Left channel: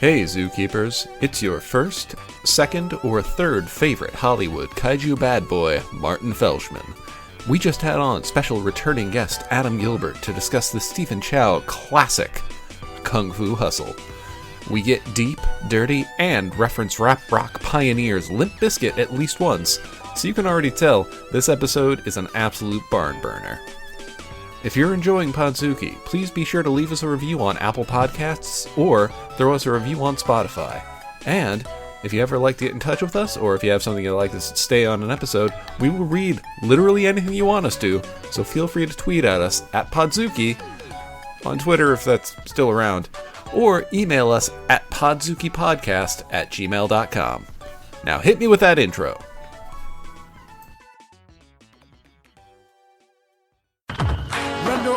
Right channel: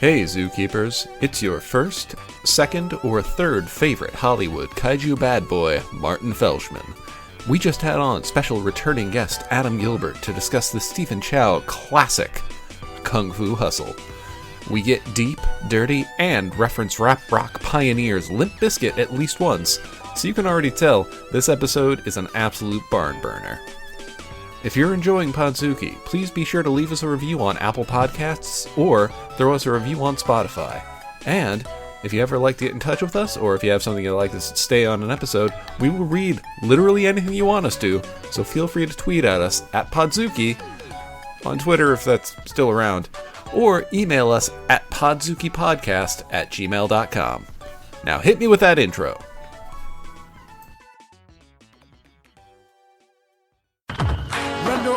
Hey zookeepers, it's your first, second, or third favorite Hollywood Kaiju Badbois, Martin Felshman. We just had on special returning guest Adam Gilbert to discuss the Stephen Chow classic, Kung Fu Hustle. We get deep, dirty, and reference rap rock pioneers Limp Bizkit at least once, so you can already tell this episode is an absolute barn burner. If you're enjoying Podzuki, please be sure to leave us a review on Apple Podcasts or throw us a review on Spotify. And if you ever like to get in touch with us, or if you have something you'd like us to stay on an episode, we will read literally anything you want us to, so feel free to tweet at us at Podzuki, on Twitter if that's still around, or email us at podzukipodcast@gmail.com. Now hit me with that intro.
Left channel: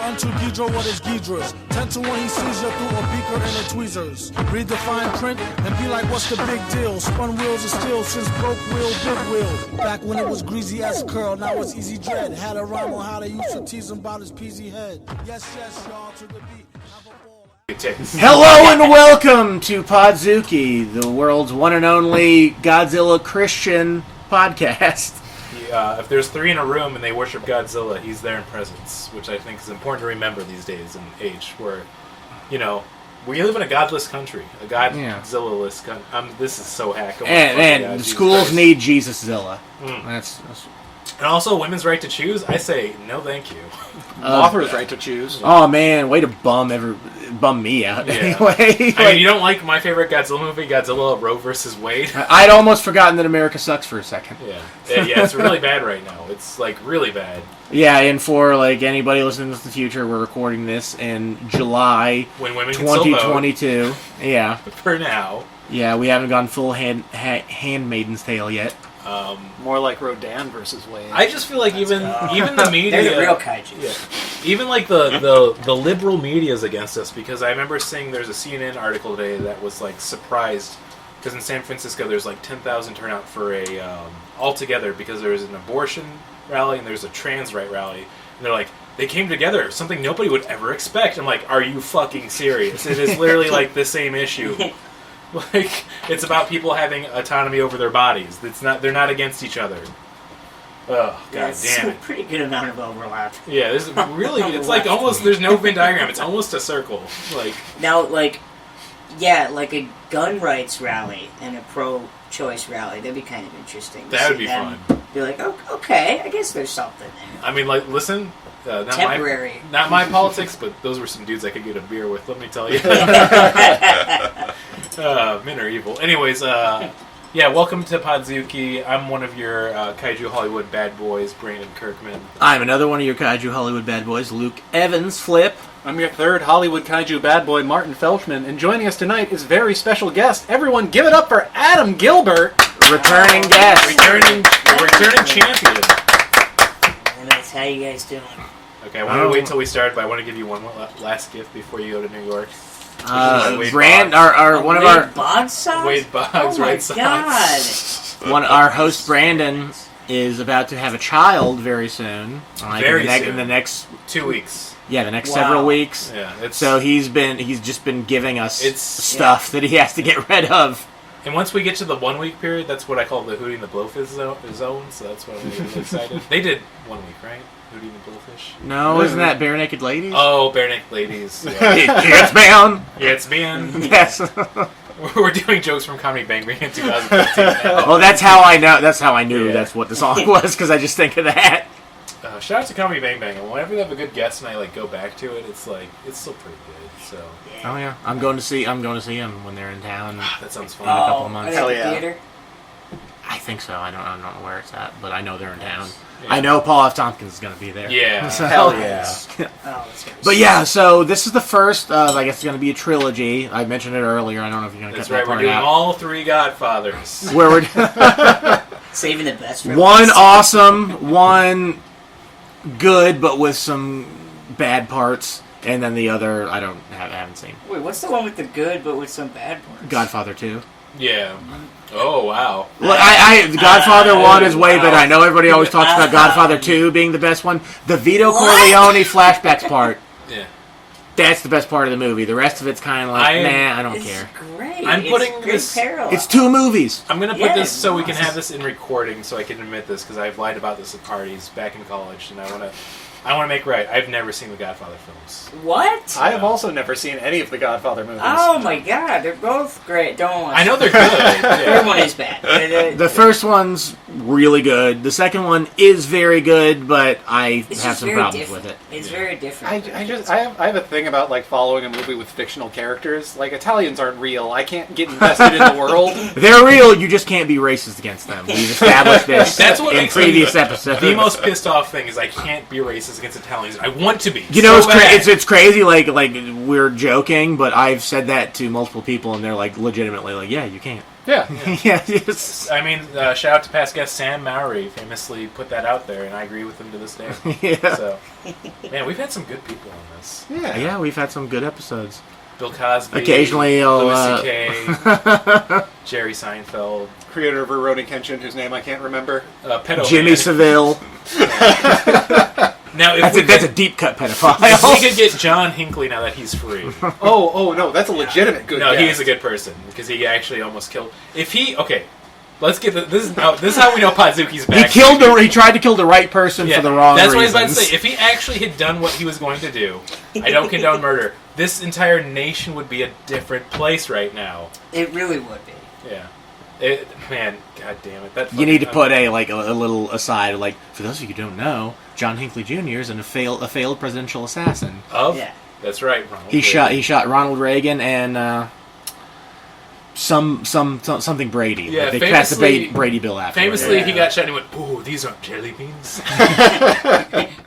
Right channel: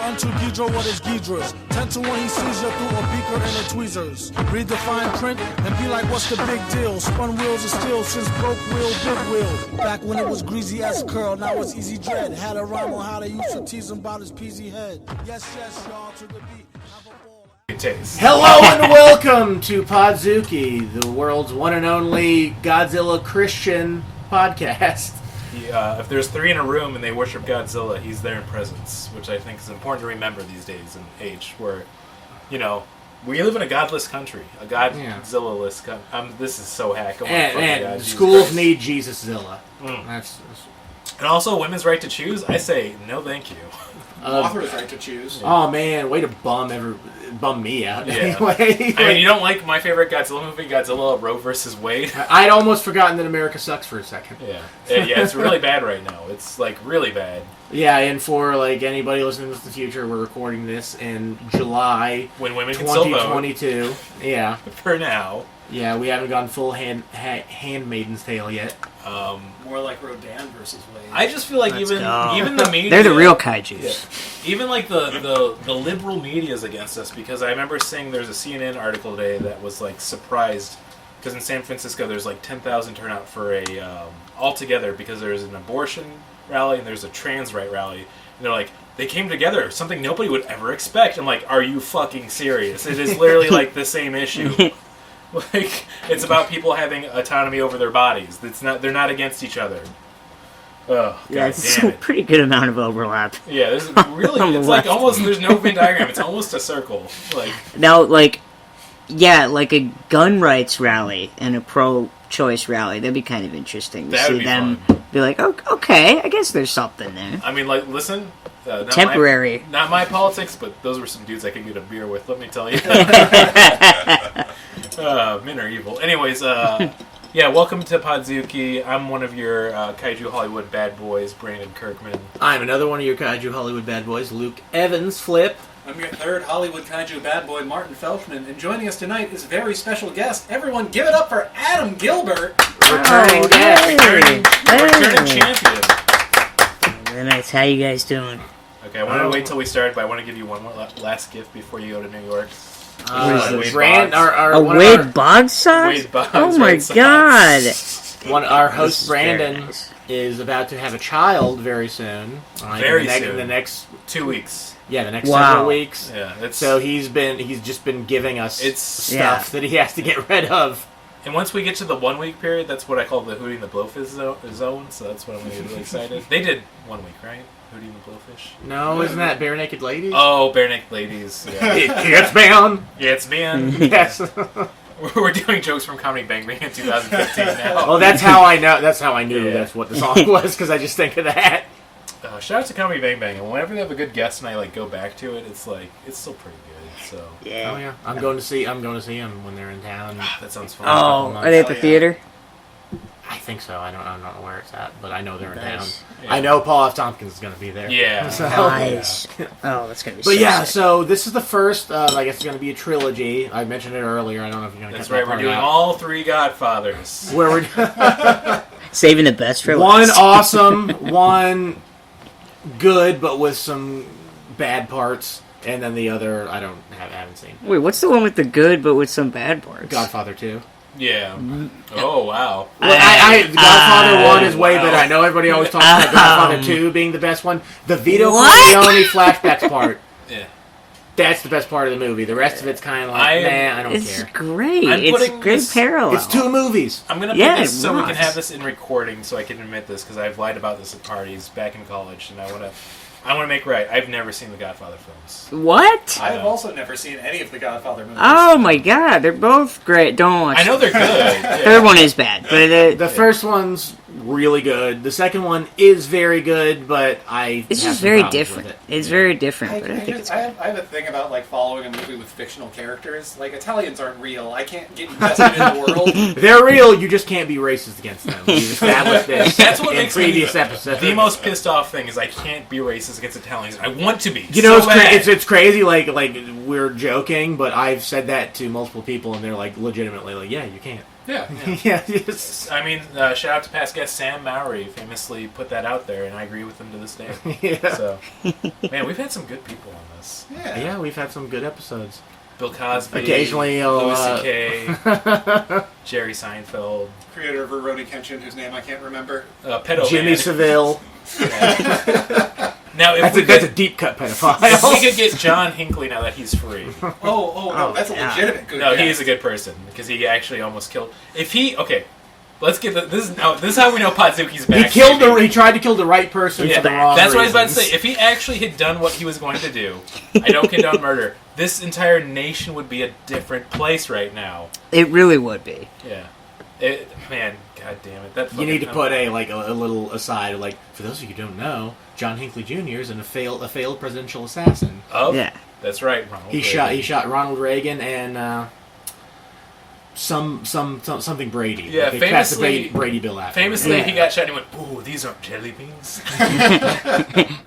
Unto Ghidra what is Ghidra's. 10 to 1 he sees you through a beaker and a tweezers. Read the fine print and be like, what's the big deal? Spun wheels of steel since broke wheel, big wheel. Back when it was greasy as curl, now it's easy dread. Had a rhyme on how they used to tease him about his peasy head. Yes, y'all, to the beat. Hello and welcome to Podzuki, the world's one and only Godzilla Christian podcast. If there's three in a room and they worship Godzilla, he's there in presence, which I think is important to remember these days and age where, you know, we live in a godless country, a Godzilla-less country. This is so hack. And schools need Jesus-zilla. That's and also, women's right to choose, I say, no thank you. Author's right to choose. Oh man, way to bum me out. Yeah. Anyway, I mean, you don't like my favorite Godzilla movie, Godzilla Roe vs. Wade? I'd almost forgotten that America sucks for a second. Yeah, it's really bad right now. It's like really bad. Yeah, and for like anybody listening to the future, we're recording this in July when women can still vote. 2022. Yeah, for now. Yeah, we haven't gone full Handmaiden's Tale yet. More like Rodan versus Wade. I just feel like even the media, they're the real kaiju. Yeah. Even like the liberal media is against us, because I remember seeing there's a CNN article today that was like surprised because in San Francisco there's like 10,000 turnout for a altogether because there's an abortion rally and there's a trans right rally, and they're like, they came together, something nobody would ever expect. I'm like, are you fucking serious? It is literally like the same issue. Like, it's about people having autonomy over their bodies. They're not against each other. Oh, god damn it. A pretty good amount of overlap. Yeah, there's really, it's like almost, there's no Venn diagram. It's almost a circle. Like now, like a gun rights rally and a pro-choice rally, that'd be kind of interesting. That would be fun. Be like, oh, okay, I guess there's something there. I mean, like, listen. Temporary. Not my politics, but those were some dudes I could get a beer with, let me tell you. Men are evil. Anyways, yeah, welcome to Podzuki. I'm one of your Kaiju Hollywood bad boys, Brandon Kirkman. I'm another one of your Kaiju Hollywood bad boys, Luke Evans, Flip. I'm your third Hollywood Kaiju bad boy, Martin Felshman, and joining us tonight is very special guest. Everyone give it up for Adam Gilbert! Returning guest. Returning champion. Nice. How you guys doing? Okay, I want to wait till we start, but I want to give you one last gift before you go to New York. Wade Boggs sauce? Wade Boggs, oh my god! Our host Brandon is about to have a child very soon. Very soon. In the next 2 weeks. Yeah, the next several weeks. Yeah, so he's just been giving us stuff that he has to get rid of. And once we get to the 1 week period, that's what I call the Hootie and the Blowfish zone. So that's what I'm really excited. They did 1 week, right? Hootie and the Blowfish. No, isn't that Bare Naked Ladies? Oh, Bare Naked Ladies. Yeah. It's been. It's been. Yes. We're doing jokes from Comedy Bang Bang in 2015 now. Well, that's how I know. That's how I knew that's what the song was, because I just think of that. Shout out to Comedy Bang Bang, and whenever they have a good guest and I like go back to it, it's like it's still pretty good. So yeah. Oh yeah, I'm going to see them when they're in town. That sounds fun. Oh, are they at the theater? I think so. I'm not know where it's at, but I know they're in town. Yeah. I know Paul F. Tompkins is going to be there. Yeah. So, nice. Oh, that's going to be But yeah, so this is the first of, I guess it's going to be a trilogy. I mentioned it earlier. I don't know if you're going to cut that part out. That's right, we're doing all three Godfathers. Where we're saving the best for one last. Awesome, one good, but with some bad parts. And then the other, I haven't seen. Wait, what's the one with the good but with some bad parts? Godfather 2. Yeah. Oh, wow. Well, Godfather 1 is way better. I know everybody always talks about Godfather 2 being the best one. The Vito Corleone flashbacks part. Yeah. That's the best part of the movie. The rest of it's kind of like, I don't care. It's great. I'm putting it's great this- parallel. It's 2 movies. I'm gonna put Yeah, this so we it can was. have this in recording, so I can admit this because I've lied about this at parties back in college, and I want to make right. I've never seen the Godfather films. What? I have also never seen any of the Godfather movies. Oh my god, they're both great. Don't watch I know they're good. The Yeah. third one is bad. But, The first one's really good. The second one is very good, but I it's have just some very problems different. with it. It's very different. I but think it's- have a thing about like following a movie with fictional characters. Like Italians aren't real. I can't get invested in the world. They're real, you just can't be racist against them. We've established this That's what in makes previous me episodes. the most pissed off thing is I can't be racist against Italians. I want to be. You know, so bad. it's crazy. Like we're joking, but I've said that to multiple people, and they're like legitimately like, "Yeah, you can't." Yeah. Yeah, yes. I mean, shout out to past guest Sam Mowry, famously put that out there, and I agree with him to this day. Yeah. So, man, we've had some good people on this. Yeah. Yeah, we've had some good episodes. Bill Cosby, Occasionally, Louis C.K., Jerry Seinfeld, Creator of Rurouni Kenshin, whose name I can't remember. pedo Jimmy man. Seville. Now, if That's a deep cut pedophile. if we could get John Hinckley now that he's free. Oh no, that's a legitimate good. No, guess. he is a good person because he actually almost killed. If he let's get this is how we know Podzuki's back. He tried to kill the right person for the wrong That's reasons. what I was about to say. If he actually had done what he was going to do, I don't condone murder. This entire nation would be a different place right now. It really would be. Yeah, man, god damn it. That You need to fucking- put a little aside, like, for those of you who don't know, John Hinckley Jr. is a failed presidential assassin. Of? Yeah. That's right, Ronald. He Reagan. shot Ronald Reagan and something Brady. Yeah, They passed the famously- Brady bill after. Famously, he got shot and he went, "Ooh, these aren't jelly beans.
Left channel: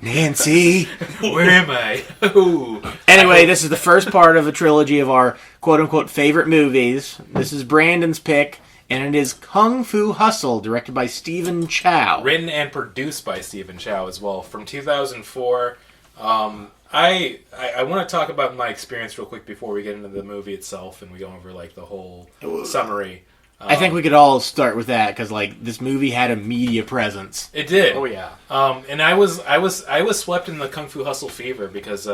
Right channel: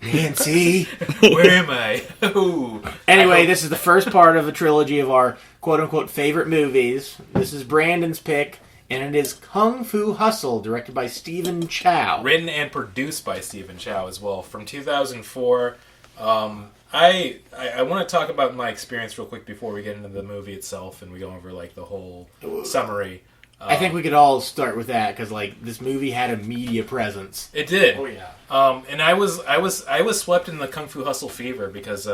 Nancy. Where am I?" Ooh. Anyway, this is the first part of a trilogy of our quote-unquote favorite movies. This is Brandon's pick, and it is Kung Fu Hustle, directed by Stephen Chow. Written and produced by Stephen Chow as well, from 2004. I want to talk about my experience real quick before we get into the movie itself and we go over like the whole summary. I think we could all start with that because this movie had a media presence. It did. Oh yeah. And I was swept in the Kung Fu Hustle fever because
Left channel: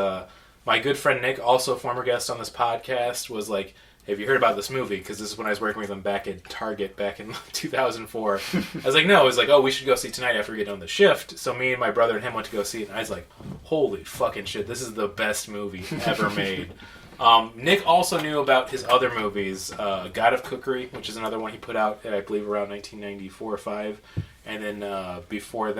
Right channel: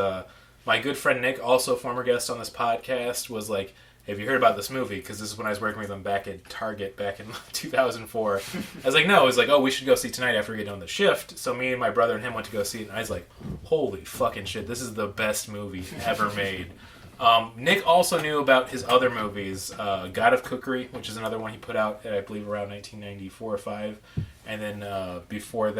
my good friend Nick, also a former guest on this podcast, was like, "Have you heard about this movie?" Because this is when I was working with him back at Target back in 2004. I was like, "No." It was like, "Oh, we should go see it tonight after we get done the shift." So me and my brother and him went to go see it, and I was like, "Holy fucking shit! This is the best movie ever made." Nick also knew about his other movies, God of Cookery, which is another one he put out, I believe, around 1994 or 5. And then after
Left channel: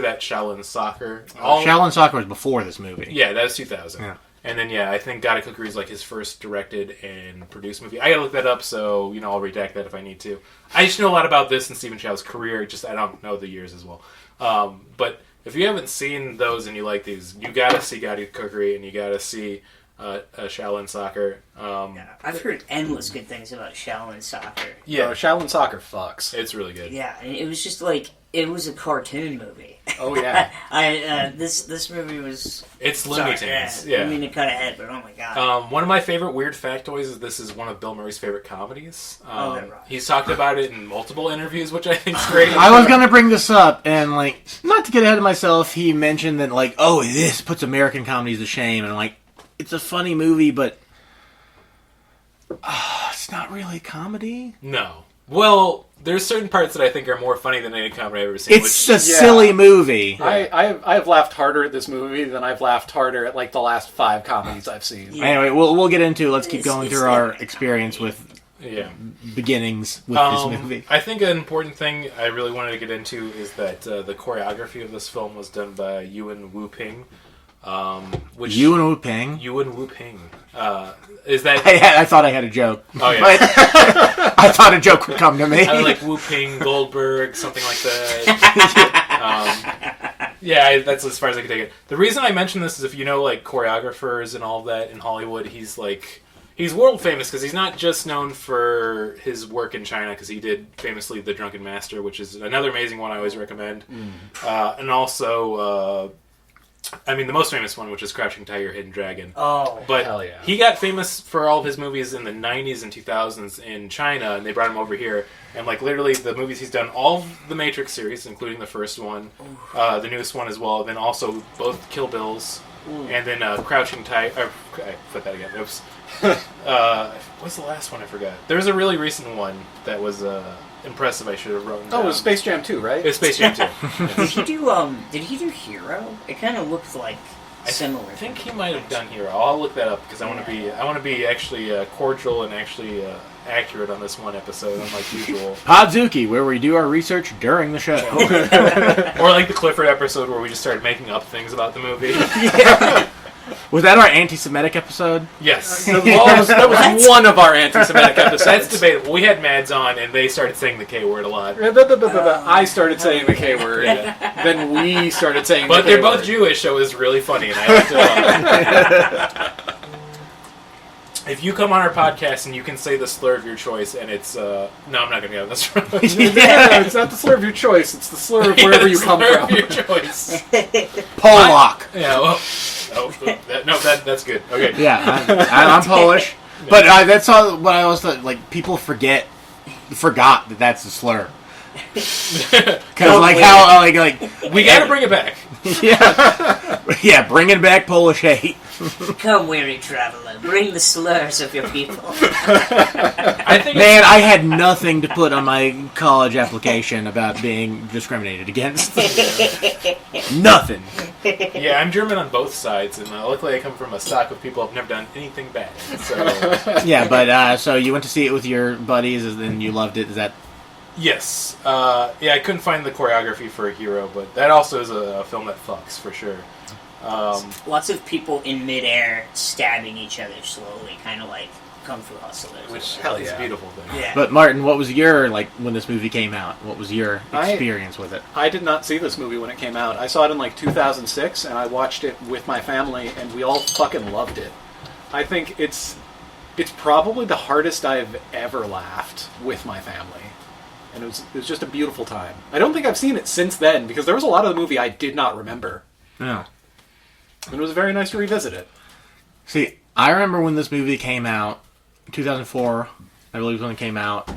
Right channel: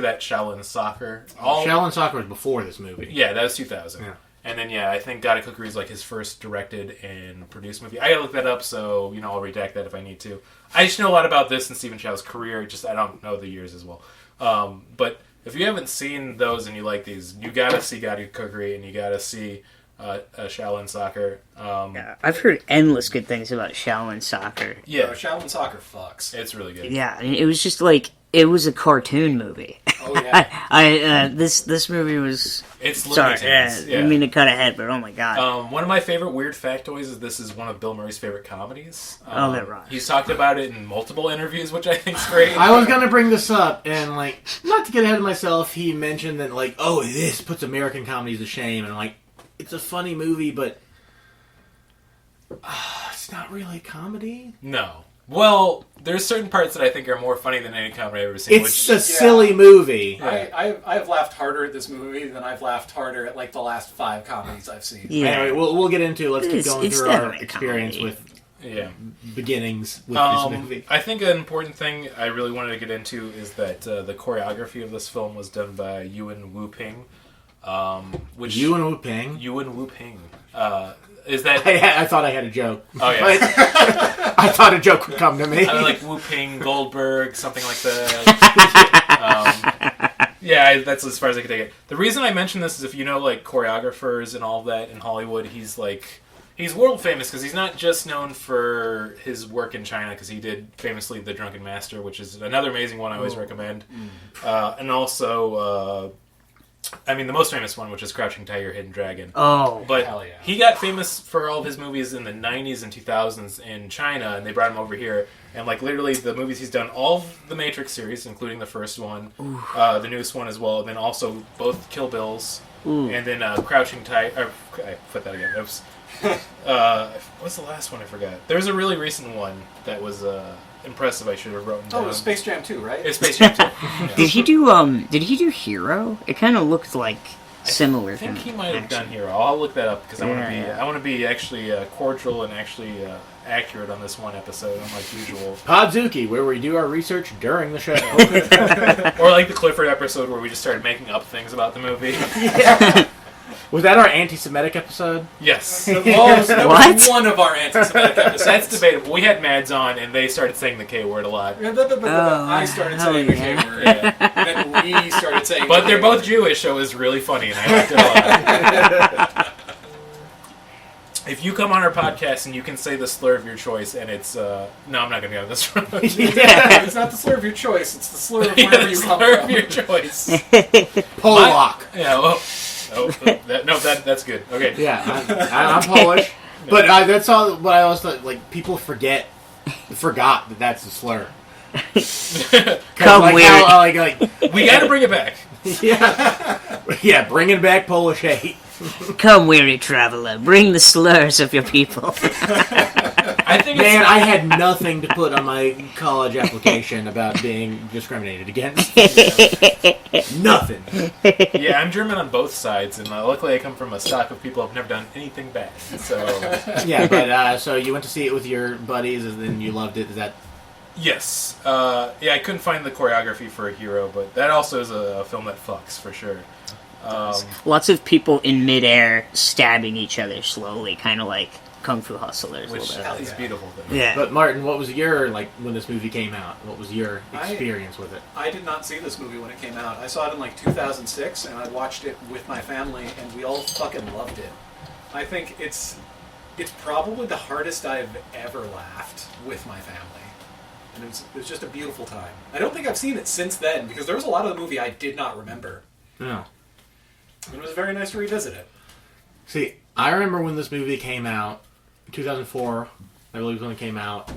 that, Shaolin Soccer. Shaolin Soccer was before this movie. Yeah, that was 2000. Yeah. And then, I think God of Cookery is like his first directed and produced movie. I gotta look that up, so, I'll redact that if I need to. I just know a lot about this and Stephen Chow's career, I don't know the years as well. But if you haven't seen those and you like these, you gotta see God of Cookery and you gotta see Shaolin Soccer. Yeah, I've heard endless good things about Shaolin Soccer. Yeah, Shaolin Soccer fucks. it's really good. Yeah, I mean, it was just like it was a cartoon movie. Oh yeah. This movie was. It's Looney Sorry, Tunes. I didn't mean to cut ahead, but oh my god. One of my favorite weird factoids is this is one of Bill Murray's favorite comedies. Right. He's talked about it in multiple interviews, which I think is great. I was going to bring this up, and, not to get ahead of myself, he mentioned that, this puts American comedies to shame, and I'm like, it's a funny movie, but it's not really a comedy. No. Well, there's certain parts that I think are more funny than any comedy I've ever seen. It's a silly movie. I've laughed harder at this movie than I've laughed harder at the last 5 comedies I've seen. Yeah. Anyway, we'll get into. Let's keep It's- going it's through our definitely a experience comedy. with beginnings with this movie. I think an important thing I really wanted to get into is that the choreography of this film was done by Yuan Wu Ping. Which Yuan Wu Ping. Yuan Wu Ping. Is that... I thought I had a joke. Oh, yeah. But I thought a joke would come to me. I was like Wu Ping, Goldberg, something like that. That's as far as I could take it. The reason I mention this is if you know choreographers and all that in Hollywood, he's world famous because he's not just known for his work in China because he did famously The Drunken Master, which is another amazing one I always recommend. And also I mean, the most famous one, which is Crouching Tiger, Hidden Dragon. Oh, But hell yeah. he got famous for all of his movies in the 90s and 2000s in China, and they brought him over here. And, like, literally, the movies he's done, all of the Matrix series, including the first one, the newest one as well, then also both Kill Bills, and then Crouching Tiger... I put that again. Oops. What's the last one I forgot? There was a really recent one that was impressive I should have written down. Oh, it was Space Jam 2, right? It's Space Jam 2. Did he do Hero? It kind of looked like similar. I think he might have done Hero. I'll look that up because I want to be actually cordial and actually accurate on this one episode, unlike usual. Podzuki, where we do our research during the show. Or like the Clifford episode where we just started making up things about the movie. Was that our anti-Semitic episode? Yes. That was one of our anti-Semitic episodes. That's debatable. We had Mads on, and they started saying the K word a lot. I started saying the K word. Then we started saying But the they're K both word. Jewish, so it was really funny, and I liked it a lot. If you come on our podcast and you can say the slur of your choice, and it's... no, I'm not going to go this road. Yeah, it's not the slur of your choice. It's the slur of wherever you come slur from. of your choice. Polak. Yeah, that's good. Okay. Yeah, I'm Polish. But that's all what I always thought. Like, people forgot that that's a slur. Because like how like We got to bring it back. yeah, bringing back Polish hate. Come, weary traveler, bring the slurs of your people. I think Man, I had nothing to put on my college application about being discriminated against. Nothing. yeah, I'm German on both sides, and luckily I come from a stock of people who've never done anything bad. So Yeah, but so you went to see it with your buddies, and then you loved it. Is that? yes, yeah, I couldn't find the choreography for a Hero, but that also is a film that fucks for sure. Lots of people in midair stabbing each other slowly, kind of like Kung Fu Hustlers. Which Hell is yeah. a beautiful thing. Yeah. But Martin, what was your when this movie came out? What was your experience with it? I did not see this movie when it came out. I saw it in like 2006, and I watched it with my family, and we all fucking loved it. I think it's probably the hardest I've ever laughed with my family. And it was just a beautiful time. I don't think I've seen it since then, because there was a lot of the movie I did not remember. No. And it was very nice to revisit it. See, I remember when this movie came out, 2004, I believe when it came out.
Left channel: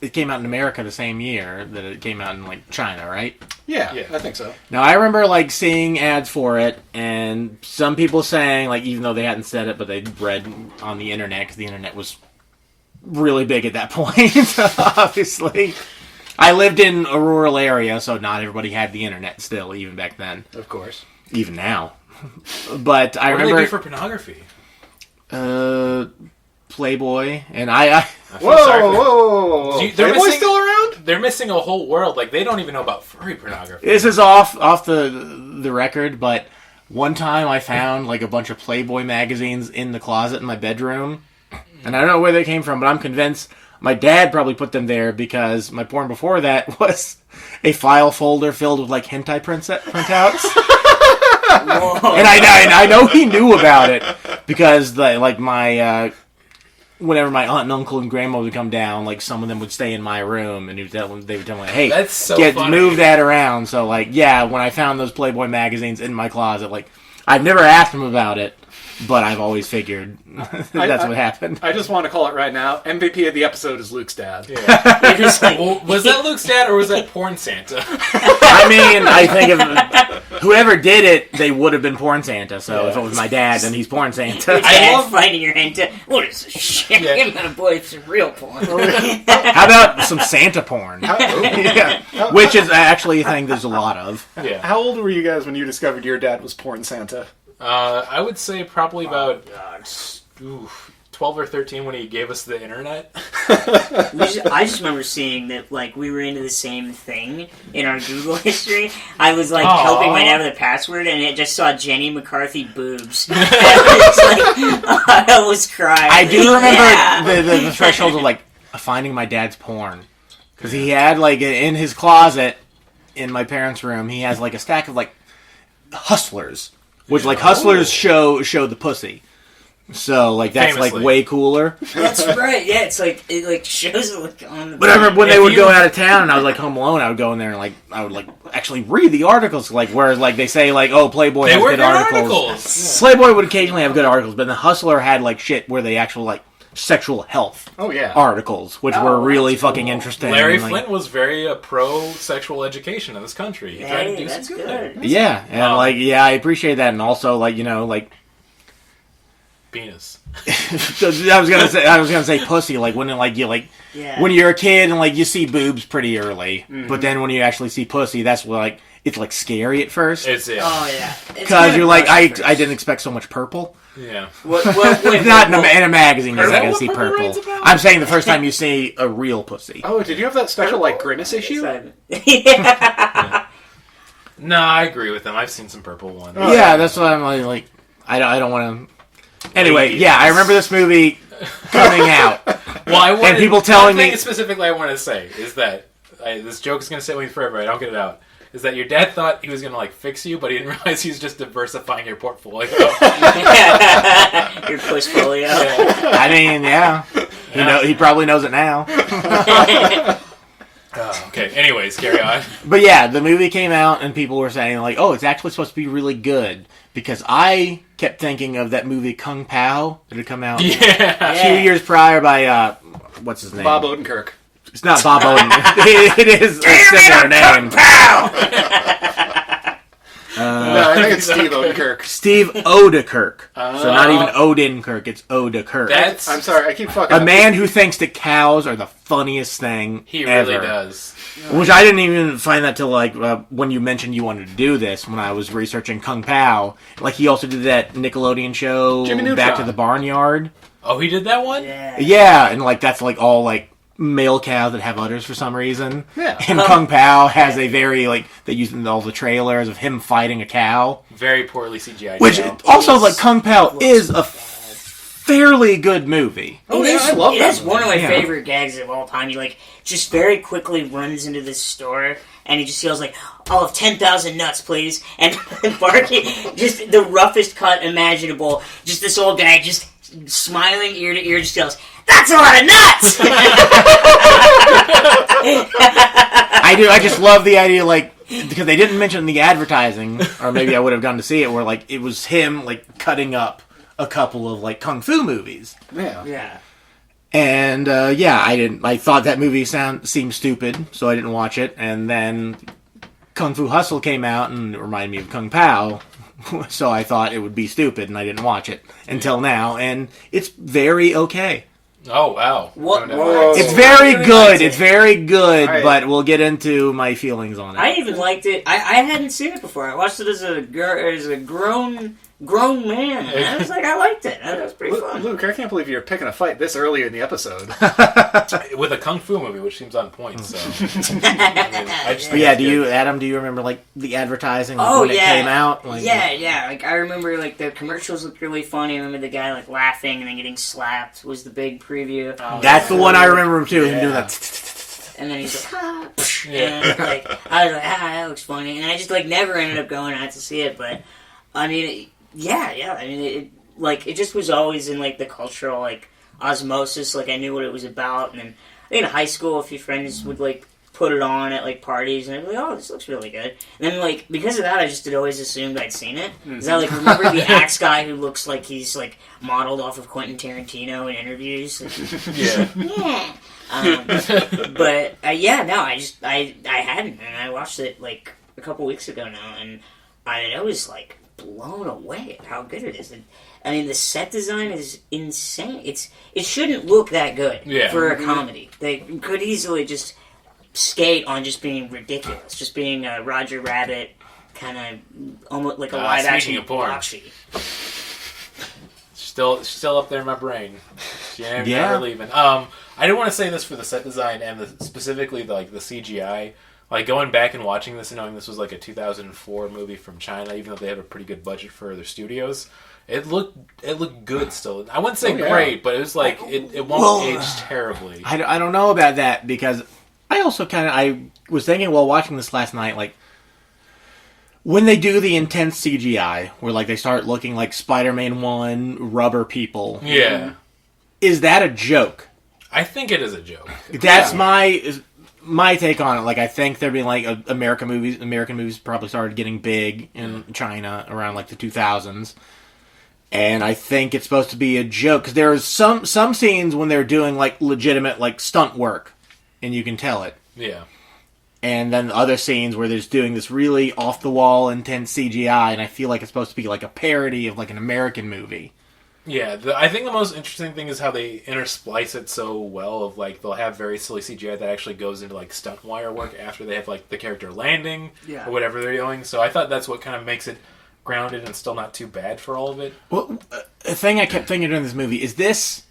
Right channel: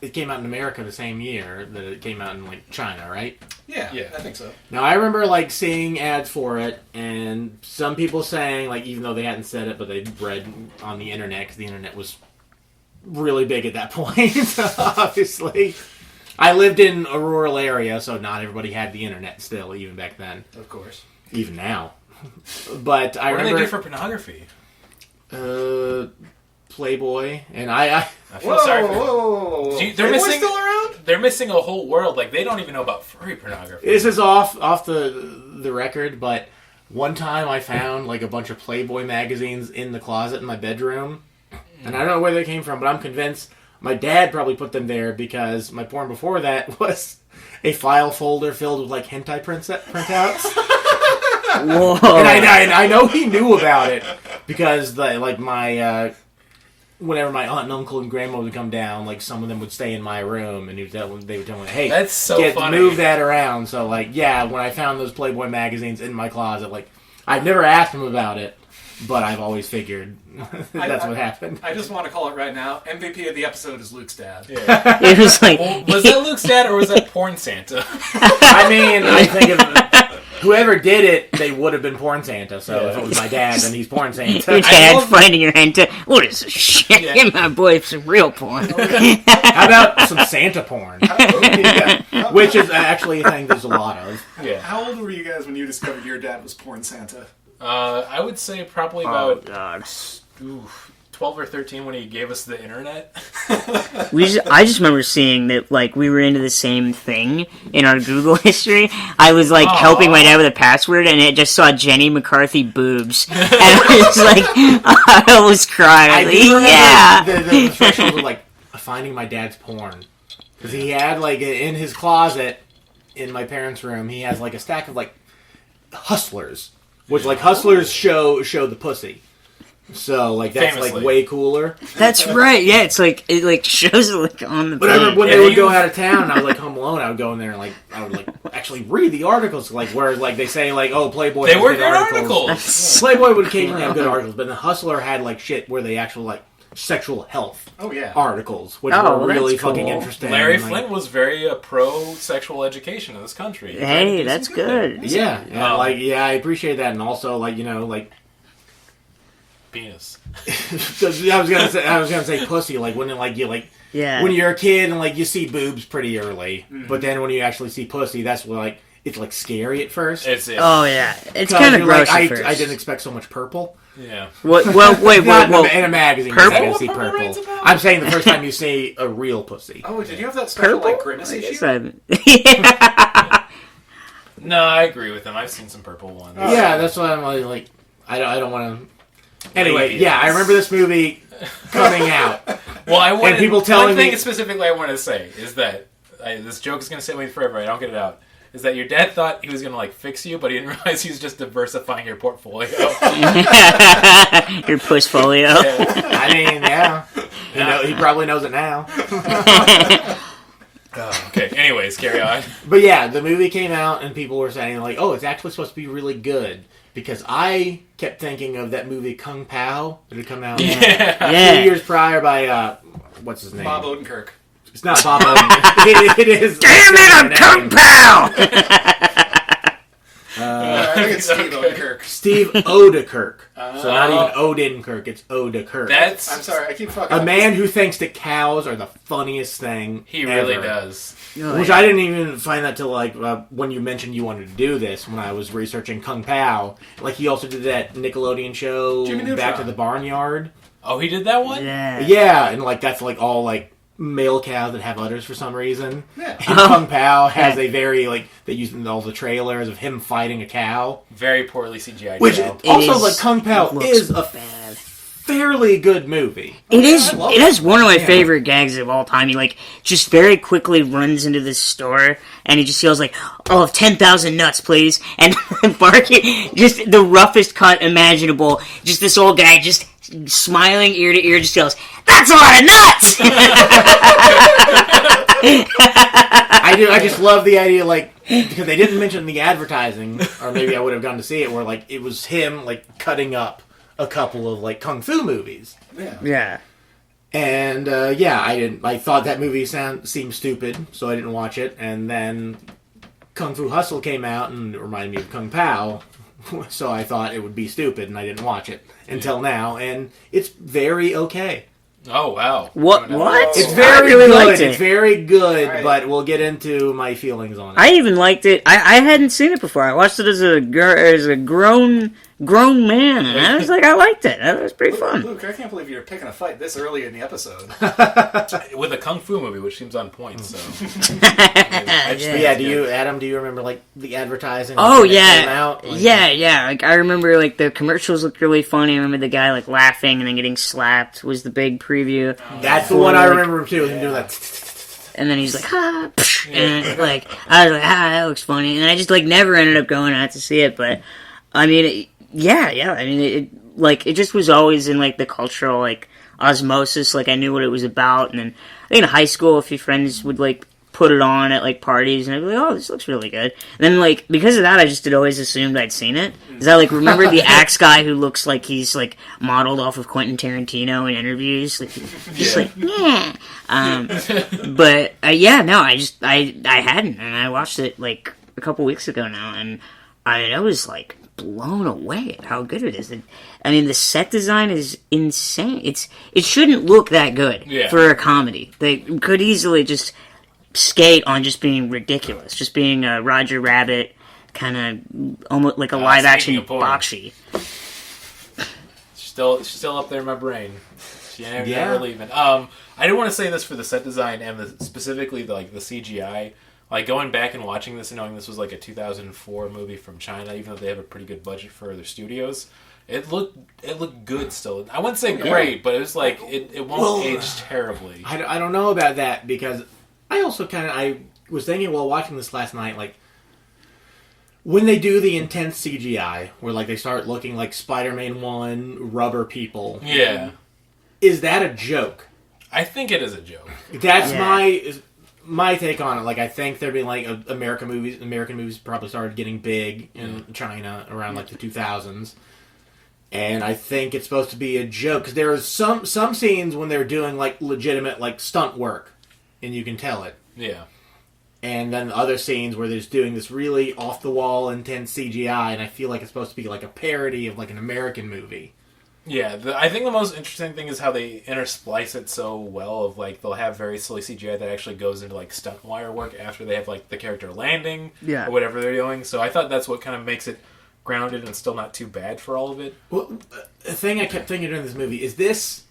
It came out in America the same year that it came out in like China, right? Yeah, Yeah. I think so. Now I remember like seeing ads for it, and some people saying like even though they hadn't said it, but they read on the internet because the internet was really big at that point. Obviously, I lived in a rural area, so not everybody had the internet still, even back then, Of course. even now. But I What do they remember do for pornography? Playboy, and I I feel sorry for them. whoa. They're Playboy's missing- still around? They're missing a whole world. Like, they don't even know about furry pornography. this is off the record, but one time I found like a bunch of Playboy magazines in the closet in my bedroom, and I don't know where they came from, but I'm convinced my dad probably put them there because my porn before that was a file folder filled with like hentai printouts. Whoa. And I know he knew about it because my whenever my aunt and uncle and grandma would come down, like some of them would stay in my room, and they would tell me, "Hey, That's so funny. move that around." So like, yeah, when I found those Playboy magazines in my closet, like I've never asked him about it, but I've always figured that's what happened. I just want to call it right now. MVP of the episode is Luke's dad. Yeah. It was like, Well, was that Luke's dad or was that Porn Santa? I mean, I think if whoever did it, they would have been Porn Santa. So if it was my dad, then he's Porn your Santa. dad love- finding your hentai. What is this shit? Yeah. Give my boy some real porn. How about some Santa porn? Yeah. Which is actually a thing there's a lot of. Yeah. How old were you guys when you discovered your dad was Porn Santa? I would say probably about God. 12 or 13 when he gave us the internet. I just remember seeing that, like, we were into the same thing in our Google history. I was, like, helping my dad with a password, and it just saw Jenny McCarthy boobs. And I was like, I was crying. I do remember Yeah. the threshold of, like, finding my dad's porn. Because he had, like, in his closet in my parents' room, he has, like, a stack of, like, Hustlers. Which, like, Hustlers show the pussy. So, like, that's, Famously. like, way cooler. That's right. Yeah, it's like it like shows it like on the. But I remember when If they would you- go out of town and I was, like, home alone, I would go in there and, like, I would, like, actually read the articles. Like, whereas, like, they say, like, oh, Playboy They has were good good articles. articles. Playboy would occasionally have good articles, but the Hustler had, like, shit where they actually, like, sexual health Oh yeah. articles, which Oh, were really that's cool. fucking interesting. Larry and, like, Flint was very pro-sexual education in this country. He tried to Hey, do that's some good. Yeah, and, like, yeah, I appreciate that. And also, like, you know, like, Penis. I was gonna say pussy. Like when Yeah. when you're a kid and like you see boobs pretty early, but then when you actually see pussy, that's what like it's like scary at first It's Oh yeah. It's because kind of you're like I gross at didn't first. expect so much purple. yeah. Well, wait, Not wait, in a magazine. You're Is that not gonna what see Purple purple. Rain's about? I'm saying the first time you see a real pussy. Oh, did you have that special like Grimace issue? yeah. No, I agree with him. I've seen some purple ones. Yeah, that's what I'm like. I don't want to. Anyway, Ladies. yeah, I remember this movie coming out. Well, I wanted, people telling one thing me- specifically I wanted to say is that this joke is going to sit with me forever. I don't get it out. Is that your dad thought he was going to like fix you, but he didn't realize he was just diversifying your portfolio. Your pussfolio. Yeah. I mean, yeah, he probably knows it now. Okay. Anyways, carry on. But yeah, the movie came out and people were saying like, "Oh, it's actually supposed to be really good." Because I kept thinking of that movie Kung Pao that had come out a few years prior by what's his name? Bob Odenkirk. It's not Bob Odenkirk. It is. Damn a it, similar I'm name. Kung Pao! No, I think it's Steve Odenkirk. Steve Odekirk. So not even Odenkirk. It's Odekirk. That's I'm sorry, I keep fucking a up. man who thinks that cows are the funniest thing. he really ever. does. Which I didn't even find that till like when you mentioned you wanted to do this when I was researching Kung Pao. Like he also did that Nickelodeon show Jimmy Neutron. Back to the Barnyard. Oh, he did that one. Yeah. Yeah, and like that's like all like male cows that have udders for some reason. Yeah. And Kung Pao has a very like they use in all the trailers of him fighting a cow. Very poorly CGI. Which show. also is- like Kung Pao looks is a bad. fairly good movie. It is. I love It that. has one of my Yeah. favorite gags of all time. He like just very quickly runs into this store and he just yells like, "I'll have 10,000 nuts, please!" And barking, just the roughest cut imaginable. Just this old guy just smiling ear to ear, just yells, "That's a lot of nuts!" I just love the idea, like, because they didn't mention the advertising, or maybe I would have gone to see it, where, like, it was him, like, cutting up a couple of, like, kung fu movies. Yeah. Yeah. And, I thought that movie seemed stupid, so I didn't watch it, and then Kung Fu Hustle came out, and it reminded me of Kung Pao, so I thought it would be stupid, and I didn't watch it until now, and it's very okay. Oh wow. What? No, no. What? It's I very really good. liked it. It's very good, Alright. but we'll get into my feelings on it. I even liked it. I hadn't seen it before. I watched it as a grown man, and I was like, I liked it. That was pretty fun. Luke, I can't believe you're picking a fight this early in the episode. With a kung fu movie, which seems on point. So. I just But think yeah, it's Adam, do you remember like the advertising? Like, Oh when it yeah, came out? Like, yeah. Like I remember, like the commercials looked really funny. I remember the guy like laughing and then getting slapped was the big preview. That's the one I remember too. Him doing that. And then he's like, ah, psh, and like I was like, that looks funny. And I just like never ended up going out to see it. But I mean, yeah. I mean, it just was always in like the cultural like osmosis. Like I knew what it was about. And then I think in high school, a few friends would like put it on at like parties, and I'd be like, "Oh, this looks really good." And then like because of that, I just had always assumed I'd seen it. Because I like remember the axe guy who looks like he's like modeled off of Quentin Tarantino in interviews. Like, just like yeah. But yeah, no, I hadn't, and I watched it like a couple weeks ago now, and I was like blown away at how good it is. And, I mean, the set design is insane. It shouldn't look that good for a comedy. They could easily just skate on just being ridiculous, just being a Roger Rabbit kind of almost like a live action speaking of porn. Bakshi. still up there in my brain. She ain't Yeah. never leaving. I didn't want to say this for the set design and specifically the CGI. Like going back and watching this and knowing this was like a 2004 movie from China, even though they have a pretty good budget for their studios, it looked good still. I wouldn't say great, but it was like it won't age terribly. I don't know about that because I also I was thinking while watching this last night, like when they do the intense CGI, where like they start looking like Spider-Man 1 rubber people, Yeah. is that a joke? I think it is a joke. That's my take on it. Like, I think there being like American movies probably started getting big in China around like the 2000s, and I think it's supposed to be a joke because there is some scenes when they're doing like legitimate like stunt work, and you can tell it. Yeah. And then the other scenes where they're just doing this really off the wall intense CGI, and I feel like it's supposed to be like a parody of like an American movie. Yeah, I think the most interesting thing is how they intersplice it so well. Of like they'll have very silly CGI that actually goes into like stunt wire work after they have like the character landing or whatever they're doing. So I thought that's what kind of makes it grounded and still not too bad for all of it. Well, a thing I kept thinking during this movie is this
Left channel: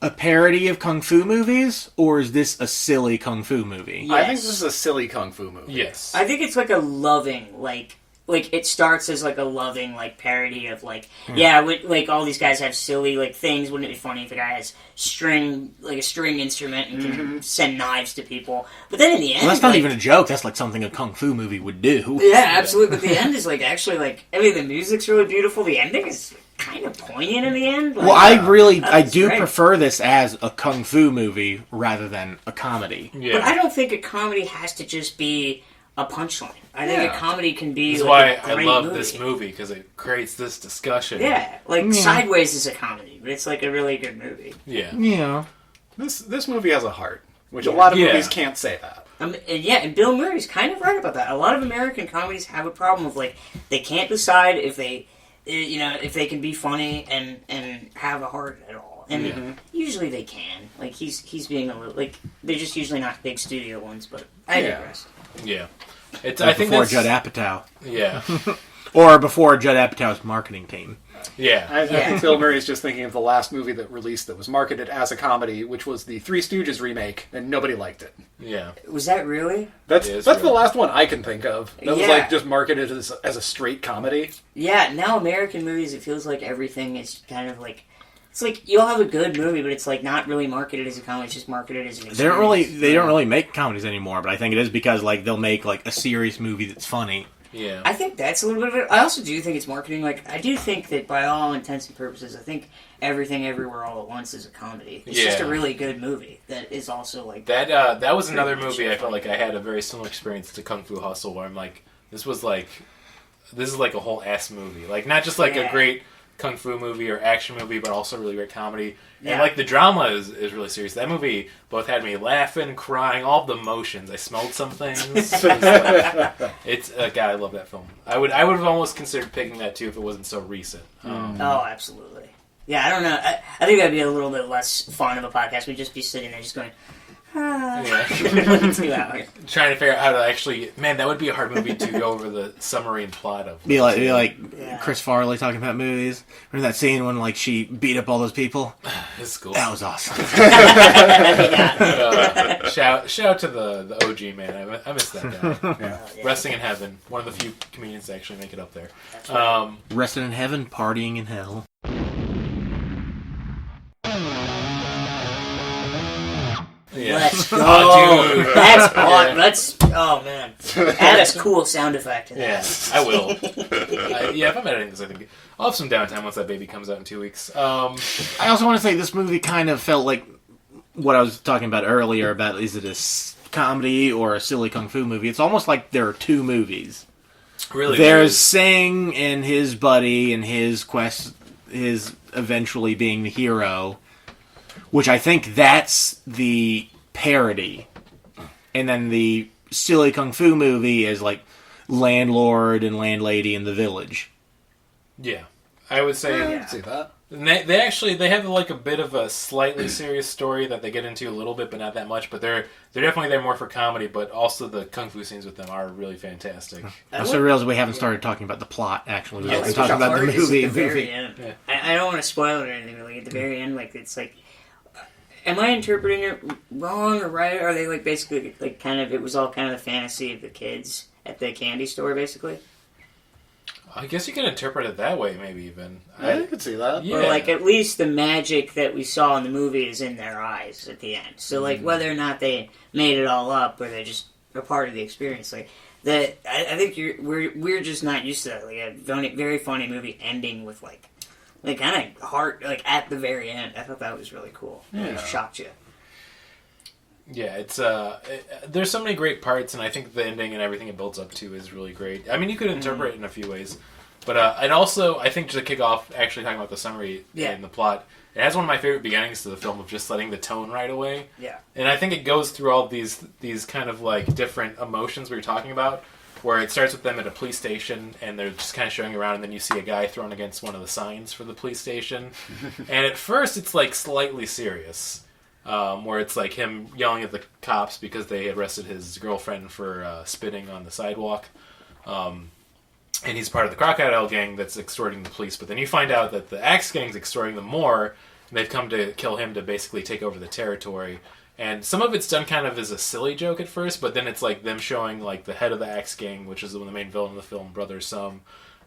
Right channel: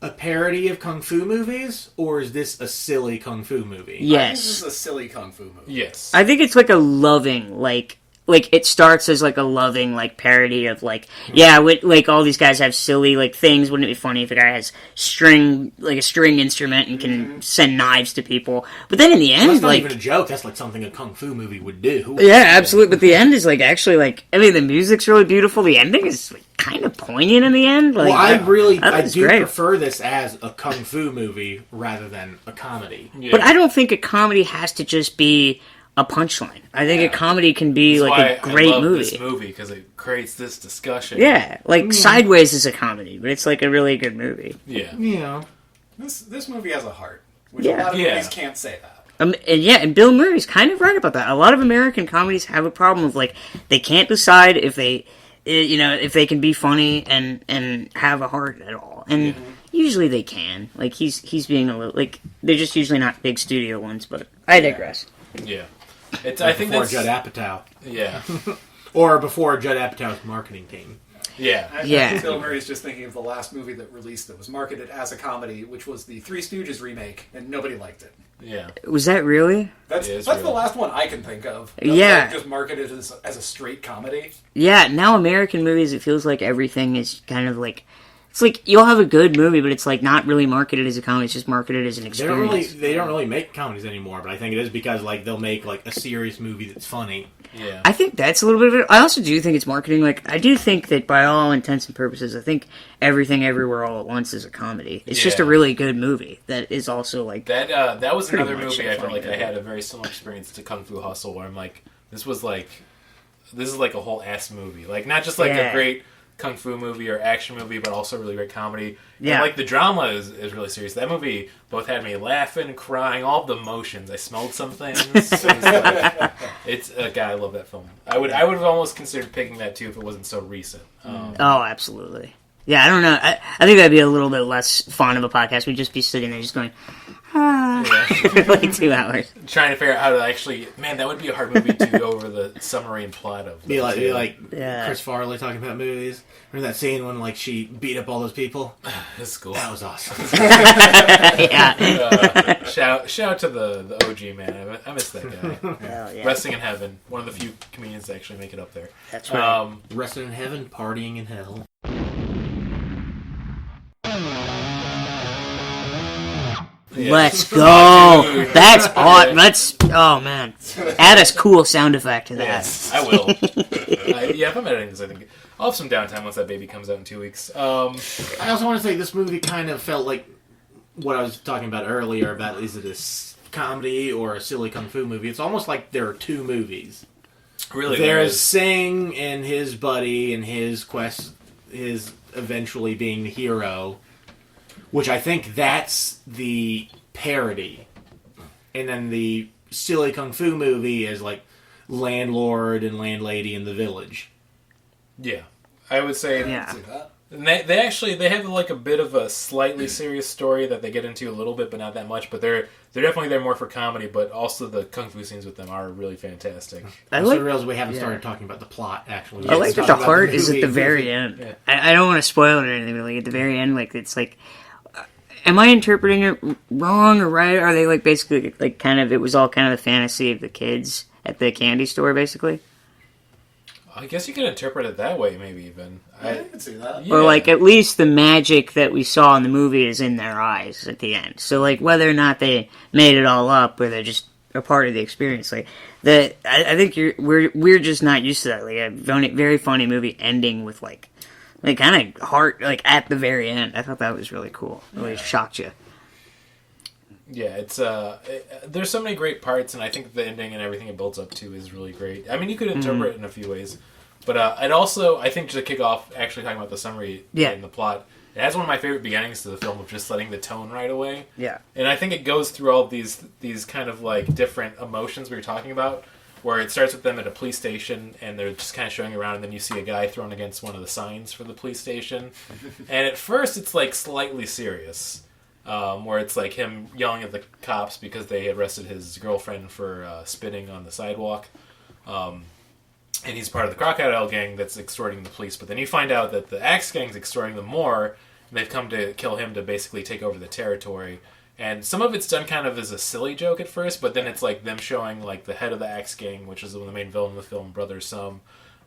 a parody of kung fu movies, or is this a silly kung fu movie? Yes. I think this is a silly kung fu movie. Yes, I think it's like a loving, like it starts as like a loving like parody of like like all these guys have silly like things. Wouldn't it be funny if a guy has a string instrument and can send knives to people? But then in the end, Well, that's not even a joke. That's like something a kung fu movie would do. Yeah, absolutely. But the end is like actually like I mean the music's really beautiful. The ending is like, kind of poignant in the end. Like, Well, I do great. prefer this as a kung fu movie rather than a comedy. yeah. But I don't think a comedy has to just be a punchline. I think a comedy can be That's like why a great I love movie. this movie because it creates this discussion. Yeah, like Sideways is a comedy, but it's like a really good movie. Yeah. Yeah. This movie has a heart, which a lot of movies can't say that. And Bill Murray's kind of right about that. A lot of American comedies have a problem of like they can't decide if they, if they can be funny and have a heart at all. And usually they can. Like he's being a little like they're just usually not big studio ones. But I digress. Yeah. It's Like I think before that's Judd Apatow. Yeah. Or before Judd Apatow's marketing team. Yeah. I think Bill Murray's just thinking of the last movie that released that was marketed as a comedy, which was the Three Stooges remake, and nobody liked it. Yeah. Was that really? That's It is the really. last one I can think of. That was Yeah. like just marketed as a straight comedy. Yeah. Now American movies, it feels like everything is kind of like. It's like you'll have a good movie, but it's like not really marketed as a comedy. It's just marketed as an experience. They don't really make comedies anymore, but I think it is because like they'll make like a serious movie that's funny. Yeah. I think that's a little bit of it. I also do think it's marketing. Like I do think that by all intents and purposes, I think Everything Everywhere All at Once is a comedy. It's just a Yeah. really good movie that is also like That was another much movie a I felt funny like I had a very similar experience to Kung Fu Hustle, where I'm like, this is like a whole ass movie. Like not just like a great kung fu movie or action movie, but also really great comedy. Yeah. And like the drama is really serious. That movie both had me laughing, crying, all the emotions. I smelled some things. It's God, I love that film. I would have almost considered picking that too if it wasn't so recent. oh, absolutely. Yeah, I don't know. I think that'd be a little bit less fun of a podcast. We'd just be sitting there just going, Yeah. for like 2 hours. Trying to figure out how to actually, man, that would be a hard movie to go over the summary and plot of. Be like Yeah. Chris Farley talking about movies. Remember that scene when like she beat up all those people? It's cool. That was awesome. Yeah. Shout out to the OG man. I miss that guy. Oh, yeah. Resting in Heaven, one of the few comedians to actually make it up there. That's right. Resting in heaven, partying in hell. Yeah. Let's go. Oh, dude. That's hot. Let's. Oh man. Add a cool sound effect to that. Yes, I will. If I'm editing this, I think I'll have some downtime once that baby comes out in 2 weeks. I also want to say this movie kind of felt like what I was talking about earlier about is it a comedy or a silly kung fu movie. It's almost like there are two movies. Really, There's Singh and his buddy and his quest, his eventually being the hero, which I think that's the parody. And then the silly kung fu movie is like landlord and landlady in the village. yeah, I would say. Yeah. See that? And they have like a bit of a slightly serious story that they get into a little bit, but not that much. But they're definitely there more for comedy. But also the kung fu scenes with them are really fantastic. I Also like, realize we haven't started talking about the plot, actually. We I haven't like talked that the about part is at the movie. very end. Yeah. I don't want to spoil it or anything, but like at the very end, like it's like, am I interpreting it wrong or right? Are they like basically like kind of it was all kind of the fantasy of the kids at the candy store, basically, I guess you could interpret it that way, maybe even. I could see that. Yeah. or like at least the magic that we saw in the movie is in their eyes at the end. So like whether or not they made it all up or they're just a part of the experience. Like I think we're just not used to that. Like a very funny movie ending with like kind of heart like at the very end. I thought that was really cool. It really shocked you. Yeah, it's there's so many great parts, and I think the ending and everything it builds up to is really great. I mean, you could interpret it in a few ways, but it also, I think, to kick off, actually talking about the summary and the plot, it has one of my favorite beginnings to the film of just setting the tone right away. Yeah, and I think it goes through all these kind of like different emotions we were talking about, where it starts with them at a police station, and they're just kind of showing around, and then you see a guy thrown against one of the signs for the police station, and at first it's like slightly serious. Where it's like him yelling at the cops because they arrested his girlfriend for spitting on the sidewalk. And he's part of the Crocodile gang that's extorting the police. But then you find out that the Axe gang's extorting them more, and they've come to kill him to basically take over the territory. And some of it's done kind of as a silly joke at first, but then it's like them showing like the head of the Axe gang, which is the main villain of the film, Brother Sum,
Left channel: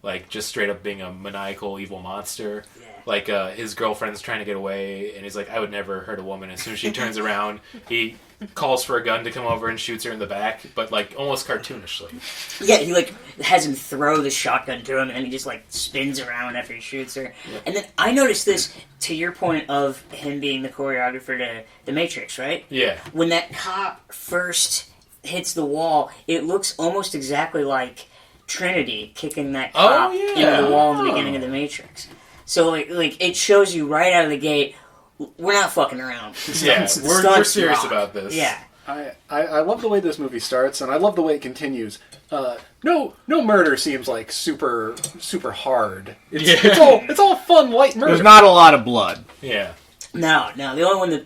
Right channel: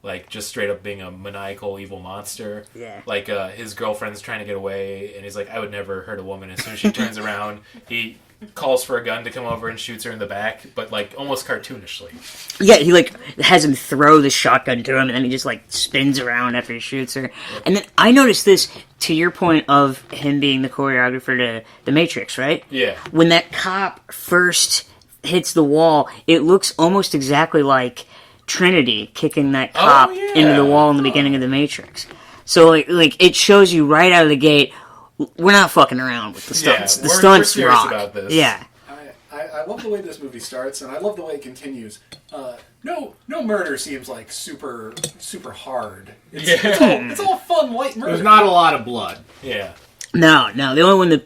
like just straight up being a maniacal evil monster. Yeah. Like his girlfriend's trying to get away, and he's like, I would never hurt a woman. As soon as she turns around, he calls for a gun to come over and shoots her in the back, but like almost cartoonishly. Yeah, he like has him throw the shotgun to him, and then he just like spins around after he shoots her. Yeah. And then I noticed this, to your point of him being the choreographer to The Matrix, right? Yeah. When that cop first hits the wall, it looks almost exactly like Trinity kicking that cop into the wall in the beginning of The Matrix. So like it shows you right out of the gate, we're not fucking around with the stunts. Yeah, the stunts we're serious rock. about this. Yeah. I love the way this movie starts, and I love the way it continues. No murder seems like super hard. It's all fun, light murder. There's not a lot of blood. Yeah. No. The only one that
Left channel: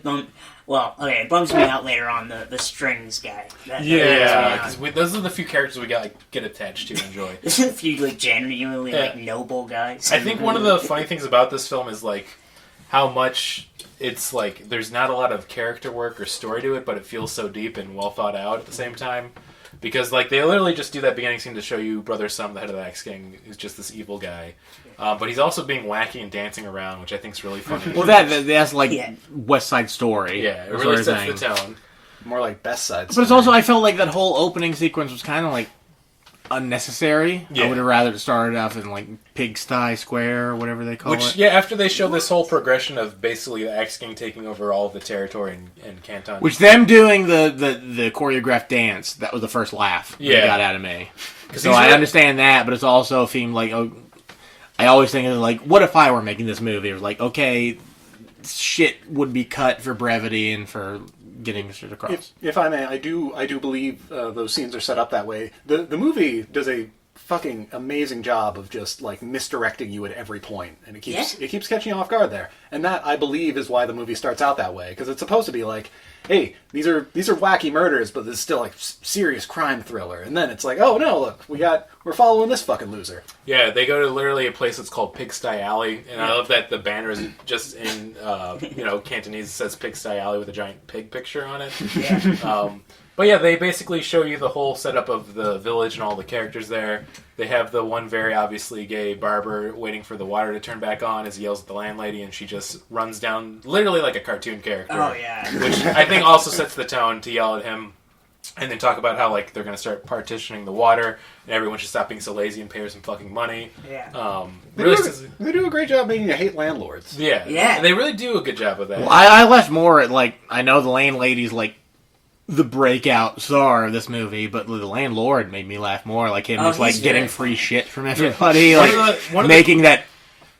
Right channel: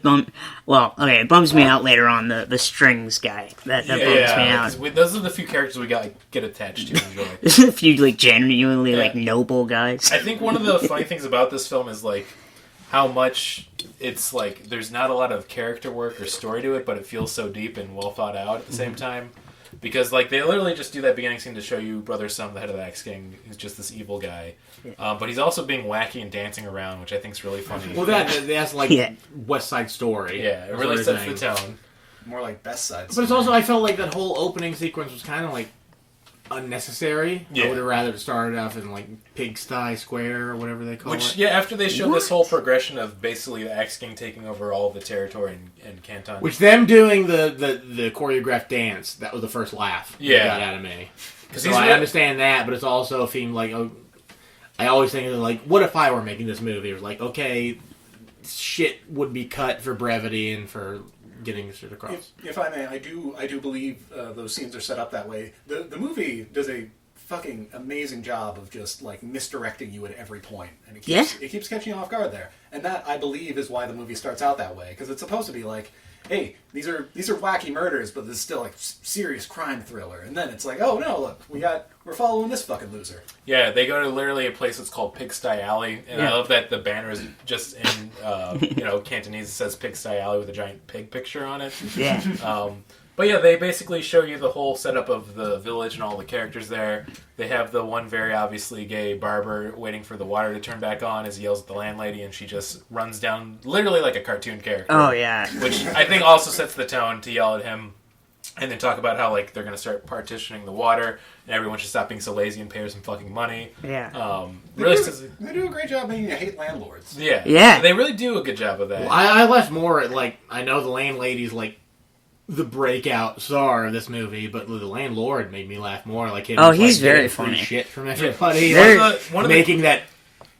it bums me out later on, the strings guy. That bums me out. Because those are the few characters we get attached to and enjoy. There's a few like genuinely like noble guys. I think one of the funny things about this film is like how much it's like there's not a lot of character work or story to it, but it feels so deep and well thought out at the same time. Because like they literally just do that beginning scene to show you Brother Sum, the head of the Axe Gang, is just this evil guy, but he's also being wacky and dancing around, which I think is really funny. Well, that's like West Side Story. Yeah, it really sets the tone. More like Best Side Story. But it's also, I felt like that whole opening sequence was kind of like unnecessary. Yeah. I would have rather started off in like Pigsty Square or whatever they call it. Yeah, after they show this whole progression of basically the Axe Gang taking over all of the territory in Canton. Which them doing the choreographed dance, that was the first laugh that got out of me. So I understand that, but it's also a theme like, I always think of like, what if I were making this movie? It was like, okay, shit would be cut for brevity and for getting shit across. If I may, I do believe those scenes are set up that way. The movie does a fucking amazing job of just like misdirecting you at every point, and it keeps catching you off guard there. And that, I believe, is why the movie starts out that way, because it's supposed to be like, hey, these are wacky murders, but this is still like serious crime thriller. And then it's like, oh no, look, we're following this fucking loser. Yeah, they go to literally a place that's called Pigsty Alley, and I love that the banner is just in Cantonese. It says Pigsty Alley with a giant pig picture on it. Yeah. But yeah, they basically show you the whole setup of the village and all the characters there. They have the one very obviously gay barber waiting for the water to turn back on as he yells at the landlady, and she just runs down literally like a cartoon character. Oh, yeah. Which I think also sets the tone to yell at him and then talk about how like they're going to start partitioning the water and everyone should stop being so lazy and pay her some fucking money. Yeah. They do a great job making you hate landlords. Yeah. Yeah. They really do a good job of that. Well, I left more at like, I know the landlady's like the breakout star of this movie, but the landlord made me laugh more. Like him just like getting free shit from everybody, making that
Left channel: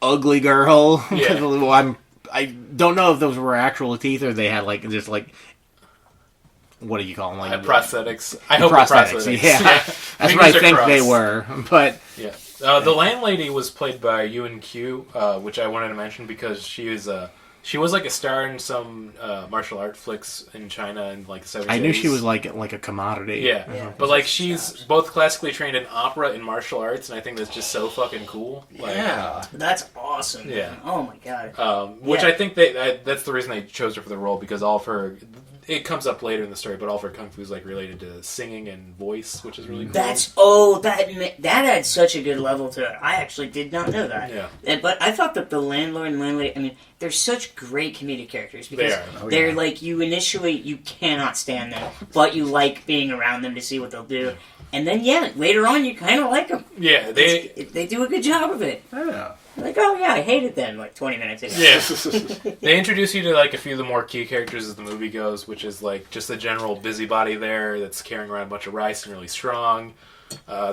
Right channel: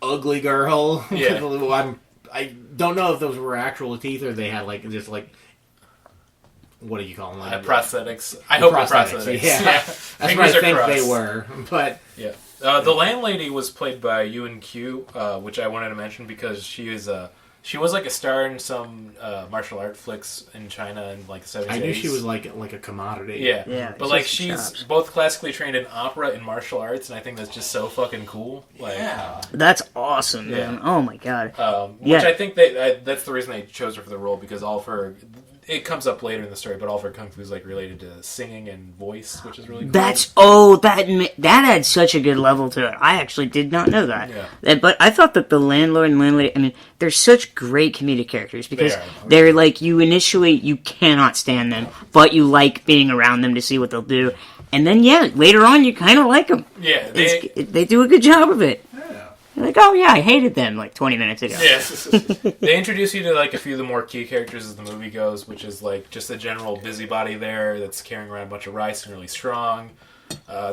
ugly girl. Yeah. Well, I don't know if those were actual teeth or they had like just like, what do you call them? Like prosthetics. I hope prosthetics. Yeah. That's what I think they were. But yeah, the landlady was played by Yuen Q, which I wanted to mention because she was like a star in some martial art flicks in China in like the 70s. I knew she was like a commodity. Yeah. But like she's both classically trained in opera and martial arts, and I think that's just so fucking cool. Like, That's awesome, man. Oh my god. Which I think that's the reason they chose her for the role, because all of her, it comes up later in the story, but all of her kung fu is like related to singing and voice, which is really cool. That adds such a good level to it. I actually did not know that. Yeah. But I thought that the landlord and landlady, I mean, they're such great comedic characters because They are. they're like, you cannot stand them, but you like being around them to see what they'll do. And then, later on, you kind of like them. Yeah, They do a good job of it. Yeah. Like, oh yeah, I hated them like 20 minutes ago. Yeah. They introduce you to like a few of the more key characters as the movie goes, which is like just a general busybody there that's carrying around a bunch of rice and really strong.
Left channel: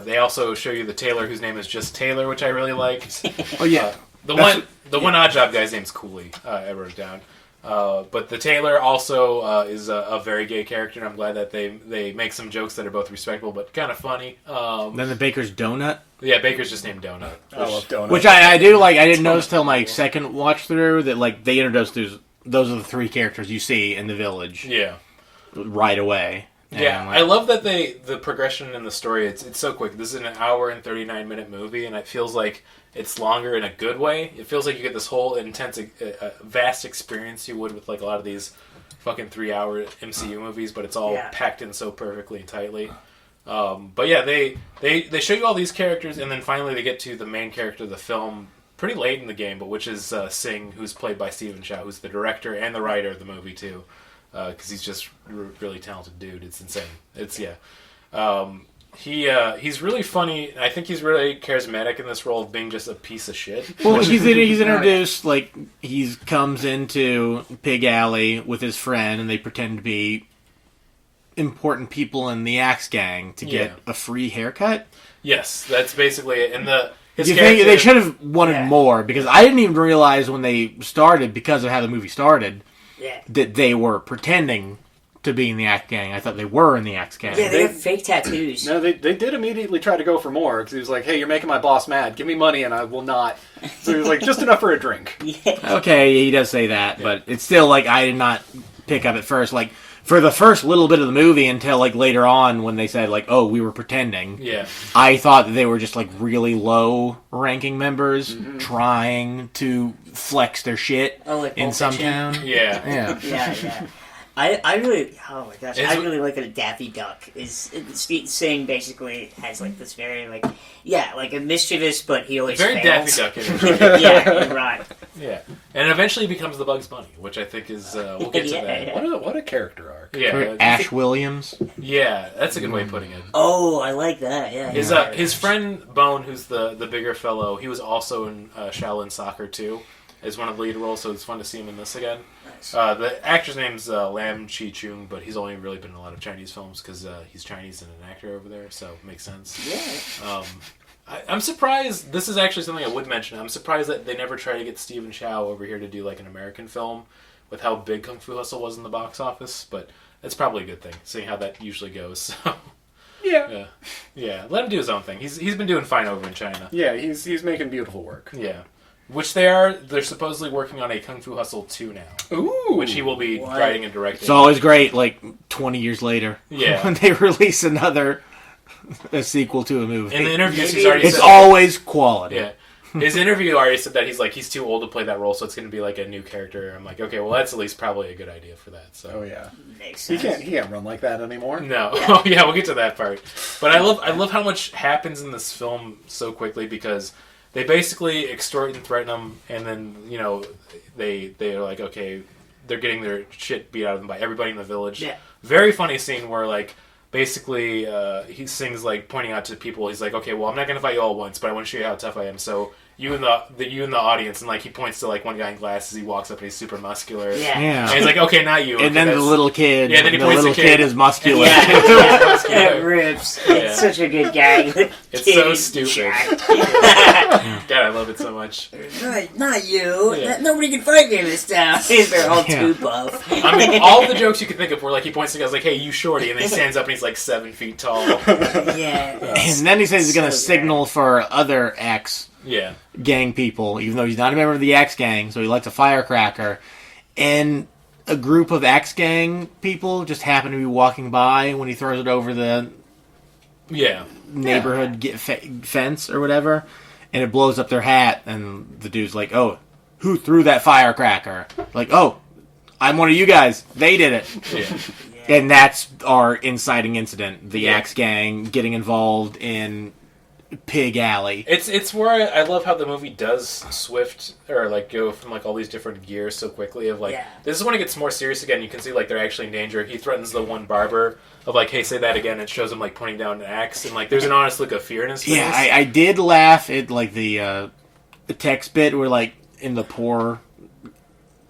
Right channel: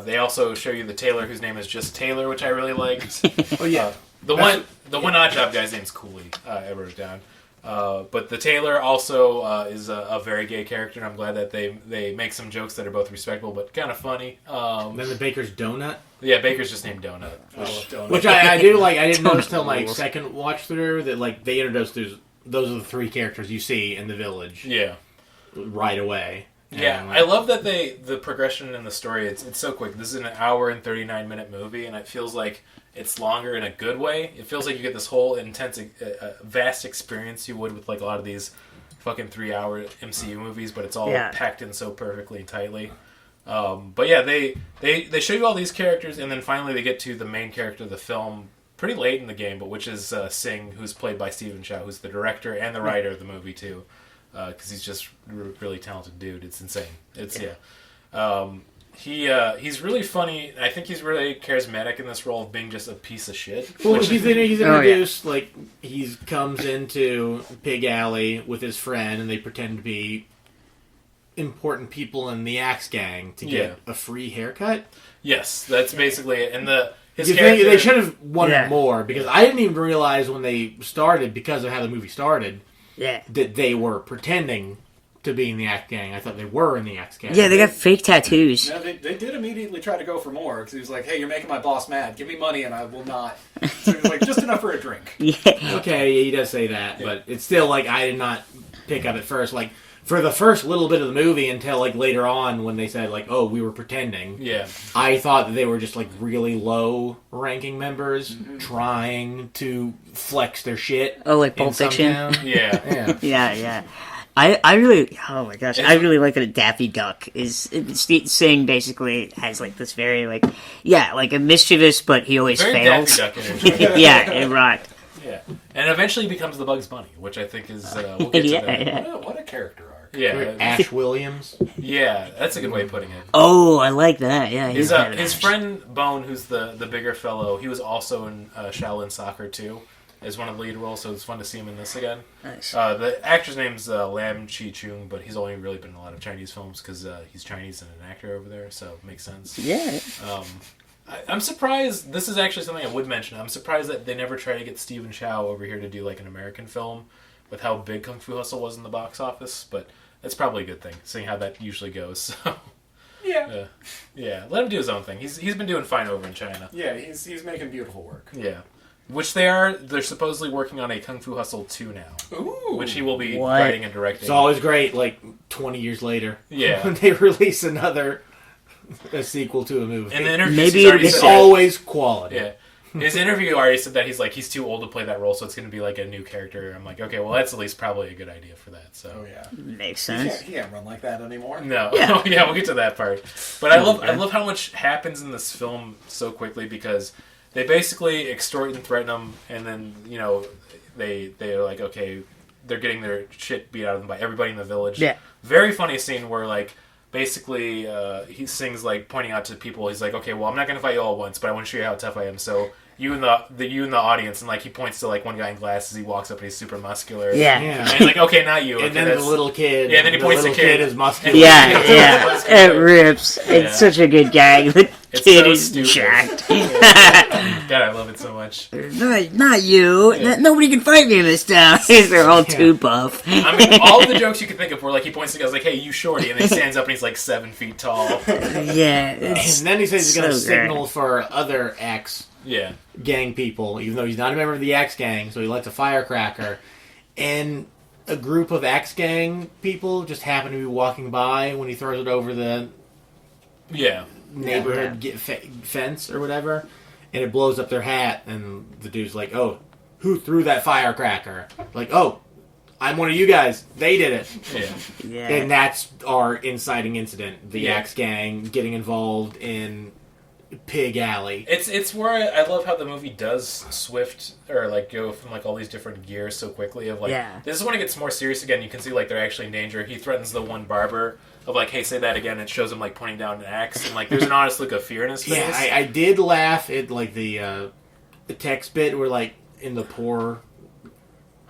They also show you the tailor whose name is just Taylor, which I really liked. Oh yeah. The one odd job guy's name's Cooley. I wrote it down. But the tailor also is a very gay character, and I'm glad that they make some jokes that are both respectable but kind of funny. Then the baker's donut. Yeah, Baker's just named Donut. I love donuts. Which I do like. I didn't notice till my second watch through that like they introduced those are the three characters you see in the village Yeah. right away. Yeah, And, I love that the progression in the story, it's so quick. This is an hour and 39-minute movie, and it feels like it's longer in a good way. It feels like you get this whole intense, vast experience you would with like a lot of these fucking 3-hour MCU movies, but it's all packed in so perfectly and tightly. But yeah, they show you all these characters, and then finally they get to the main character of the film pretty late in the game, but which is Singh, who's played by Stephen Chow, who's the director and the writer of the movie too. Because he's just a really talented dude. It's insane. He's really funny. I think he's really charismatic in this role of being just a piece of shit. Well, he's introduced like he comes into Pig Alley with his friend, and they pretend to be important people in the Axe Gang to get a free haircut. Yes, that's basically it. And his you character, think they should have wanted more, because I didn't even realize when they started, because of how the movie started, that they were pretending to be in the Axe Gang. I thought they were in the Axe Gang. Yeah, they got fake tattoos. No, they did immediately try to go for more, because he was like, hey, you're making my boss mad. Give me money and I will not. So he was like, just enough for a drink. Okay, he does say that, but it's still like I did not pick up at first. Like, for the first little bit of the movie until like later on when they said like, oh, we were pretending. Yeah. I thought that they were just like really low ranking members trying to flex their shit in some town. Yeah. Yeah. I really, oh my gosh, I really like that Daffy Duck is Singh basically has like this very like a mischievous, but he always very fails. Daffy Duck energy. Yeah, right. Yeah, and eventually becomes the Bugs Bunny, which I think is we'll get to that. What a character arc. Yeah, Ash Williams. Yeah, that's a good way of putting it. Oh, I like that. Yeah, His friend Bone, who's the bigger fellow, he was also in Shaolin Soccer too, as one of the lead roles. So it's fun to see him in this again. Nice. The actor's name's Lam Chi Chung, but he's only really been in a lot of Chinese films because he's Chinese and an actor over there, so it makes sense. Yeah. I'm surprised. This is actually something I would mention. I'm surprised that they never tried to get Stephen Chow over here to do like an American film with how big Kung Fu Hustle was in the box office, but that's probably a good thing, seeing how that usually goes. So, yeah. Let him do his own thing. He's been doing fine over in China. Yeah, he's making beautiful work. Yeah, which they're supposedly working on a Kung Fu Hustle 2 now. Ooh, which he will be writing and directing. It's always great, like 20 years later, when they release a sequel to a movie. In the interviews, he's already it's said always quality. Yeah. His interview already said that he's too old to play that role, so it's going to be like a new character. I'm like, okay, well, that's at least probably a good idea for that. So, makes sense. He can't run like that anymore. No, we'll get to that part. But I love how much happens in this film so quickly, because they basically extort and threaten him, and then they're like, okay, they're getting their shit beat out of them by everybody in the village. Yeah. Very funny scene where like. Basically, he sings like pointing out to people. He's like, "Okay, well, I'm not gonna fight you all at once, but I want to show you how tough I am." So you in the audience, and like he points to like one guy in glasses. He walks up and he's super muscular. Yeah. And he's like, "Okay, not you." And then the little kid. Yeah. Then he points the to little kid is muscular. Yeah. It rips. It's such a good gag. It's Kid so is stupid. jacked. God, I love it so much. Not you. Nobody can fight me in this town. They're all too buff. I mean, all the jokes you could think of were like he points to guys like, "Hey, you shorty," and then he stands up and he's like 7 feet tall. Yeah. And then he says he's going to signal for other Axe Gang people, even though he's not a member of the Axe Gang, so he lights a firecracker. And a group of Axe Gang people just happen to be walking by when he throws it over the neighborhood fence or whatever, and it blows up their hat, and the dude's like, "Oh, who threw that firecracker?" Like, "Oh, I'm one of you guys. They did it. Yeah. Yeah. And that's our inciting incident. The Yeah. Axe Gang getting involved in Pig Alley. It's where I love how the movie does swift or like go from like all these different gears so quickly. Of like, Yeah. this is when it gets more serious again. You can see like they're actually in danger. He threatens the one barber of like, hey, say that again. It shows him like pointing down an axe, and like there's an honest look of fear in his face. Yeah, I did laugh at like the text bit where like in the poor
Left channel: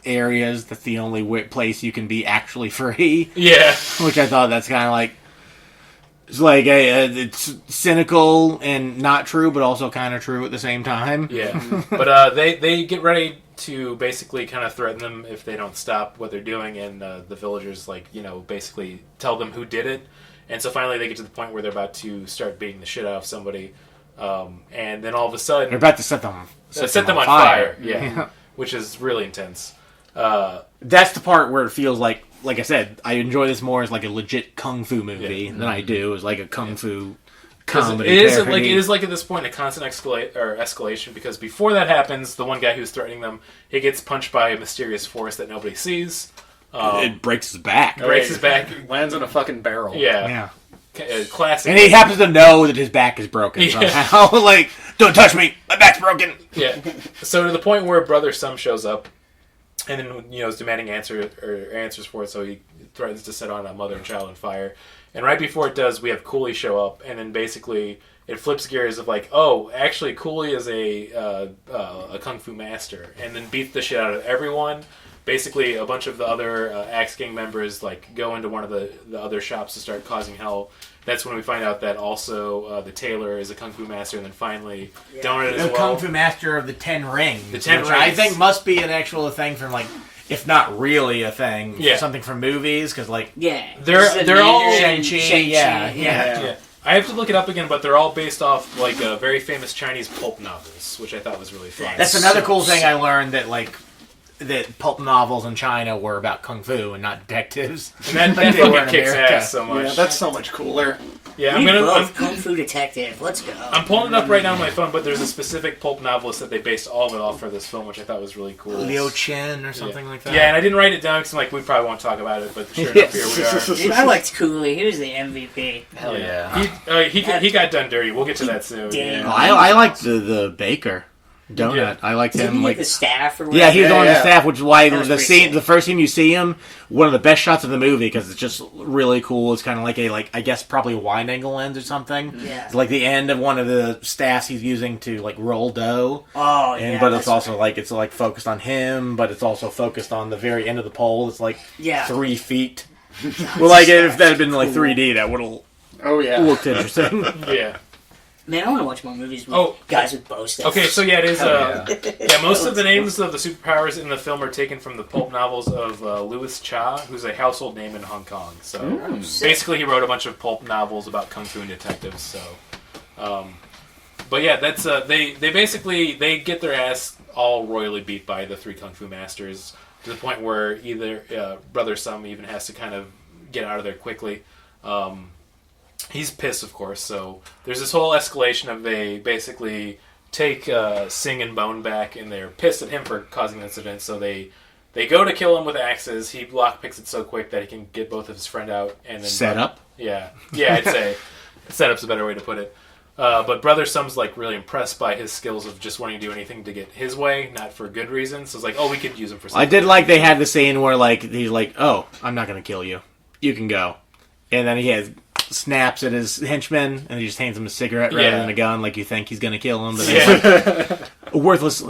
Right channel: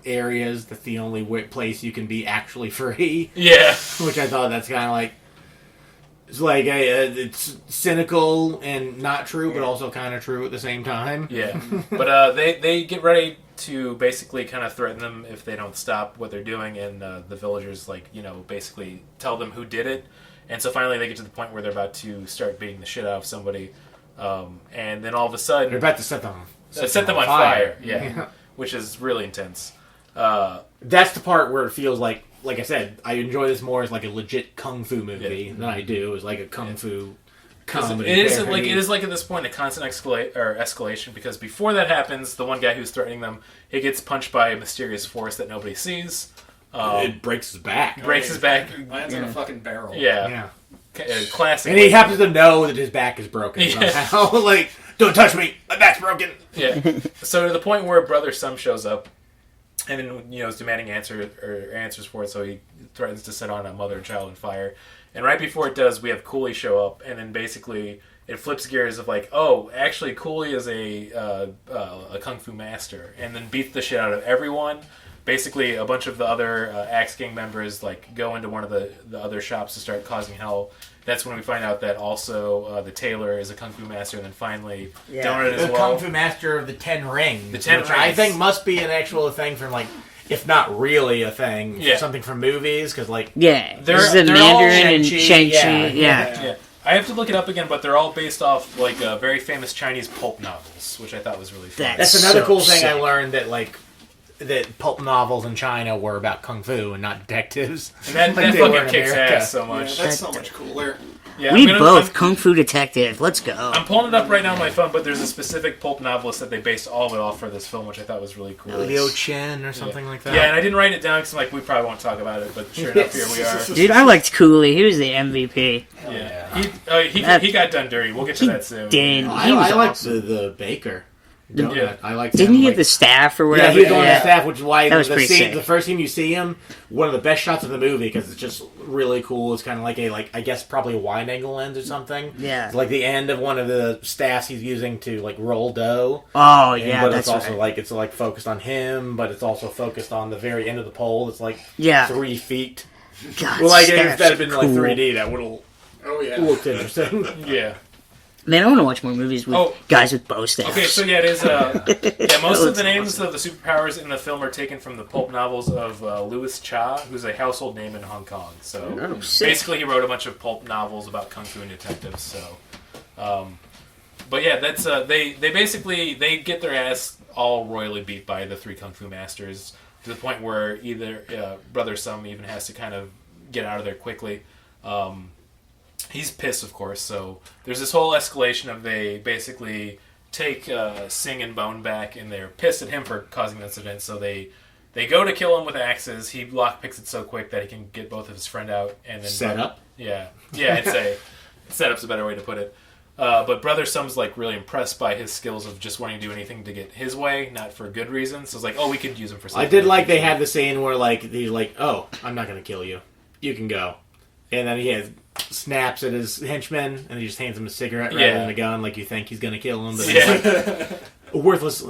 areas that's the only place you can be actually free. Yeah. Which I thought that's kind of like it's like it's cynical and not true, but also kind of true at the same time. Yeah, but they get ready to basically kind of threaten them if they don't stop what they're doing, and the villagers like basically tell them who did it, and so finally they get to the point where they're about to start beating the shit out of somebody, and then all of a sudden They're about to set them on fire. Yeah, which is really intense. That's the part where it feels like I said, I enjoy this more as like a legit kung fu movie than I do as like a kung fu comedy. It parody. is like at this point a constant escalation, because before that happens, the one guy who's threatening them, he gets punched by a mysterious force that nobody sees. It breaks his back. Breaks his back. Lands in a fucking barrel. Yeah. Classic. And he happens to know that his back is broken somehow. Like, don't touch me, my back's broken. Yeah. So to the point where Brother Sum shows up, and then is demanding answers for it. So he threatens to set on a mother and child on fire. And right before it does, we have Cooley show up, and then basically it flips gears of like, oh, actually Cooley is a kung fu master, and then beats the shit out of everyone. Basically, a bunch of the other Axe Gang members like go into one of the other shops to start causing hell. That's when we find out that also the tailor is a kung fu master, and then finally Donut as The well. kung fu master of the 10 Rings. The 10 which Rings. I think must be an actual thing from like, if not really a thing, something from movies, because like... Yeah. They're This is the all Mandarin and Shang-Chi, Shang-Chi. yeah. Yeah. I have to look it up again, but they're all based off like very famous Chinese pulp novels, which I thought was really fun. That's another So cool thing sick. I learned, that like that pulp novels in China were about kung fu and not detectives. And that Like they were fucking in kicks America. ass so Yeah, much. that's so much cooler. Yeah, We I'm both Kung Fu Detective. Let's go. I'm pulling it up right now on my phone, but there's a specific pulp novelist that they based all of it off for this film, which I thought was really cool. Liu Chen or something like that. Yeah, and I didn't write it down because I'm like, we probably won't talk about it, but sure enough, here we are. Dude, I liked Cooley. He was the MVP. Yeah. He got done dirty. We'll get to that soon. Damn. Oh, I liked the baker. Donut. Yeah. I liked Didn't him. he Like, get the staff or whatever? yeah, he's on the staff, which is why That was the pretty scene, sick. the first time you see him, one of the best shots of the movie, because it's just really cool. It's kind of like I guess probably a wide angle lens or something. Yeah. It's like the end of one of the staffs he's using to like roll dough. Oh, And, yeah. but that's it's also right. it's like focused on him, but it's also focused on the very end of the pole. It's like 3 feet. God, Well, like if staff's that had been like cool. 3D, that would have Oh yeah. looked interesting. Yeah. Man, I want to watch more movies with Oh. guys with bow staffs. Okay, so yeah, it is. Most of the names of the superpowers in the film are taken from the pulp novels of Louis Cha, who's a household name in Hong Kong. So basically, he wrote a bunch of pulp novels about kung fu and detectives. So, but yeah, that's they basically they get their ass all royally beat by the 3 kung fu masters to the point where either Brother Sum even has to kind of get out of there quickly. He's pissed, of course, so there's this whole escalation of they basically take Singh and Bone back, and they're pissed at him for causing the incident, so they go to kill him with axes. He lockpicks it so quick that he can get both of his friend out. And then Set up? Yeah, I'd say setup's a better way to put it. But Brother Sum's like really impressed by his skills of just wanting to do anything to get his way, not for good reasons. So it's like, oh, we could use him for something. I did like they had the scene where like he's like, "Oh, I'm not gonna kill you. You can go," and then he snaps at his henchman and he just hands him a cigarette rather than a gun. Like you think he's gonna kill him, but it's like, a worthless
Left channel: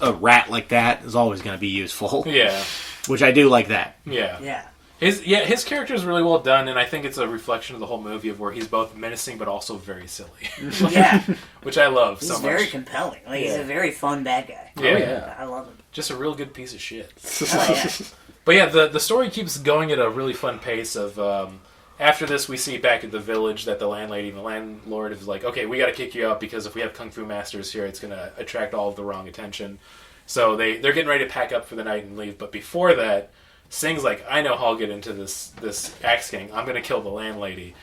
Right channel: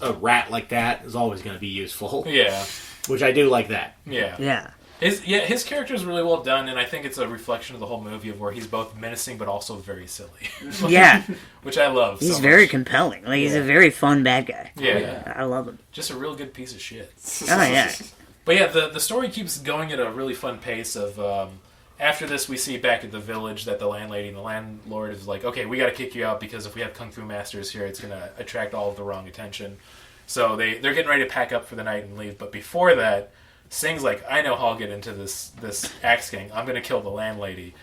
a rat like that is always gonna be useful. Yeah, which I do like that. Yeah. His character is really well done, and I think it's a reflection of the whole movie of where he's both menacing but also very silly. Yeah. Which I love. He's so very much. compelling. Like, he's a very fun bad guy. Yeah. I love him. Just a real good piece of shit. Oh, yeah. But yeah, the story keeps going at a really fun pace of after this we see back at the village that the landlady and the landlord is like, okay, we got to kick you out because if we have kung fu masters here, it's going to attract all of the wrong attention. So they're getting ready to pack up for the night and leave. But before that, Singh's like, I know how I'll get into this Axe Gang. I'm going to kill the landlady.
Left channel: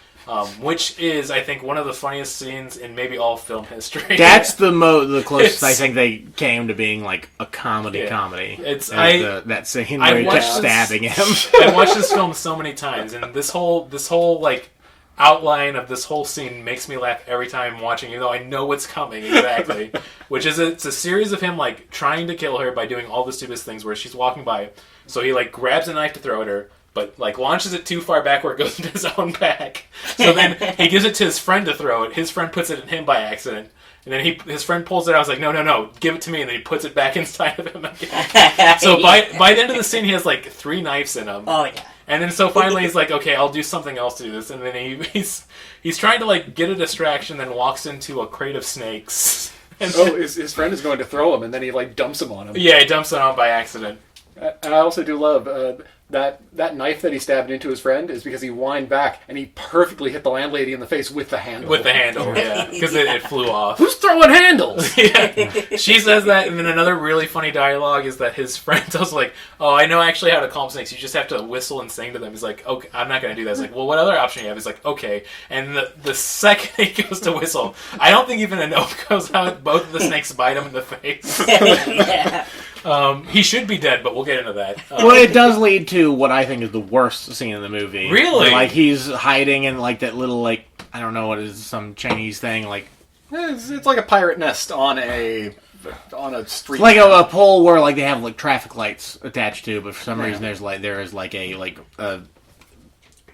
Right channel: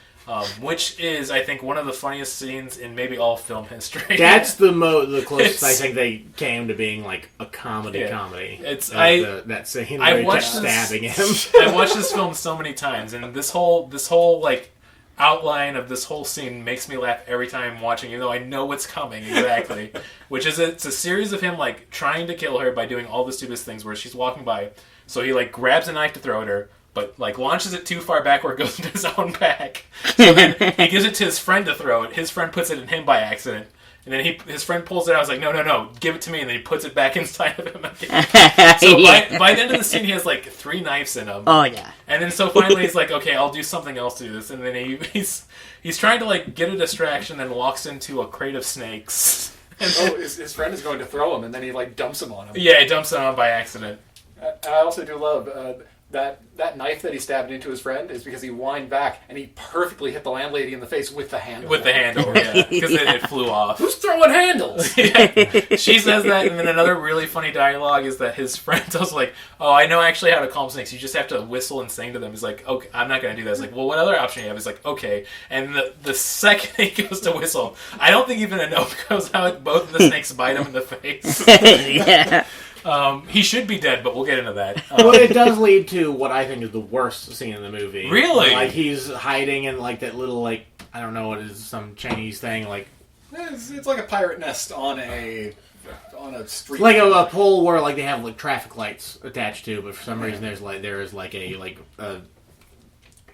which is, I think, one of the funniest scenes in maybe all film history. That's the closest I think they came to being like a comedy. It's that scene where he kept stabbing him. I watched this film so many times, and this whole like outline of this whole scene makes me laugh every time I'm watching, even though I know what's coming exactly. Which is it's a series of him like trying to kill her by doing all the stupidest things where she's walking by. So he like grabs a knife to throw at her, but like launches it too far back where it goes into his own back. So then he gives it to his friend to throw it. His friend puts it in him by accident. And then his friend pulls it out. I was like, no, give it to me. And then he puts it back inside of him again. So by the end of the scene, he has like 3 knives in him. Oh, yeah. And then so finally he's like, okay, I'll do something else to do this. And then he's trying to like get a distraction, then walks into a crate of snakes. And his friend is going to throw him, and then he like dumps him on him. Yeah, he dumps it on by accident. And I also do love that knife that he stabbed into his friend is because he whined back and he perfectly hit the landlady in the face with the handle. With the handle, yeah. Because it flew off. Who's throwing handles? Yeah. She says that, and then another really funny dialogue is that his friend was like, oh, I know actually how to calm snakes. You just have to whistle and sing to them. He's like, okay, I'm not going to do that. He's like, well, what other option do you have? He's like, okay. And the second he goes to whistle, I don't think even a note goes out. Both of the snakes bite him in the face. Yeah. He should be dead, but we'll get into that. Well, it does lead to what I think is the worst scene in the movie. Really? Like, he's hiding in, like, that little, like, I don't know what it is, some Chinese thing, like... It's like a pirate nest on a street. It's like a pole where, like, they have, like, traffic lights attached to, but for some reason there is a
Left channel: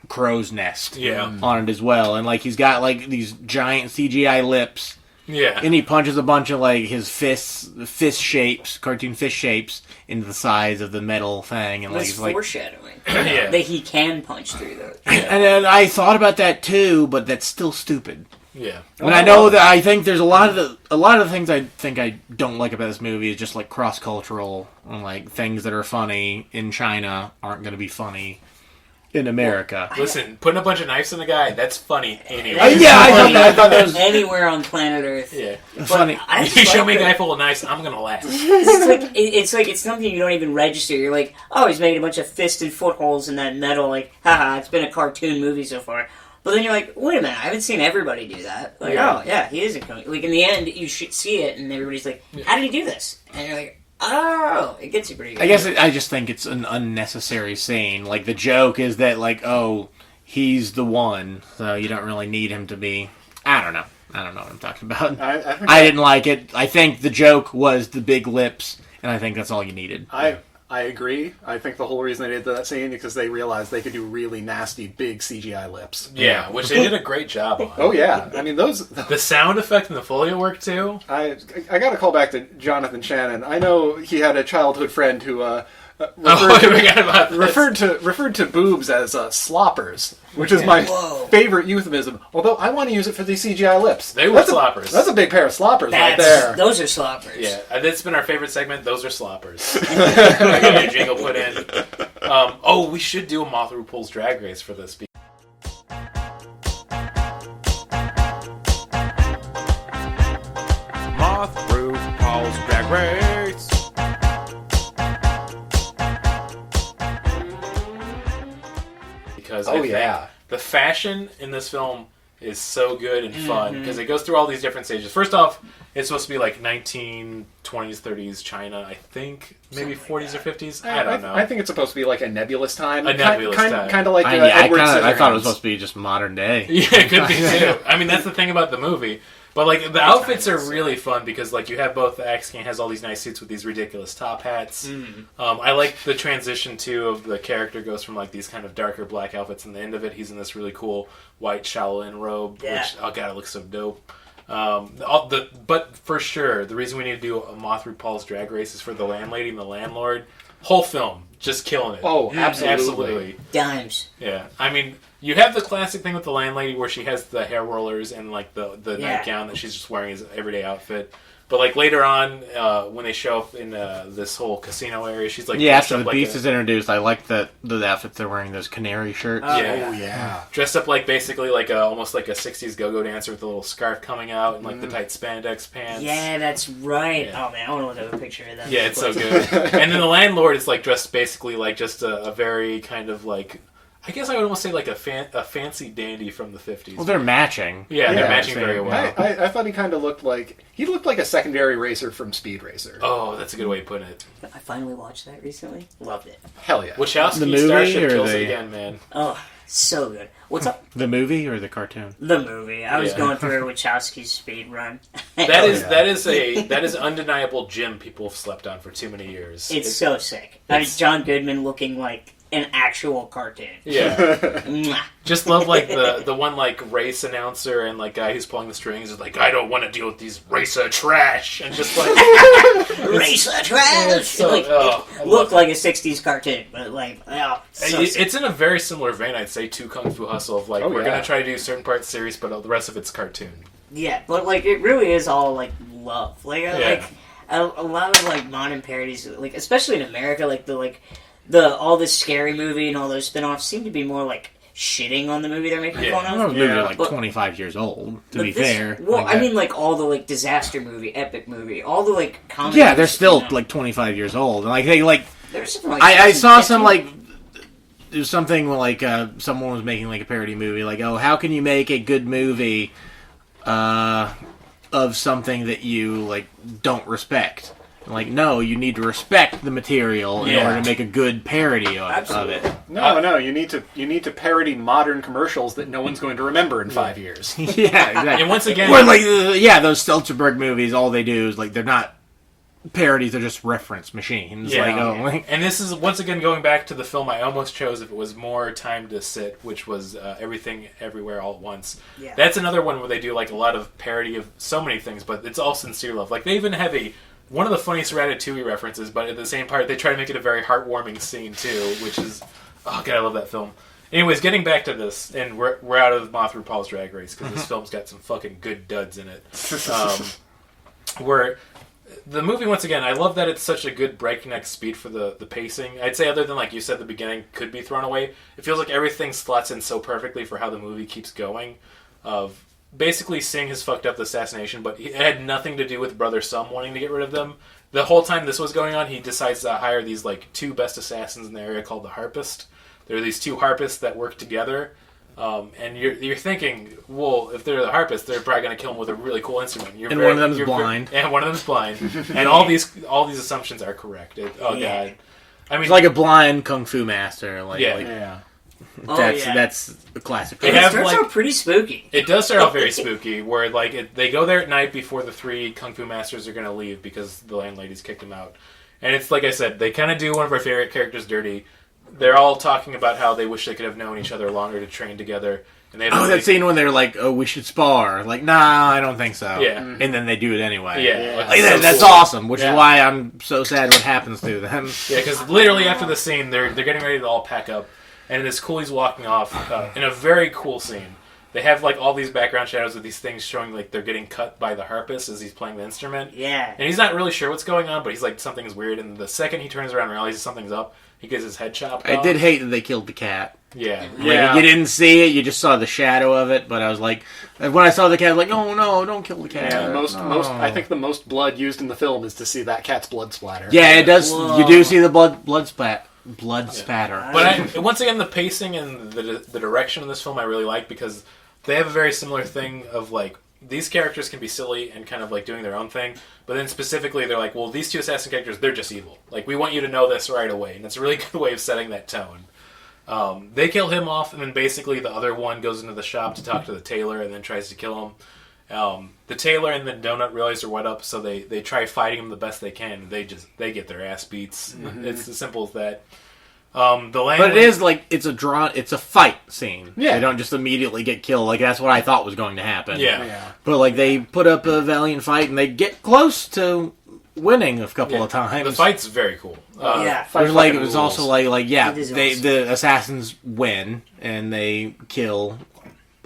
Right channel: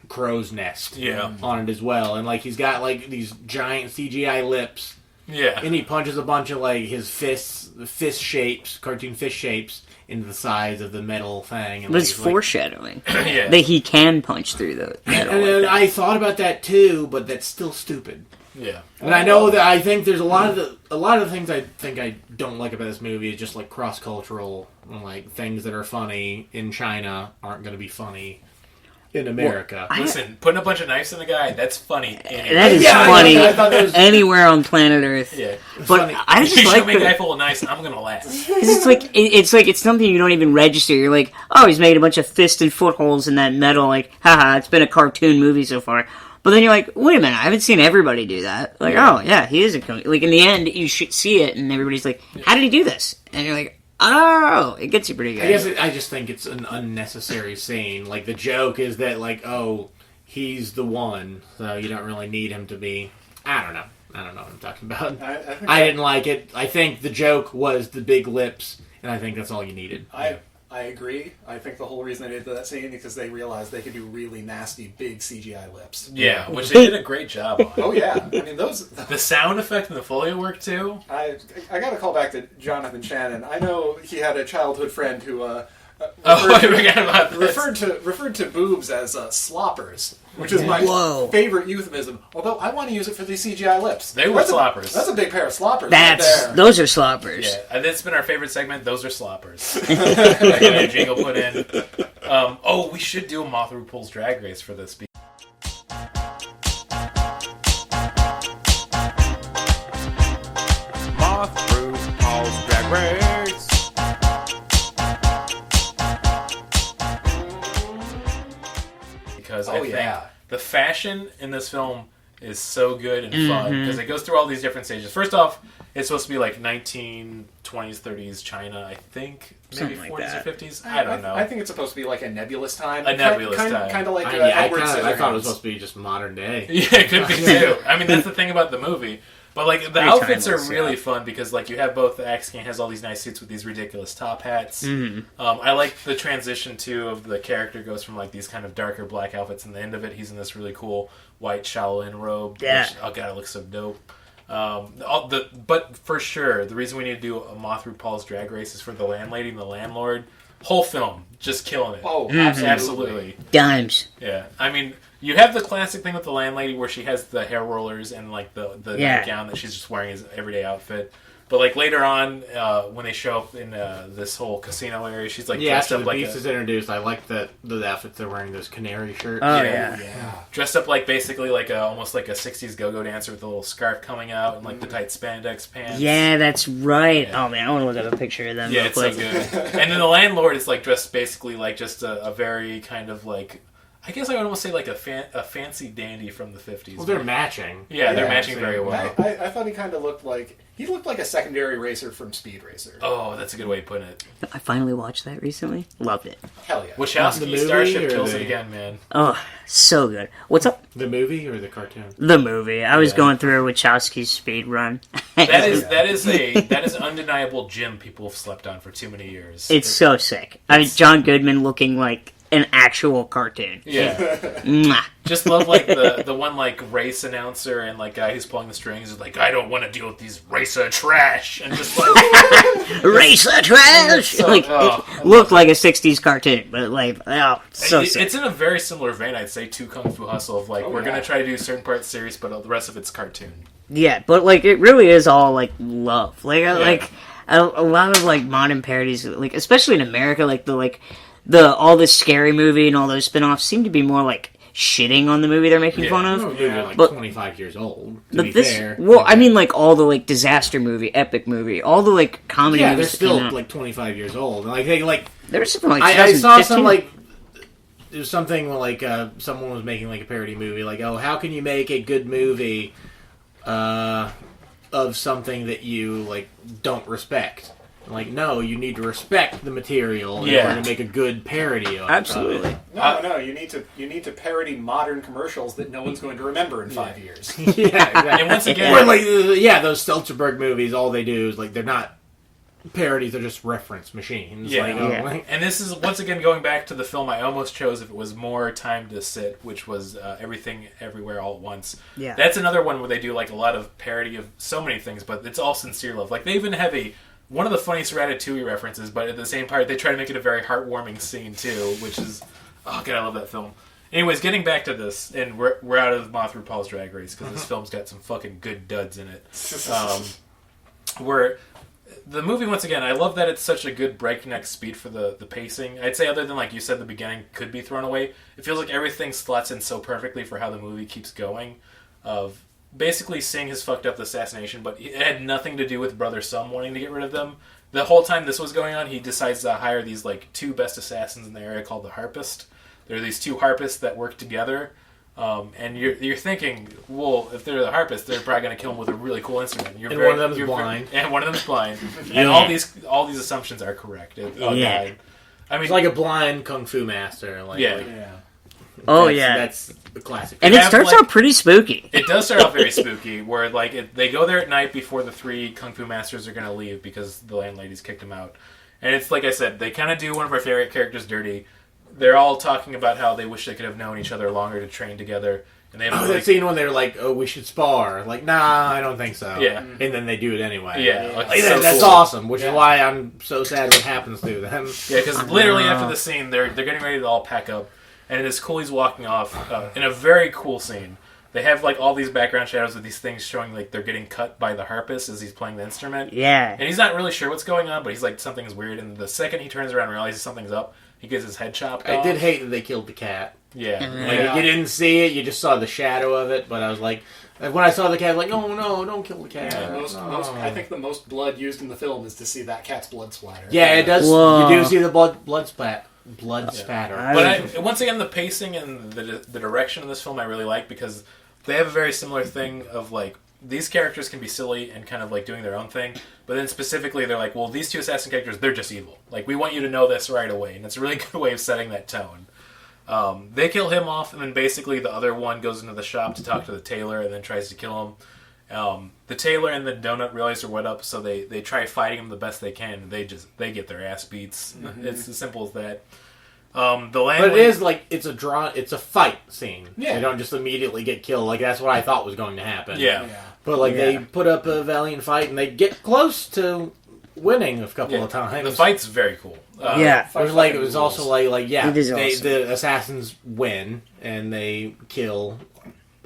crow's nest on it as well. And, like, he's got, like, these giant CGI lips. Yeah. And he punches a bunch of, like, his fist shapes, cartoon fist shapes, into the sides of the metal thing. And That's foreshadowing. Yeah. That he can punch through those. And then I thought about that too, but that's still stupid. Yeah. And I know that I think there's a lot of the things I think I don't like about this movie is just, like, cross-cultural, and, like, things that are funny in China aren't going to be funny in America. Listen, putting a bunch of knives in a guy, that's funny anyway. That is Yeah, funny I thought that was anywhere on planet Earth. Yeah. But funny. I If just you show like me a guy full of knives, I'm going to laugh. it's something you don't even register. You're like, oh, he's made a bunch of fist and footholds in that metal. Like, haha, it's been a cartoon movie so far. But then you're like, wait a minute, I haven't seen everybody do that. Like, oh, yeah, he is a comic. Like, in the end, you should see it, and everybody's like, how did he do this? And you're like, oh, it gets you pretty good. I guess I just think it's an unnecessary scene. Like, the joke is that, like, oh, he's the one, so you don't really need him to be... I don't know what I'm talking about. I didn't like it. I think the joke was the big lips, and I think that's all you needed. I agree. I think the whole reason they did that scene is because they realized they could do really nasty, big CGI lips. Yeah, which they did a great job on. Oh, yeah. I mean, those... The sound effect and the Foley work, too. I got to call back to Jonathan Shannon. I know he had a childhood friend who... referred to boobs as sloppers, which is my favorite euphemism. Although I want to use it for these CGI lips. They were sloppers. That's a big pair of sloppers right there. Those are sloppers. Yeah, that's been our favorite segment. Those are sloppers. I get a jingle put in. We should do a Moth RuPaul's Drag Race for this. Moth RuPaul's Drag Race. Because I think the fashion in this film is so good and fun because it goes through all these different stages. First off, it's supposed to be like 1920s, 30s China, I think. Maybe Something 40s like or 50s. I don't know. I think it's supposed to be like a nebulous time. A nebulous time. Kind of like I thought it was supposed to be just modern day. Yeah, it could be too. I mean, that's the thing about the movie. But, like, the outfits are really fun because, like, you have both the Axe King has all these nice suits with these ridiculous top hats. I like the transition, too, of the character goes from, like, these kind of darker black outfits, and the end of it, he's in this really cool white Shaolin robe, which, oh, God, it looks so dope. But for sure, the reason we need to do a Moth RuPaul's Drag Race is for the landlady and the landlord. Whole film, just killing it. Oh, absolutely. Dimes. Yeah, I mean, you have the classic thing with the landlady where she has the hair rollers and like the nightgown that she's just wearing as an everyday outfit. But like later on, when they show up in this whole casino area, she's like after the beast is introduced, I like the outfits they're wearing, those canary shirts. Dressed up like basically like almost like a '60s go-go dancer with a little scarf coming out and like the tight spandex pants. Yeah, that's right. Yeah. Oh man, I want to look at a picture of them. Yeah, it's so good. And then the landlord is like dressed basically like just a very kind of like, I guess I would almost say like a fancy dandy from the 50s. Well, they're matching. Yeah, they're Yeah, matching very well. I thought he kind of looked like a secondary racer from Speed Racer. Oh, that's a good way of putting it. I finally watched that recently. Loved it. Hell yeah! Wachowski The movie Starship or kills the- it again, man. Oh, so good. What's up? The movie or the cartoon? The movie. I was Yeah. going through Wachowski's speed run. That is undeniable gem people have slept on for too many years. It's so sick. I mean, John Goodman looking like an actual cartoon. Yeah. Mwah. Just love like the one like race announcer and like guy who's pulling the strings is like, I don't want to deal with these racer trash, and just like Racer trash! so- Like, oh, I it looked like a 60s cartoon, but like, oh, so sick. it's in a very similar vein, I'd say, to Kung Fu Hustle. Of like, we're gonna try to do certain parts serious, but the rest of it's cartoon. Yeah, but like, it really is all like love. Like, Yeah. a lot of like modern parodies, like especially in America, the all this Scary Movie and all those spin-offs seem to be more like shitting on the movie they're making Yeah. fun Well, of. the movie are like But- 25 years old, to But be this, fair. well, Like I that. mean, like all the like disaster movie, epic movie, all the like comedy. Yeah, they're movies, still you know. like 25 years old. And like they like There's something like I saw some 2015. like there's something like someone was making like a parody movie like, oh, how can you make a good movie of something that you like don't respect? And, like, no, you need to respect the material in Yeah. order to make a good parody of Absolutely. it. No, you need to parody modern commercials that no one's going to remember in 5 years. Yeah, exactly. And once again, Or like those Stelzberg movies, all they do is like they're not parodies, they're just reference machines. Yeah. Like, oh, Yeah. like, and this is once again going back to the film I almost chose if it was more time to sit, which was Everything Everywhere All at Once. Yeah. That's another one where they do like a lot of parody of so many things, but it's all sincere love. Like they even have one of the funniest Ratatouille references, but at the same part they try to make it a very heartwarming scene too, which is oh god, I love that film. Anyways, getting back to this, and we're out of Moth RuPaul's Drag Race because this film's got some fucking good duds in it. Where the movie, once again, I love that it's such a good breakneck speed for the pacing. I'd say other than, like you said, the beginning could be thrown away. It feels like everything slots in so perfectly for how the movie keeps going. Of basically, Singh has fucked up the assassination, but it had nothing to do with Brother Sum wanting to get rid of them. The whole time this was going on, he decides to hire these like two best assassins in the area called the Harpist. There are these two Harpists that work together. And you're thinking, well, if they're the Harpist, they're probably going to kill him with a really cool instrument. And one of them's blind. And one of them's blind. And all these assumptions are correct. God. I mean, it's like a blind kung fu master. Like, Yeah. like, Yeah. Oh yeah, that's a classic. and They it have, starts like- out pretty spooky. it does start off very spooky, where like they go there at night before the three kung fu masters are going to leave because the landlady's kicked them out. And it's like I said, they kind of do one of our favorite characters dirty. They're all talking about how they wish they could have known each other longer to train together. And they that scene when they're like, "Oh, we should spar." Like, nah, I don't think so. Yeah. and then they do it anyway. Yeah, like, Like, so that's cool. awesome. Which Yeah. is why I'm so sad what happens to them. Yeah, because literally after the scene, they're getting ready to all pack up, and this coolie's walking off in a very cool scene. They have like all these background shadows with these things showing like they're getting cut by the harpist as he's playing the instrument. Yeah, And he's not really sure what's going on, but he's like, something's weird. And the second he turns around and realizes something's up, he gets his head chopped I off. did hate that they killed the cat. Yeah. Like, you didn't see it, you just saw the shadow of it. But I was like, when I saw the cat, I was like, no, don't kill the cat. Yeah, No. I think the most blood used in the film is to see that cat's blood splatter. Yeah, it does. Whoa. You do see the blood spatter. But once again, the pacing and the direction of this film I really like because they have a very similar thing of like, these characters can be silly and kind of like doing their own thing, but then specifically they're like, well, these two assassin characters, they're just evil. Like, we want you to know this right away, and it's a really good way of setting that tone. They kill him off, and then basically the other one goes into the shop to talk to the tailor and then tries to kill him. The tailor and the donut realize they're wet up, so they try fighting him the best they can. They get their ass beats. It's as simple as that. But it is like it's a fight scene. Yeah. They don't just immediately get killed. Like that's what I thought was going to happen. Yeah. But like they put up a valiant fight and they get close to winning a couple of times. The fight's very cool. yeah. It was also like yeah, It is they awesome. the assassins win and they kill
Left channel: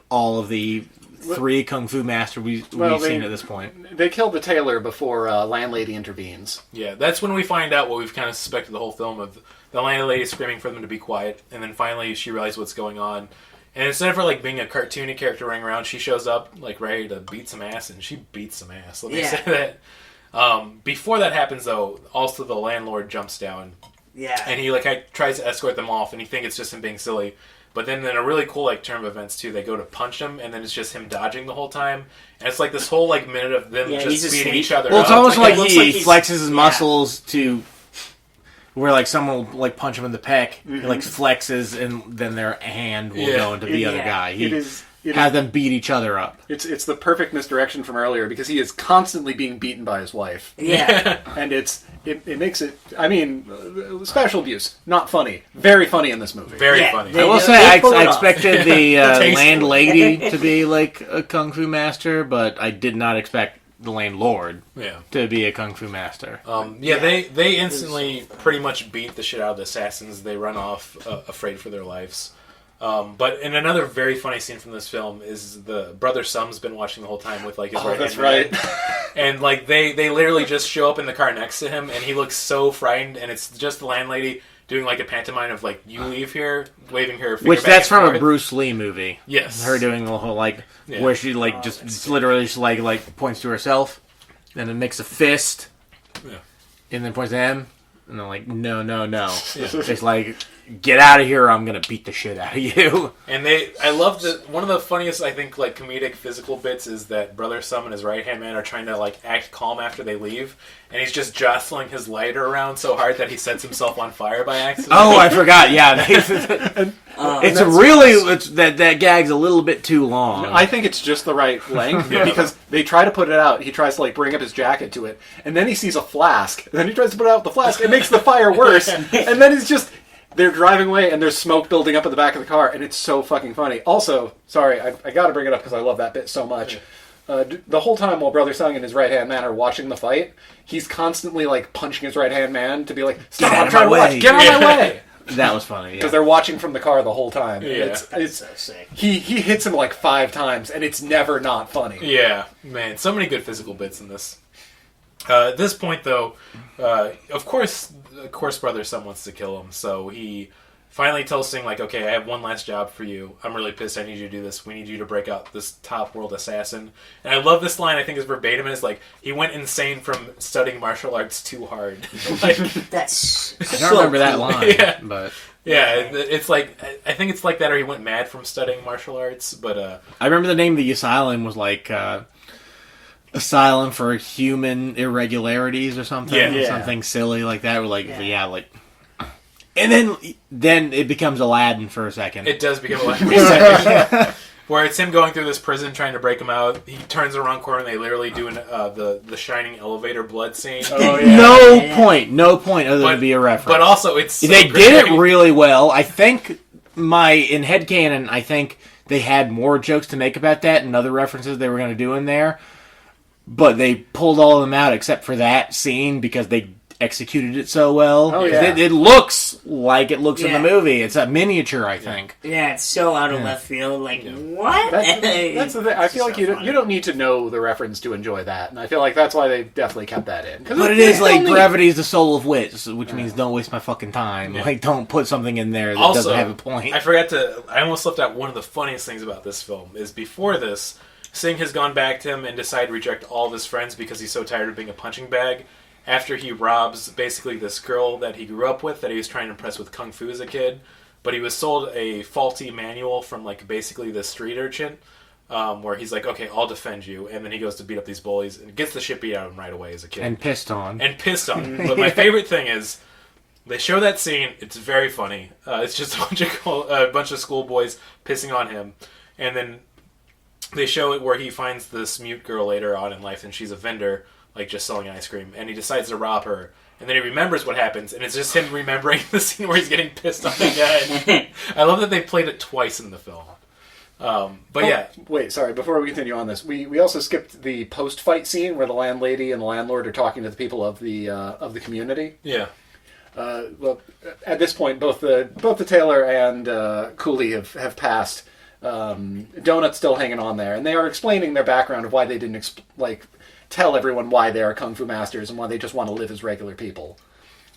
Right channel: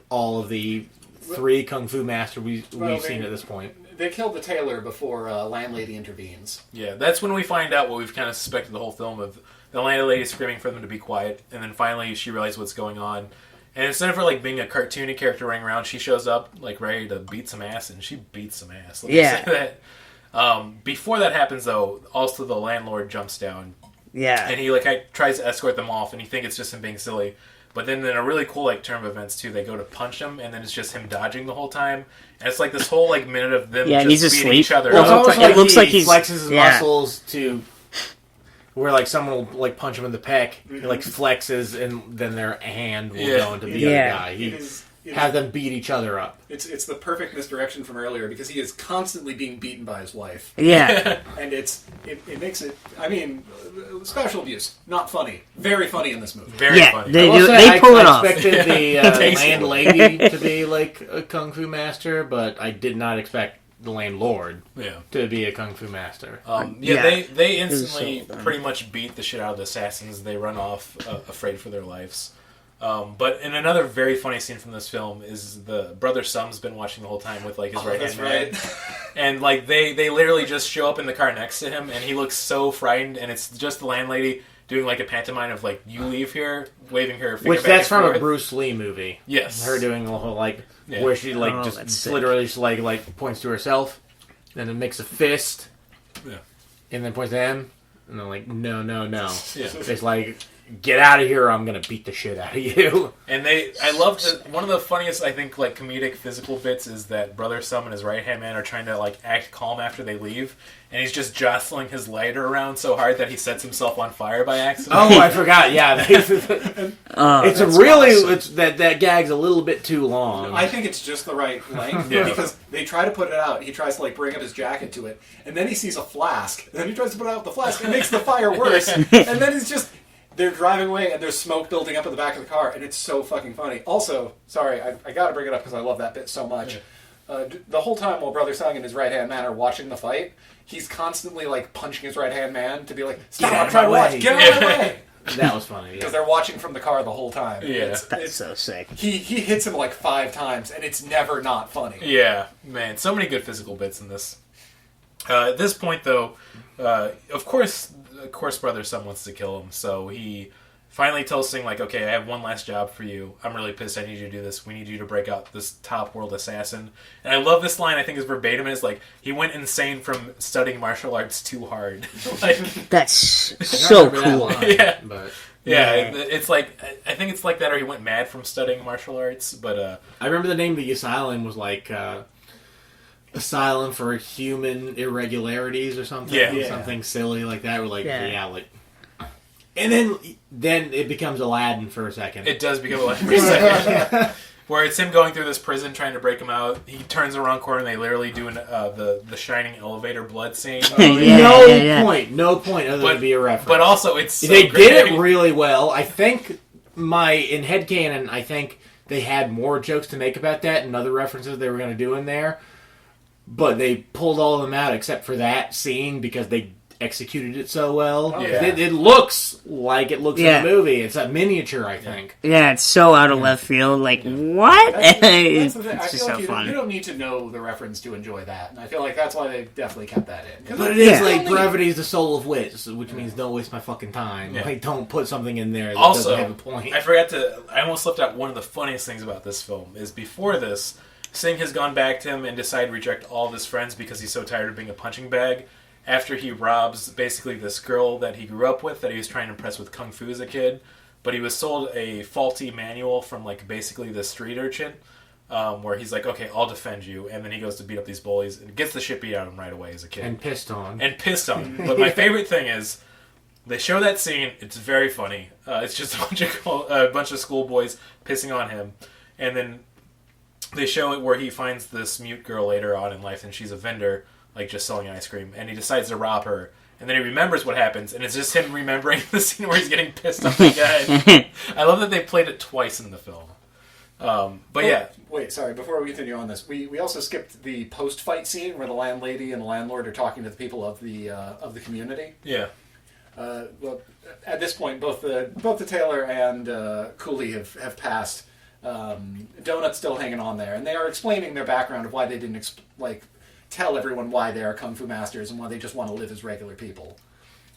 all of the three kung fu masters we've seen at this point. They kill the tailor before landlady intervenes. Yeah, that's when we find out what we've kind of suspected the whole film of the landlady screaming for them to be quiet, and then finally she realizes what's going on. And instead of her like being a cartoony character running around, she shows up like ready to beat some ass, and she beats some ass. Let me say that. Before that happens, though, also the landlord jumps down, Yeah. and he like tries to escort them off, and you think it's just him being silly. But then in a really cool like turn of events too, they go to punch him, and then it's just him dodging the whole time. And it's like this whole like minute of them just he's beating asleep. each other. Well, it's up. almost like, it looks he like he's- flexes his yeah. muscles to where like someone will like punch him in the pec. He like flexes, and then their hand will go into the other Yeah. guy. He It has them beat each other up. It's the perfect misdirection from earlier because he is constantly being beaten by his wife, Yeah. and it makes it. I mean, special abuse, not funny. Very funny in this movie. Very Yeah, funny. they- I will do- say, pull it I off. expected the Tasteful. landlady to be like a kung fu master, but I did not expect the landlord Yeah. to be a kung fu master. Yeah. They instantly pretty much beat the shit out of the assassins. They run off afraid for their lives. But in another very funny scene from this film is the brother Sum's been watching the whole time with like his right That's hand right. man. And like they literally just show up in the car next to him, and he looks so frightened, and it's just the landlady doing like a pantomime of like, you leave here, waving her finger Which back that's and from a forth. Bruce Lee movie. Yes. Her doing the whole like Yeah. where she like that's just sick. literally just like points to herself, and then makes a fist, Yeah. and then points to him, and then like no. Yeah. It's like, get out of here, or I'm gonna beat the shit out of you. And I love that one of the funniest, I think, like comedic physical bits is that Brother Sum and his right hand man are trying to like act calm after they leave, and he's just jostling his lighter around so hard that he sets himself on fire by accident. Oh, I forgot. Yeah, that gag's a little bit too long. I think it's just the right length because they try to put it out. He tries to like bring up his jacket to it, and then he sees a flask. And then he tries to put out the flask. It makes the fire worse. And then it's just they're driving away, and there's smoke building up in the back of the car, and it's so fucking funny. Also, sorry, I got to bring it up because I love that bit so much. The whole time while Brother Sung and his right hand man are watching the fight, he's constantly like punching his right hand man to be like, "Stop! Get out I'm of trying my to watch. way." Get out of my way!" That was funny. Because Yeah. they're watching from the car the whole time. Yeah. It's So sick. he hits him like 5 times, and it's never not funny. Yeah, man, so many good physical bits in this. At this point, though, of course, Brother Sum wants to kill him, so he finally tells Singh, like, okay, I have one last job for you. I'm really pissed. I need you to do this. We need you to break out this top world assassin. And I love this line. I think is verbatim. It's like, he went insane from studying martial arts too hard. Like, That's I don't so remember that cool. line. Yeah. But yeah, it's like, I think it's like that, or he went mad from studying martial arts. But I remember the name of the asylum was like Asylum for Human Irregularities or something. Yeah. Something silly like that. We're like, Yeah. like. And then it becomes Aladdin for a second. it does become like for a second. Where it's him going through this prison trying to break him out. He turns the wrong corner and they literally do the shining elevator blood scene. No point other than to be a reference. But also, it's so they great. did it really well. I think in headcanon, I think they had more jokes to make about that and other references they were going to do in there. But they pulled all of them out except for that scene because they executed it so well. Oh, yeah. It looks like it looks Yeah. in the movie. It's a miniature, I think. Yeah, it's so out of left field. Like, what? That's the thing. I It's feel like so you funny. don't need to know the reference to enjoy that, and I feel like that's why they definitely kept that in. 'Cause But it is like only- brevity is the soul of wit, which means don't waste my fucking time. Yeah. Like, don't put something in there that Also, doesn't have a point. I almost left out one of the funniest things about this film is before this, Singh has gone back to him and decided to reject all of his friends because he's so tired of being a punching bag. After he robs basically this girl that he grew up with that he was trying to impress with kung fu as a kid, but he was sold a faulty manual from like basically the street urchin, where he's like, okay, I'll defend you, and then he goes to beat up these bullies and gets the shit beat out of him right away as a kid And pissed on. and pissed on him. But my favorite thing is they show that scene. It's very funny. It's just a bunch of schoolboys pissing on him, and then they show it where he finds this mute girl later on in life, and she's a vendor, like just selling ice cream, and he decides to rob her. And then he remembers what happens, and it's just him remembering the scene where he's getting pissed off again. I love that they played it twice in the film. But yeah, Wait, sorry. Before we continue on this, we also skipped the post-fight scene where the landlady and the landlord are talking to the people of the community. yeah. Well, at this point, both the tailor and Cooley have passed. Donut's still hanging on there, and they are explaining their background of why they didn't tell everyone why they are kung fu masters and why they just want to live as regular people.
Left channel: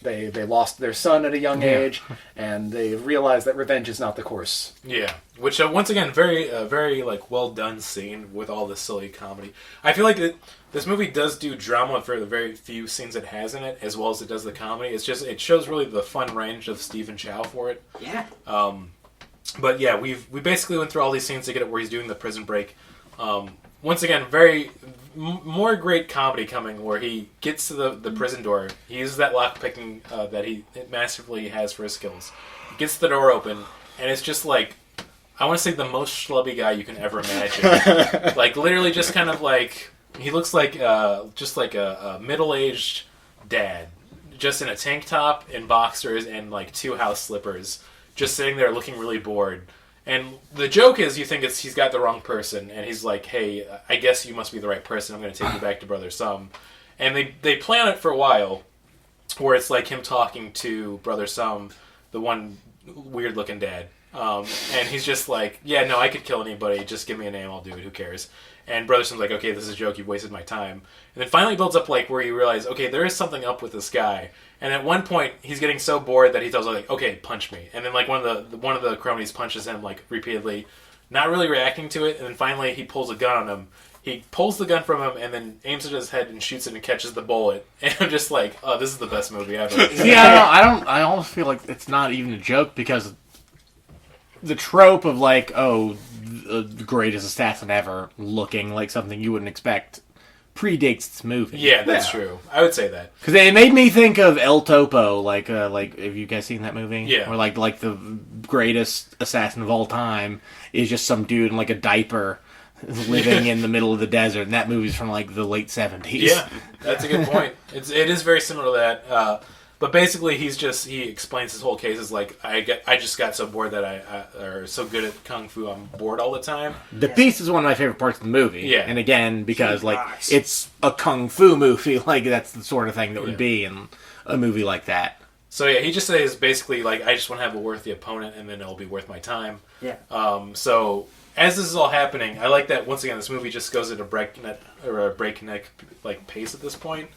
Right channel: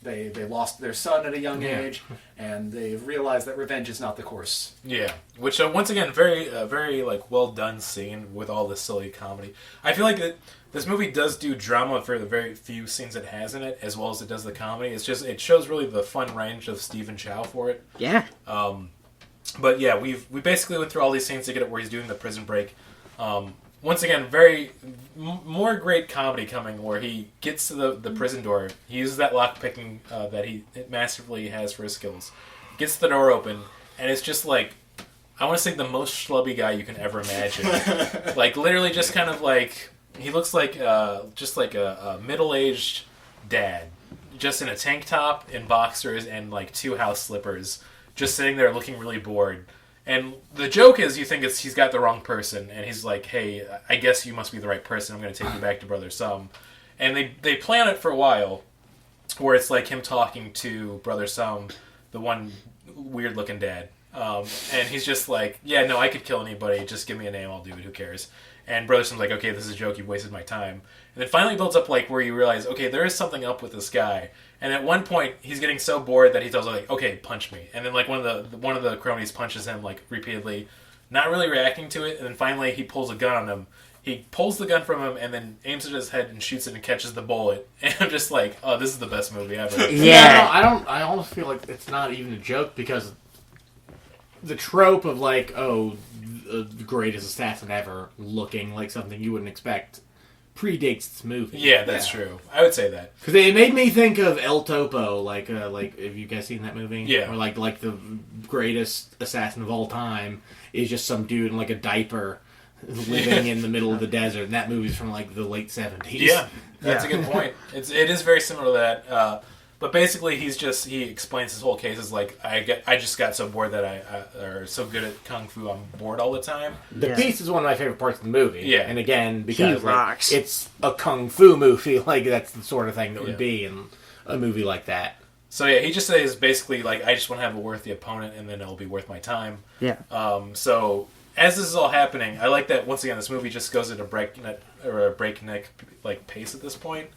They lost their son at a young age, and they realized that revenge is not the course. Yeah, which once again, very like well done scene with all the silly comedy. I feel like this movie does do drama for the very few scenes it has in it, as well as it does the comedy. It's just it shows really the fun range of Stephen Chow for it. Yeah. But yeah, we basically went through all these scenes to get it where he's doing the prison break. Once again, more great comedy coming where he gets to the prison door. He uses that lock picking that he masterfully has for his skills. Gets the door open, and it's just like, I want to say the most schlubby guy you can ever imagine. Like literally just kind of like, he looks like just like a middle-aged dad, just in a tank top and boxers and like 2 house slippers, just sitting there looking really bored. And the joke is, you think he's got the wrong person, and he's like, hey, I guess you must be the right person. I'm going to take you back to Brother Sum. And they plan it for a while, where it's like him talking to Brother Sum, the one weird-looking dad. And he's just like, yeah, no, I could kill anybody. Just give me a name, I'll do it. Who cares? And Brother Sum's like, okay, this is a joke. You've wasted my time. And then finally it builds up like where you realize, okay, there is something up with this guy. And at one point, he's getting so bored that he tells her, like, okay, punch me. And then like one of the cronies punches him like repeatedly, not really reacting to it. And then finally he pulls a gun on him. He pulls the gun from him and then aims it at his head and shoots it and catches the bullet. And I'm just like, oh, this is the best movie ever. Yeah, I almost feel like it's not even a joke because the trope of like, oh, the greatest assassin ever looking like something you wouldn't expect predates this movie. Yeah, that's true. I would say that. Because it made me think of El Topo, like have you guys seen that movie? Yeah. Or like the greatest assassin of all time is just some dude in like a diaper living in the middle of the desert, and that movie's from like the late 70s. Yeah, that's a good point. It is very similar to that. But basically, he explains his whole case as like, I just got so bored that I are so good at kung fu, I'm bored all the time. The Beast is one of my favorite parts of the movie. Yeah. And again, because He like rocks. it's a kung fu movie, like that's the sort of thing that would be in a movie like that. So yeah, he just says basically like, I just want to have a worthy opponent, and then it'll be worth my time. Yeah. So as this is all happening, I like that once again this movie just goes at a breakneck like pace at this point.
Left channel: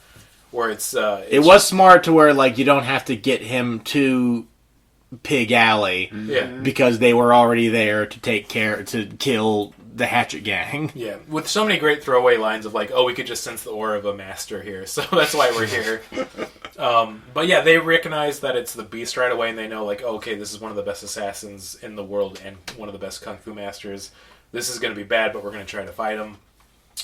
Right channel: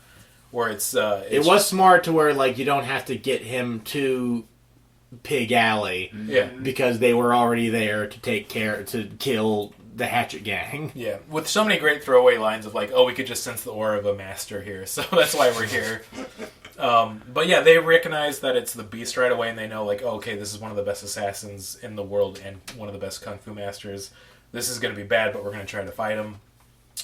Where it was smart to where like you don't have to get him to Pig Alley, because they were already there to kill the Hatchet Gang. Yeah, with so many great throwaway lines of like, oh, we could just sense the aura of a master here, so that's why we're here. But yeah, they recognize that it's the Beast right away, and they know like, oh, okay, this is one of the best assassins in the world and one of the best kung fu masters. This is going to be bad, but we're going to try to fight him.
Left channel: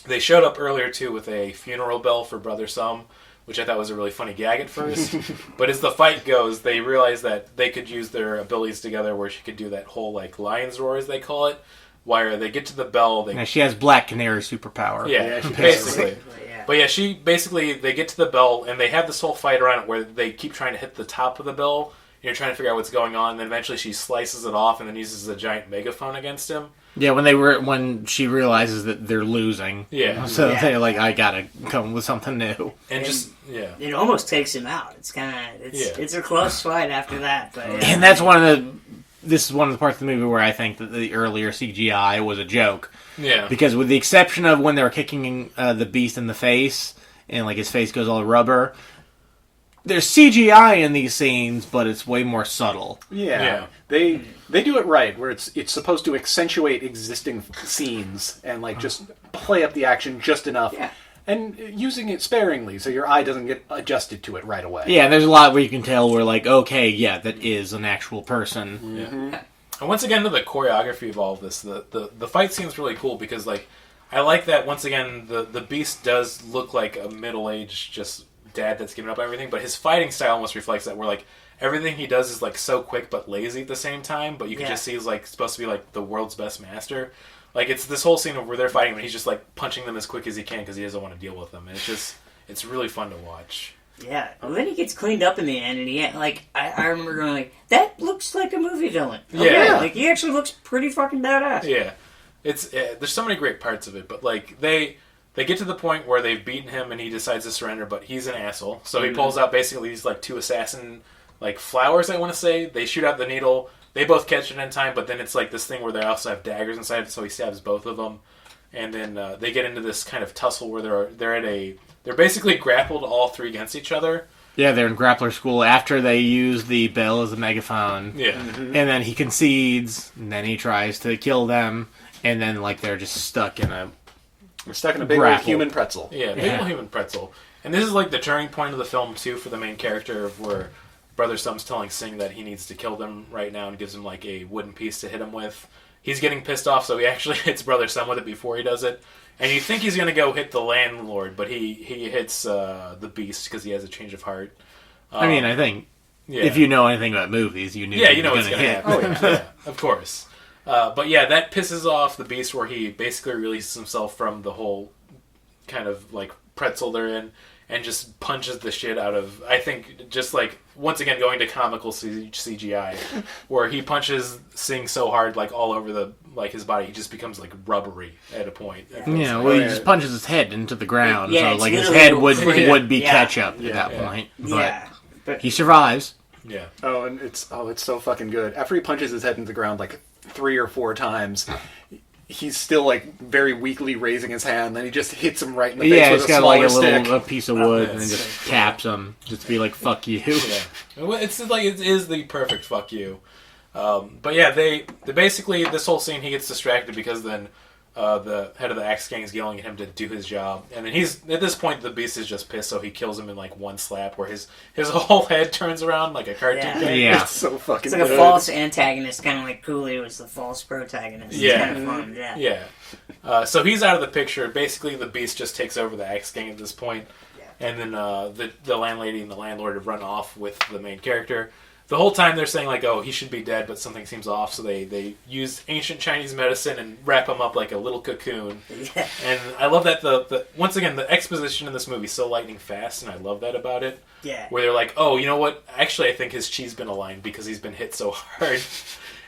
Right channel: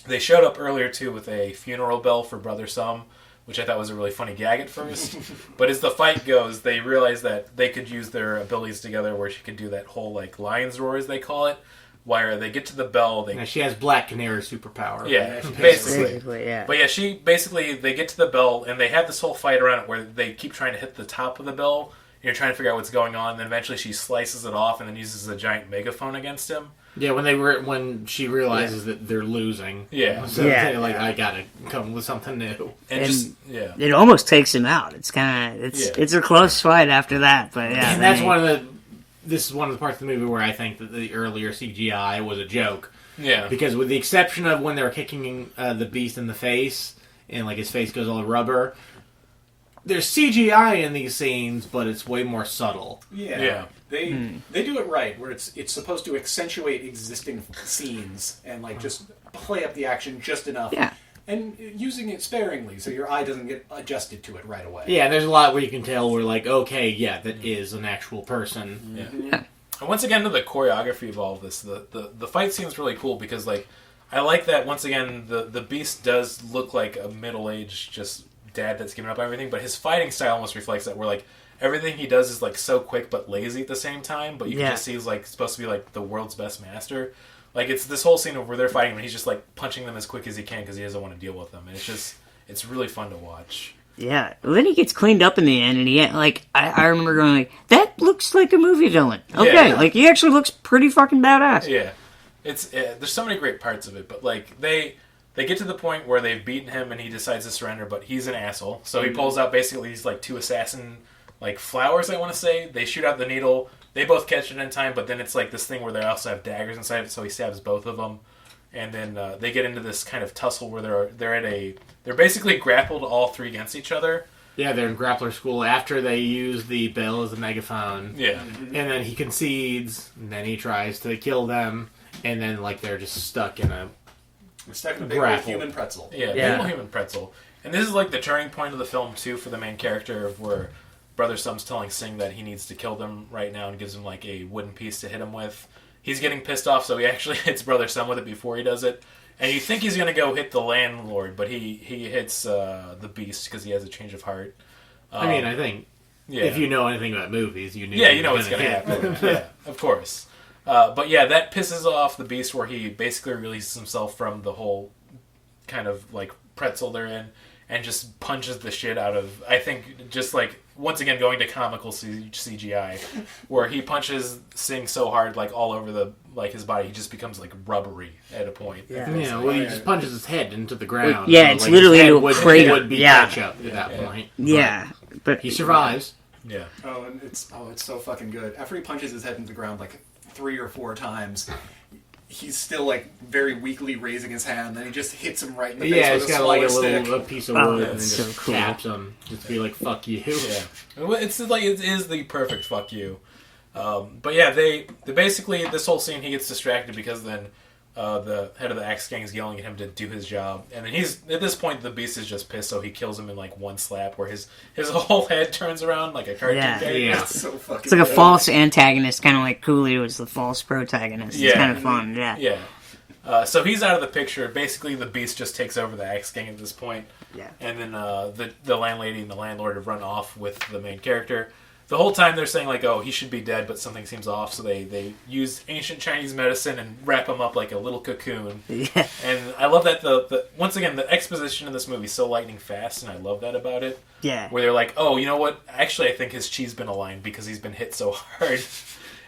They showed up earlier too with a funeral bell for Brother Sum, which I thought was a really funny gag at first. But as the fight goes, they realize that they could use their abilities together, where she could do that whole, like, lion's roar, as they call it, where they get to the bell. Now, she has Black Canary superpower. Yeah, basically. Yeah. But yeah, they get to the bell, and they have this whole fight around it where they keep trying to hit the top of the bell, and you're trying to figure out what's going on, and then eventually she slices it off and then uses a giant megaphone against him. Yeah, when she realizes that they're losing. Yeah. So they're like, I gotta come with something new. And just, It almost takes him out. It's kind of, it's a close fight after that. But yeah, and that's this is one of the parts of the movie where I think that the earlier CGI was a joke. Yeah. Because with the exception of when they were kicking the Beast in the face, and like his face goes all rubber, there's CGI in these scenes, but it's way more subtle. Yeah. They do it right, where it's supposed to accentuate existing scenes and like just play up the action just enough. Yeah. And using it sparingly, so your eye doesn't get adjusted to it right away. Yeah, there's a lot where you can tell where like, okay, yeah, that is an actual person. Yeah. And once again, to the choreography of all of this, the fight scene's really cool because like, I like that once again the Beast does look like a middle-aged just dad that's given up on everything, but his fighting style almost reflects that, where like everything he does is like so quick but lazy at the same time, but you can just see he's like supposed to be like the world's best master. Like it's this whole scene where they're fighting and he's just like punching them as quick as he can because he doesn't want to deal with them, and it's really fun to watch. Yeah, well, then he gets cleaned up in the end, and he like I remember going like, that looks like a movie villain. Okay, like he actually looks pretty fucking badass. Yeah, it's there's so many great parts of it, but like they get to the point where they've beaten him and he decides to surrender, but he's an asshole. So he pulls out basically these like 2 assassin like flowers, I want to say. They shoot out the needle. They both catch it in time, but then it's like this thing where they also have daggers inside, so he stabs both of them. And then they get into this kind of tussle where they're basically grappled all 3 against each other. Yeah, they're in grappler school after they use the bell as a megaphone. Yeah. And then he concedes, and then he tries to kill them, and then like they're just stuck in a big old human pretzel. Yeah, big old human pretzel. And this is like the turning point of the film too for the main character, of where Brother Sum's telling Singh that he needs to kill them right now and gives him like a wooden piece to hit him with. He's getting pissed off, so he actually hits Brother Sum with it before he does it. And you think he's going to go hit the landlord, but he hits the beast because he has a change of heart. I mean, I think if you know anything about movies, you knew you know what's going to happen. Yeah, of course. But yeah, that pisses off the beast where he basically releases himself from the whole kind of like pretzel they're in and just punches the shit out of, I think, just like, once again, going to comical CGI, where he punches Singh so hard, like, all over the, like, his body, he just becomes, like, rubbery at a point. Yeah, well, he just punches his head into the ground. Yeah, so, it's like, his literally head would be ketchup at that point. Yeah. But he survives. Yeah. Oh, and it's so fucking good. After he punches his head into the ground, like, 3 or 4 times, he's still, like, very weakly raising his hand, then he just hits him right in the face with he's got, like, a piece of wood, and then so just cool. caps him. Just to be like, fuck you. Yeah. It's like, it is the perfect fuck you. But yeah, they basically, this whole scene, he gets distracted because then the head of the Axe Gang is yelling at him to do his job. And then at this point, the beast is just pissed, so he kills him in, like, one slap, where his whole head turns around like a cartoon character. Yeah. It's so fucking It's like a good. false antagonist, kind of like Cooley was the false protagonist. It's kind of fun, yeah. Yeah. So he's out of the picture. Basically, the beast just takes over the Axe Gang at this point. Yeah. And then the landlady and the landlord have run off with the main character. The whole time they're saying, like, oh, he should be dead, but something seems off, so they use ancient Chinese medicine and wrap him up like a little cocoon. Yeah. And I love that the once again, the exposition in this movie is so lightning fast, and I love that about it. Yeah. Where they're like, oh, you know what? Actually, I think his chi's been aligned because he's been hit so hard.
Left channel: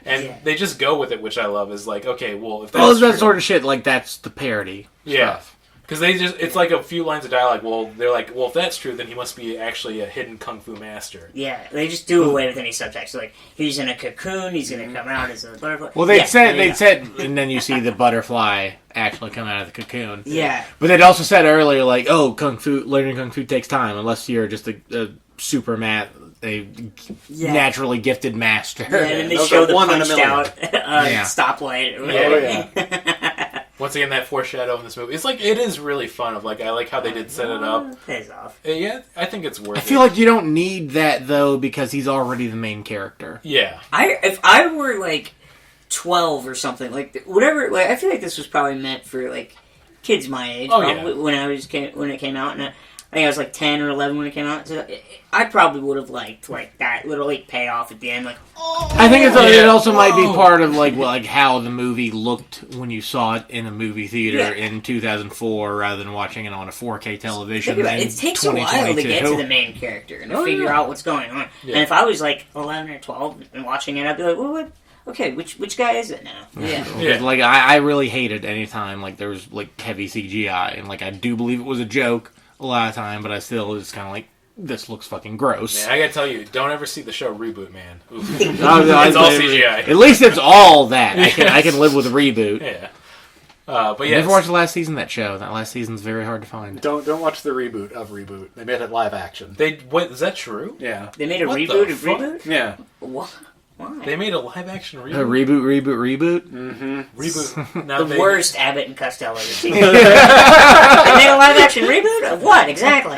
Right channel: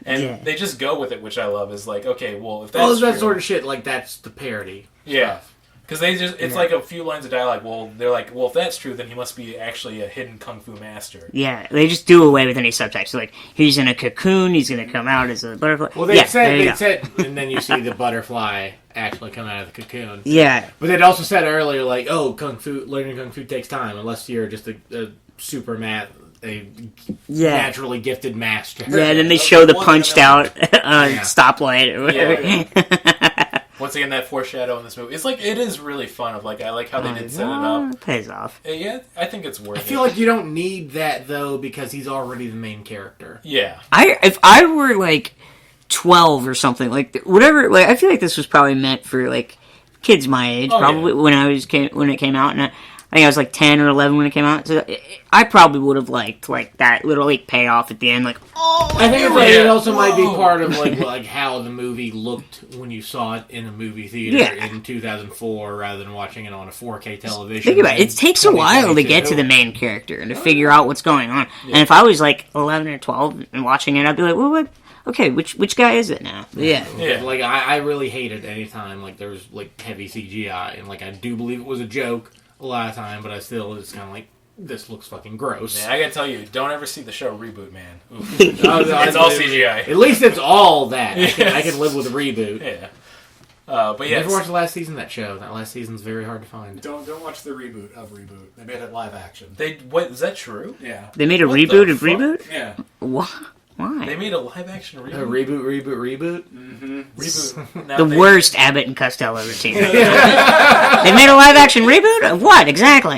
And they just go with it, which I love, is like, okay, well, if that's that true, sort of shit, like, that's the parody stuff. because they just, it's like a few lines of dialogue. Well, they're like, well, if that's true, then he must be actually a hidden kung fu master. Yeah, they just do away with any subtext. Like, he's in a cocoon, he's going to come out as a butterfly. Well, they there said, and then you see the butterfly actually come out of the cocoon. Yeah. But they'd also said earlier, like, oh, learning kung fu takes time, unless you're just a super naturally gifted master. Yeah, and then they Those show are the one in a punched million. out stoplight or whatever. Yeah. Once again, that foreshadow in this movie. It's like, it is really fun. I like how they did set it up. Pays off. Yeah, I think it's worth it. I feel like you don't need that, though, because he's already the main character. Yeah. If I were, like, 12 or something, like, whatever, like, I feel like this was probably meant for, like, kids my age, probably, when it came out, and I think I was, like, 10 or 11 when it came out, so I probably would have liked, like, that little, like, payoff at the end, like, oh! I think it also might be part of, like how the movie looked when you saw it in a movie theater in 2004, rather than watching it on a 4K television. Think about it. It takes a while to get to the main character and to figure out what's going on. Yeah. And if I was, like, 11 or 12 and watching it, I'd be like, well, what? Okay, which guy is it now? Yeah. Like, I really hated any time, like, there was, like, heavy CGI, and, like, I do believe it was a joke a lot of time, but I still was kind of like, this looks fucking gross. Man, I gotta tell you, don't ever see the show Reboot, man. It's all CGI. At least it's all that. I can live with a reboot. Yeah. But yeah. Never watched the last season of that show. That last season's very hard to find. Don't watch the reboot of Reboot. They made it live action. Wait, is that true? Yeah. They made a What reboot the of fuck? Reboot? Yeah. What? Why? They made a live action reboot. Reboot. Reboot. Now The worst Abbott and Costello ever seen. They made a live action reboot of what exactly?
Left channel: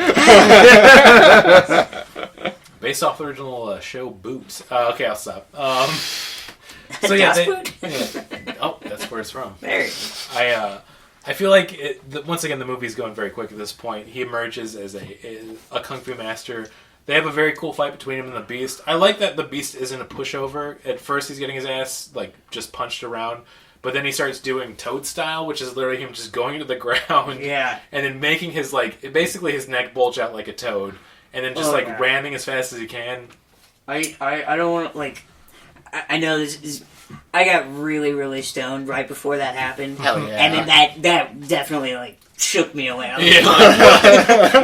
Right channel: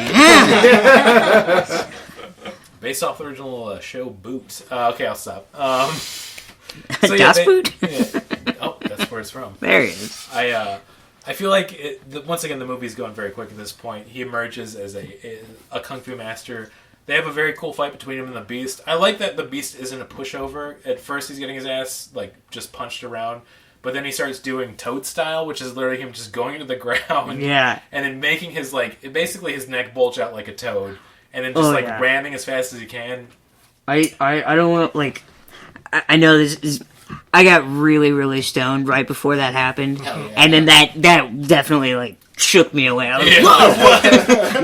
Based off the original show Boot. Okay, I'll stop. Das Boot? Oh, that's where it's from. There he is. I feel like once again the movie's going very quick at this point. He emerges as a kung fu master. They have a very cool fight between him and the Beast. I like that the Beast isn't a pushover. At first, he's getting his ass like just punched around, but then he starts doing Toad style, which is literally him just going to the ground, Yeah. and then making his basically his neck bulge out like a toad, and then just ramming as fast as he can. I don't want to, like, I know this is, I got really, really stoned right before that happened. Hell yeah. And then that definitely, like, shook me away. I was Yeah.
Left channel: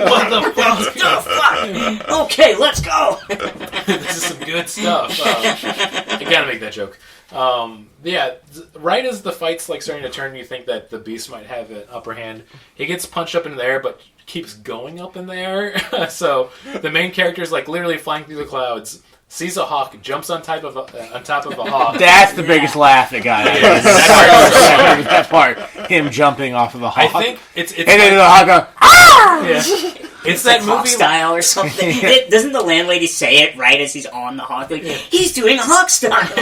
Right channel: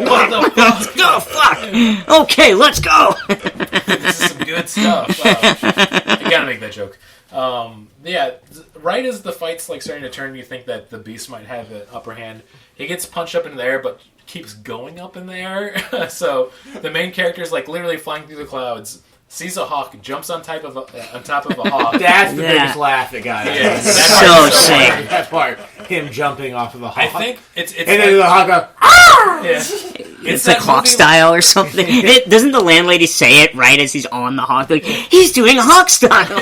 What the fuck? oh, fuck! Okay, let's go! This is some good stuff. I gotta make that joke. Yeah, right as the fight's like starting to turn, you think that the Beast might have an upper hand. He gets punched up in the air, but keeps going up in the air. So the main character's like literally flying through the clouds, sees a hawk, jumps on top of a hawk. That's the biggest laugh that got it. Yeah, That part, him jumping off of the hawk. I think it's and then the hawk goes, ah! yeah. It's like that hawk movie style or something. Doesn't the landlady say it right as he's on the hawk? Like, he's doing hawk style.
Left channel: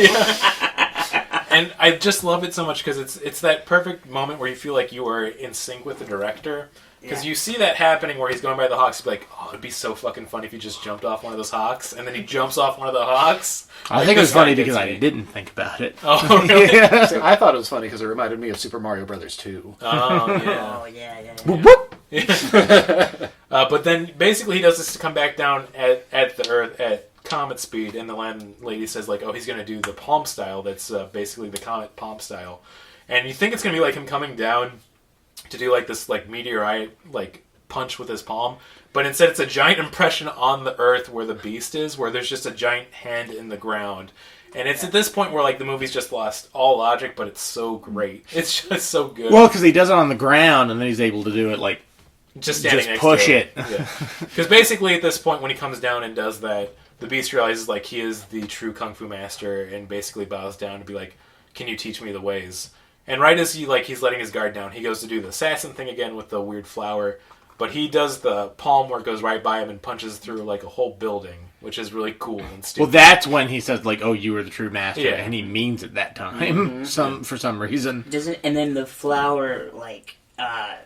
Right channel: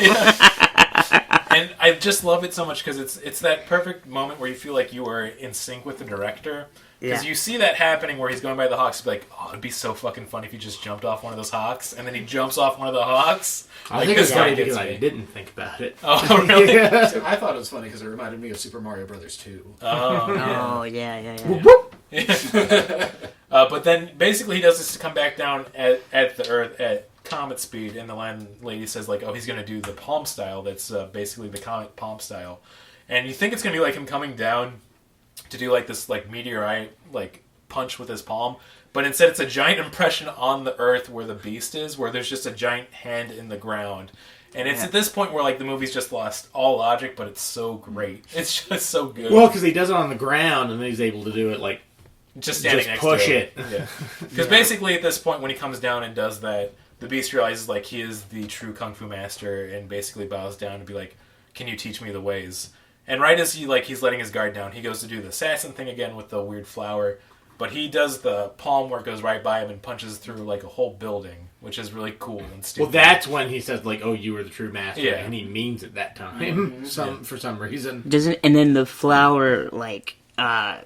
And I just love it so much because it's that perfect moment where you feel like you are in sync with the director. Because you see that happening where he's going by the hawks, be like, oh, it'd be so fucking funny if he just jumped off one of those hawks, and then he jumps off one of the hawks. I think it was funny because I didn't think about it. Oh, really? See, I thought it was funny because it reminded me of Super Mario Brothers 2. Oh, yeah. But then basically he does this to come back down at the Earth at comet speed, and the landlady says like, oh, he's going to do the palm style. That's basically the comet palm style, and you think it's going to be like him coming down to do like this like meteorite like punch with his palm, but instead it's a giant impression on the Earth where the beast is, where there's just a giant hand in the ground. And it's at this point where like the movie's just lost all logic, but it's so great. It's just so good. Well, because he does it on the ground, and then he's able to do it like just standing next push to it. Because basically at this point when he comes down and does that, the beast realizes like he is the true kung fu master and basically bows down to be like, can you teach me the ways? And right as he's letting his guard down, he goes to do the assassin thing again with the weird flower. But he does the palm where it goes right by him and punches through like a whole building, which is really cool and stupid. Well, that's when he says like, "Oh, you were the true master," Yeah. and he means it that time. For some reason. And then the flower, like,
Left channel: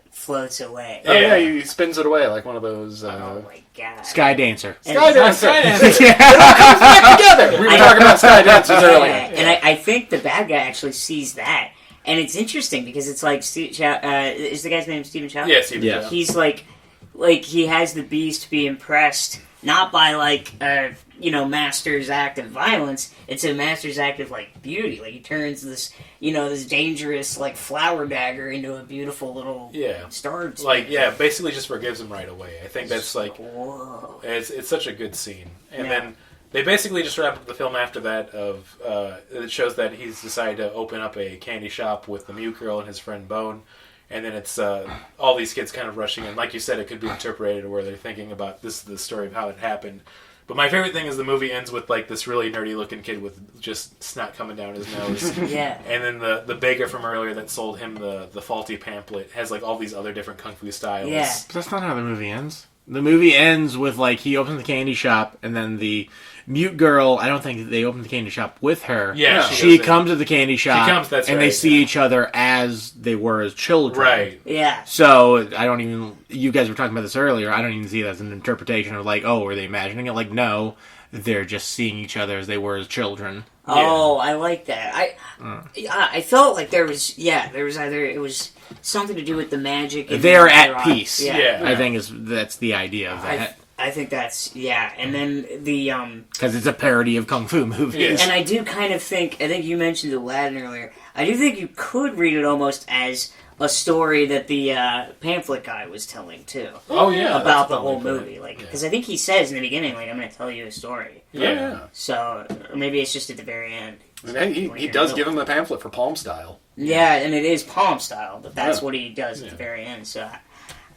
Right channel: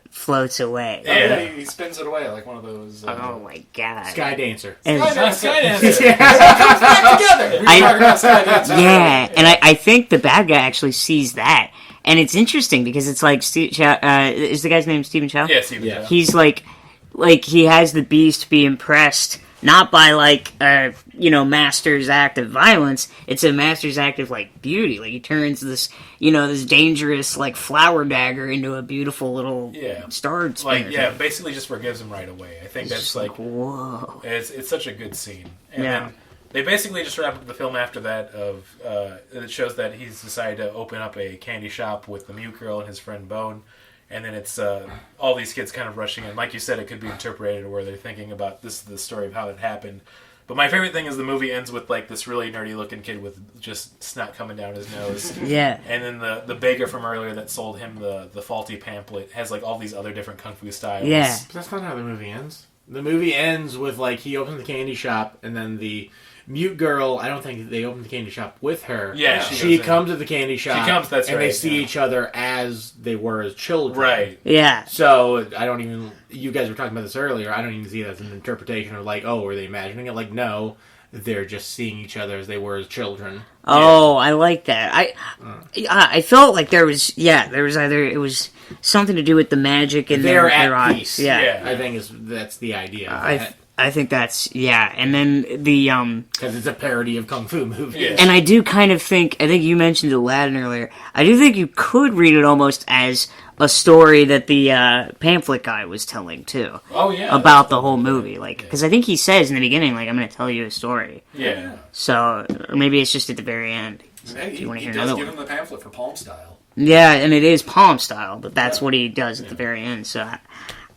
floats away. Oh, yeah, he spins it away like one of those... Oh, my God. Sky Dancer. And- Skydancer. It all comes back together. We were talking about Skydancer. Yeah, and I think the bad guy actually sees that. And it's interesting because it's like, is the guy's name Stephen Chow? Yeah, Steven Yeah. Chow. He's like he has the beast be impressed, not by like master's act of violence. It's a master's act of like beauty. Like he turns this this dangerous like flower dagger into a beautiful little star spinner. Like basically just forgives him right away. I think that's like whoa. it's such a good scene. And then they basically just wrap up the film after that. It shows that he's decided to open up a candy shop with the mute girl and his friend Bone. And then it's all these kids kind of rushing in. Like you said, it could be interpreted where they're thinking about this is the story of how it happened. But my favorite thing is the movie ends with like this really nerdy looking kid with just snot coming down his nose. Yeah. And then the baker from earlier that sold him the faulty pamphlet has like all these other different kung fu styles. Yeah. But that's not how the movie ends. The movie ends with like he opens the candy shop, and then the mute girl. I don't think they open the candy shop with her. Yeah, she comes to the candy shop. She comes. That's and right. they see each other as they were as children. Right. Yeah. So I don't even. You guys were talking about this earlier. I don't even see that as an interpretation of like, oh, were they imagining it? Like, no, they're just seeing each other as they were as children. Oh, I like that. I felt like there was either it was something to do with the magic and They're then at peace. Yeah. I think that's the idea of that. I think that's and then the Because it's a parody of kung fu movies. Yeah. and I do kind of think I think you mentioned Aladdin earlier. I do think you could read it almost as a story that the pamphlet guy was telling too. Oh yeah. About the whole movie, like because I think he says in the beginning, like I'm going to tell you a story. Yeah. So or maybe it's just at the very end. And You wanna he hear does another give one? him the pamphlet for Palm Style. Yeah, and it is palm style, but that's what he does at the very end. So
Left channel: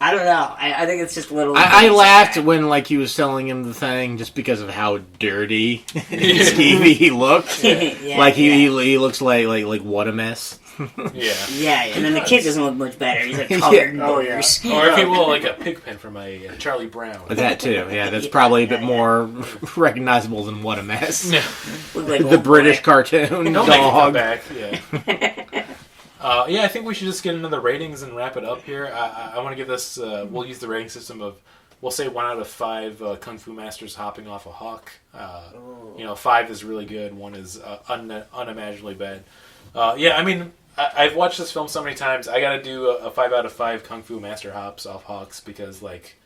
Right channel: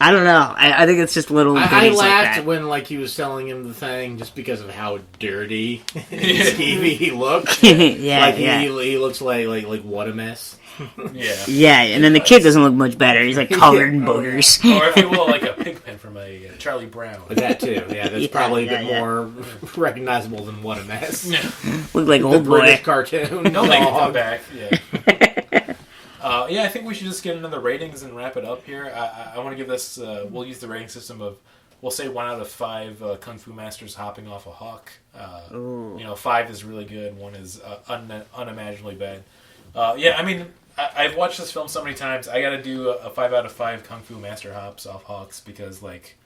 I don't know. I think it's just little. I things like laughed that. when like he was selling him the thing just because of how dirty and skeevy he looked. Yeah, Like yeah. he looks like what a mess. Yeah. Yeah, and then the kid doesn't look much better. He's like covered in boogers. Or if you will, like a pig pen from a Charlie Brown. That too. Yeah, that's Yeah, probably a yeah, bit more recognizable than what a mess. Yeah. Look like The old British boy. cartoon Don't make it come dog. back. Yeah. Yeah, I think we should just get into the ratings and wrap it up here. I want to give this. We'll use the rating system of. We'll say 1 out of 5 kung fu masters hopping off a hawk. 5 is really good. 1 is unimaginably bad. Yeah, I mean, I've watched this film so many times. I got to do a 5 out of 5 kung fu master hops off hawks because like,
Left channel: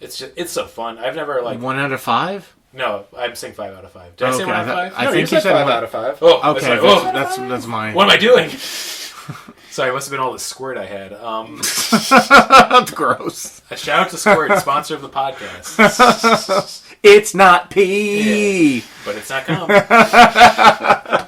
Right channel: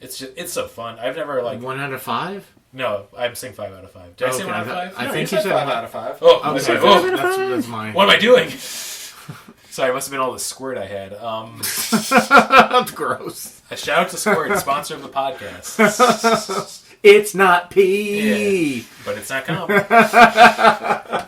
it's so fun. I've never like 1 out of 5. no. I'm saying 5 out of 5. Did I say 1 out of 5? I think you said 5 one out of 5. Oh, Okay, that's right. that's mine. What am I doing? Sorry, it must have been all the squirt I had. That's gross. A shout out to Squirt, sponsor of the podcast. It's not pee. But it's not cum. Yeah,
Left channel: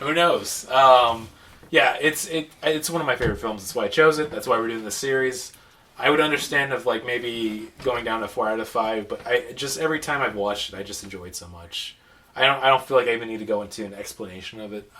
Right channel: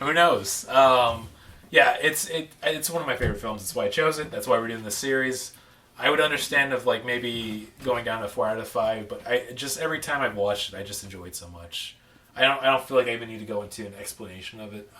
who knows? Yeah, it's one of my favorite films. That's why I chose it. That's why we're doing this series. I would understand of like maybe going down to 4 out of 5, but I just every time I've watched it, I just enjoy it so much. I don't feel like I even need to go into an explanation of it.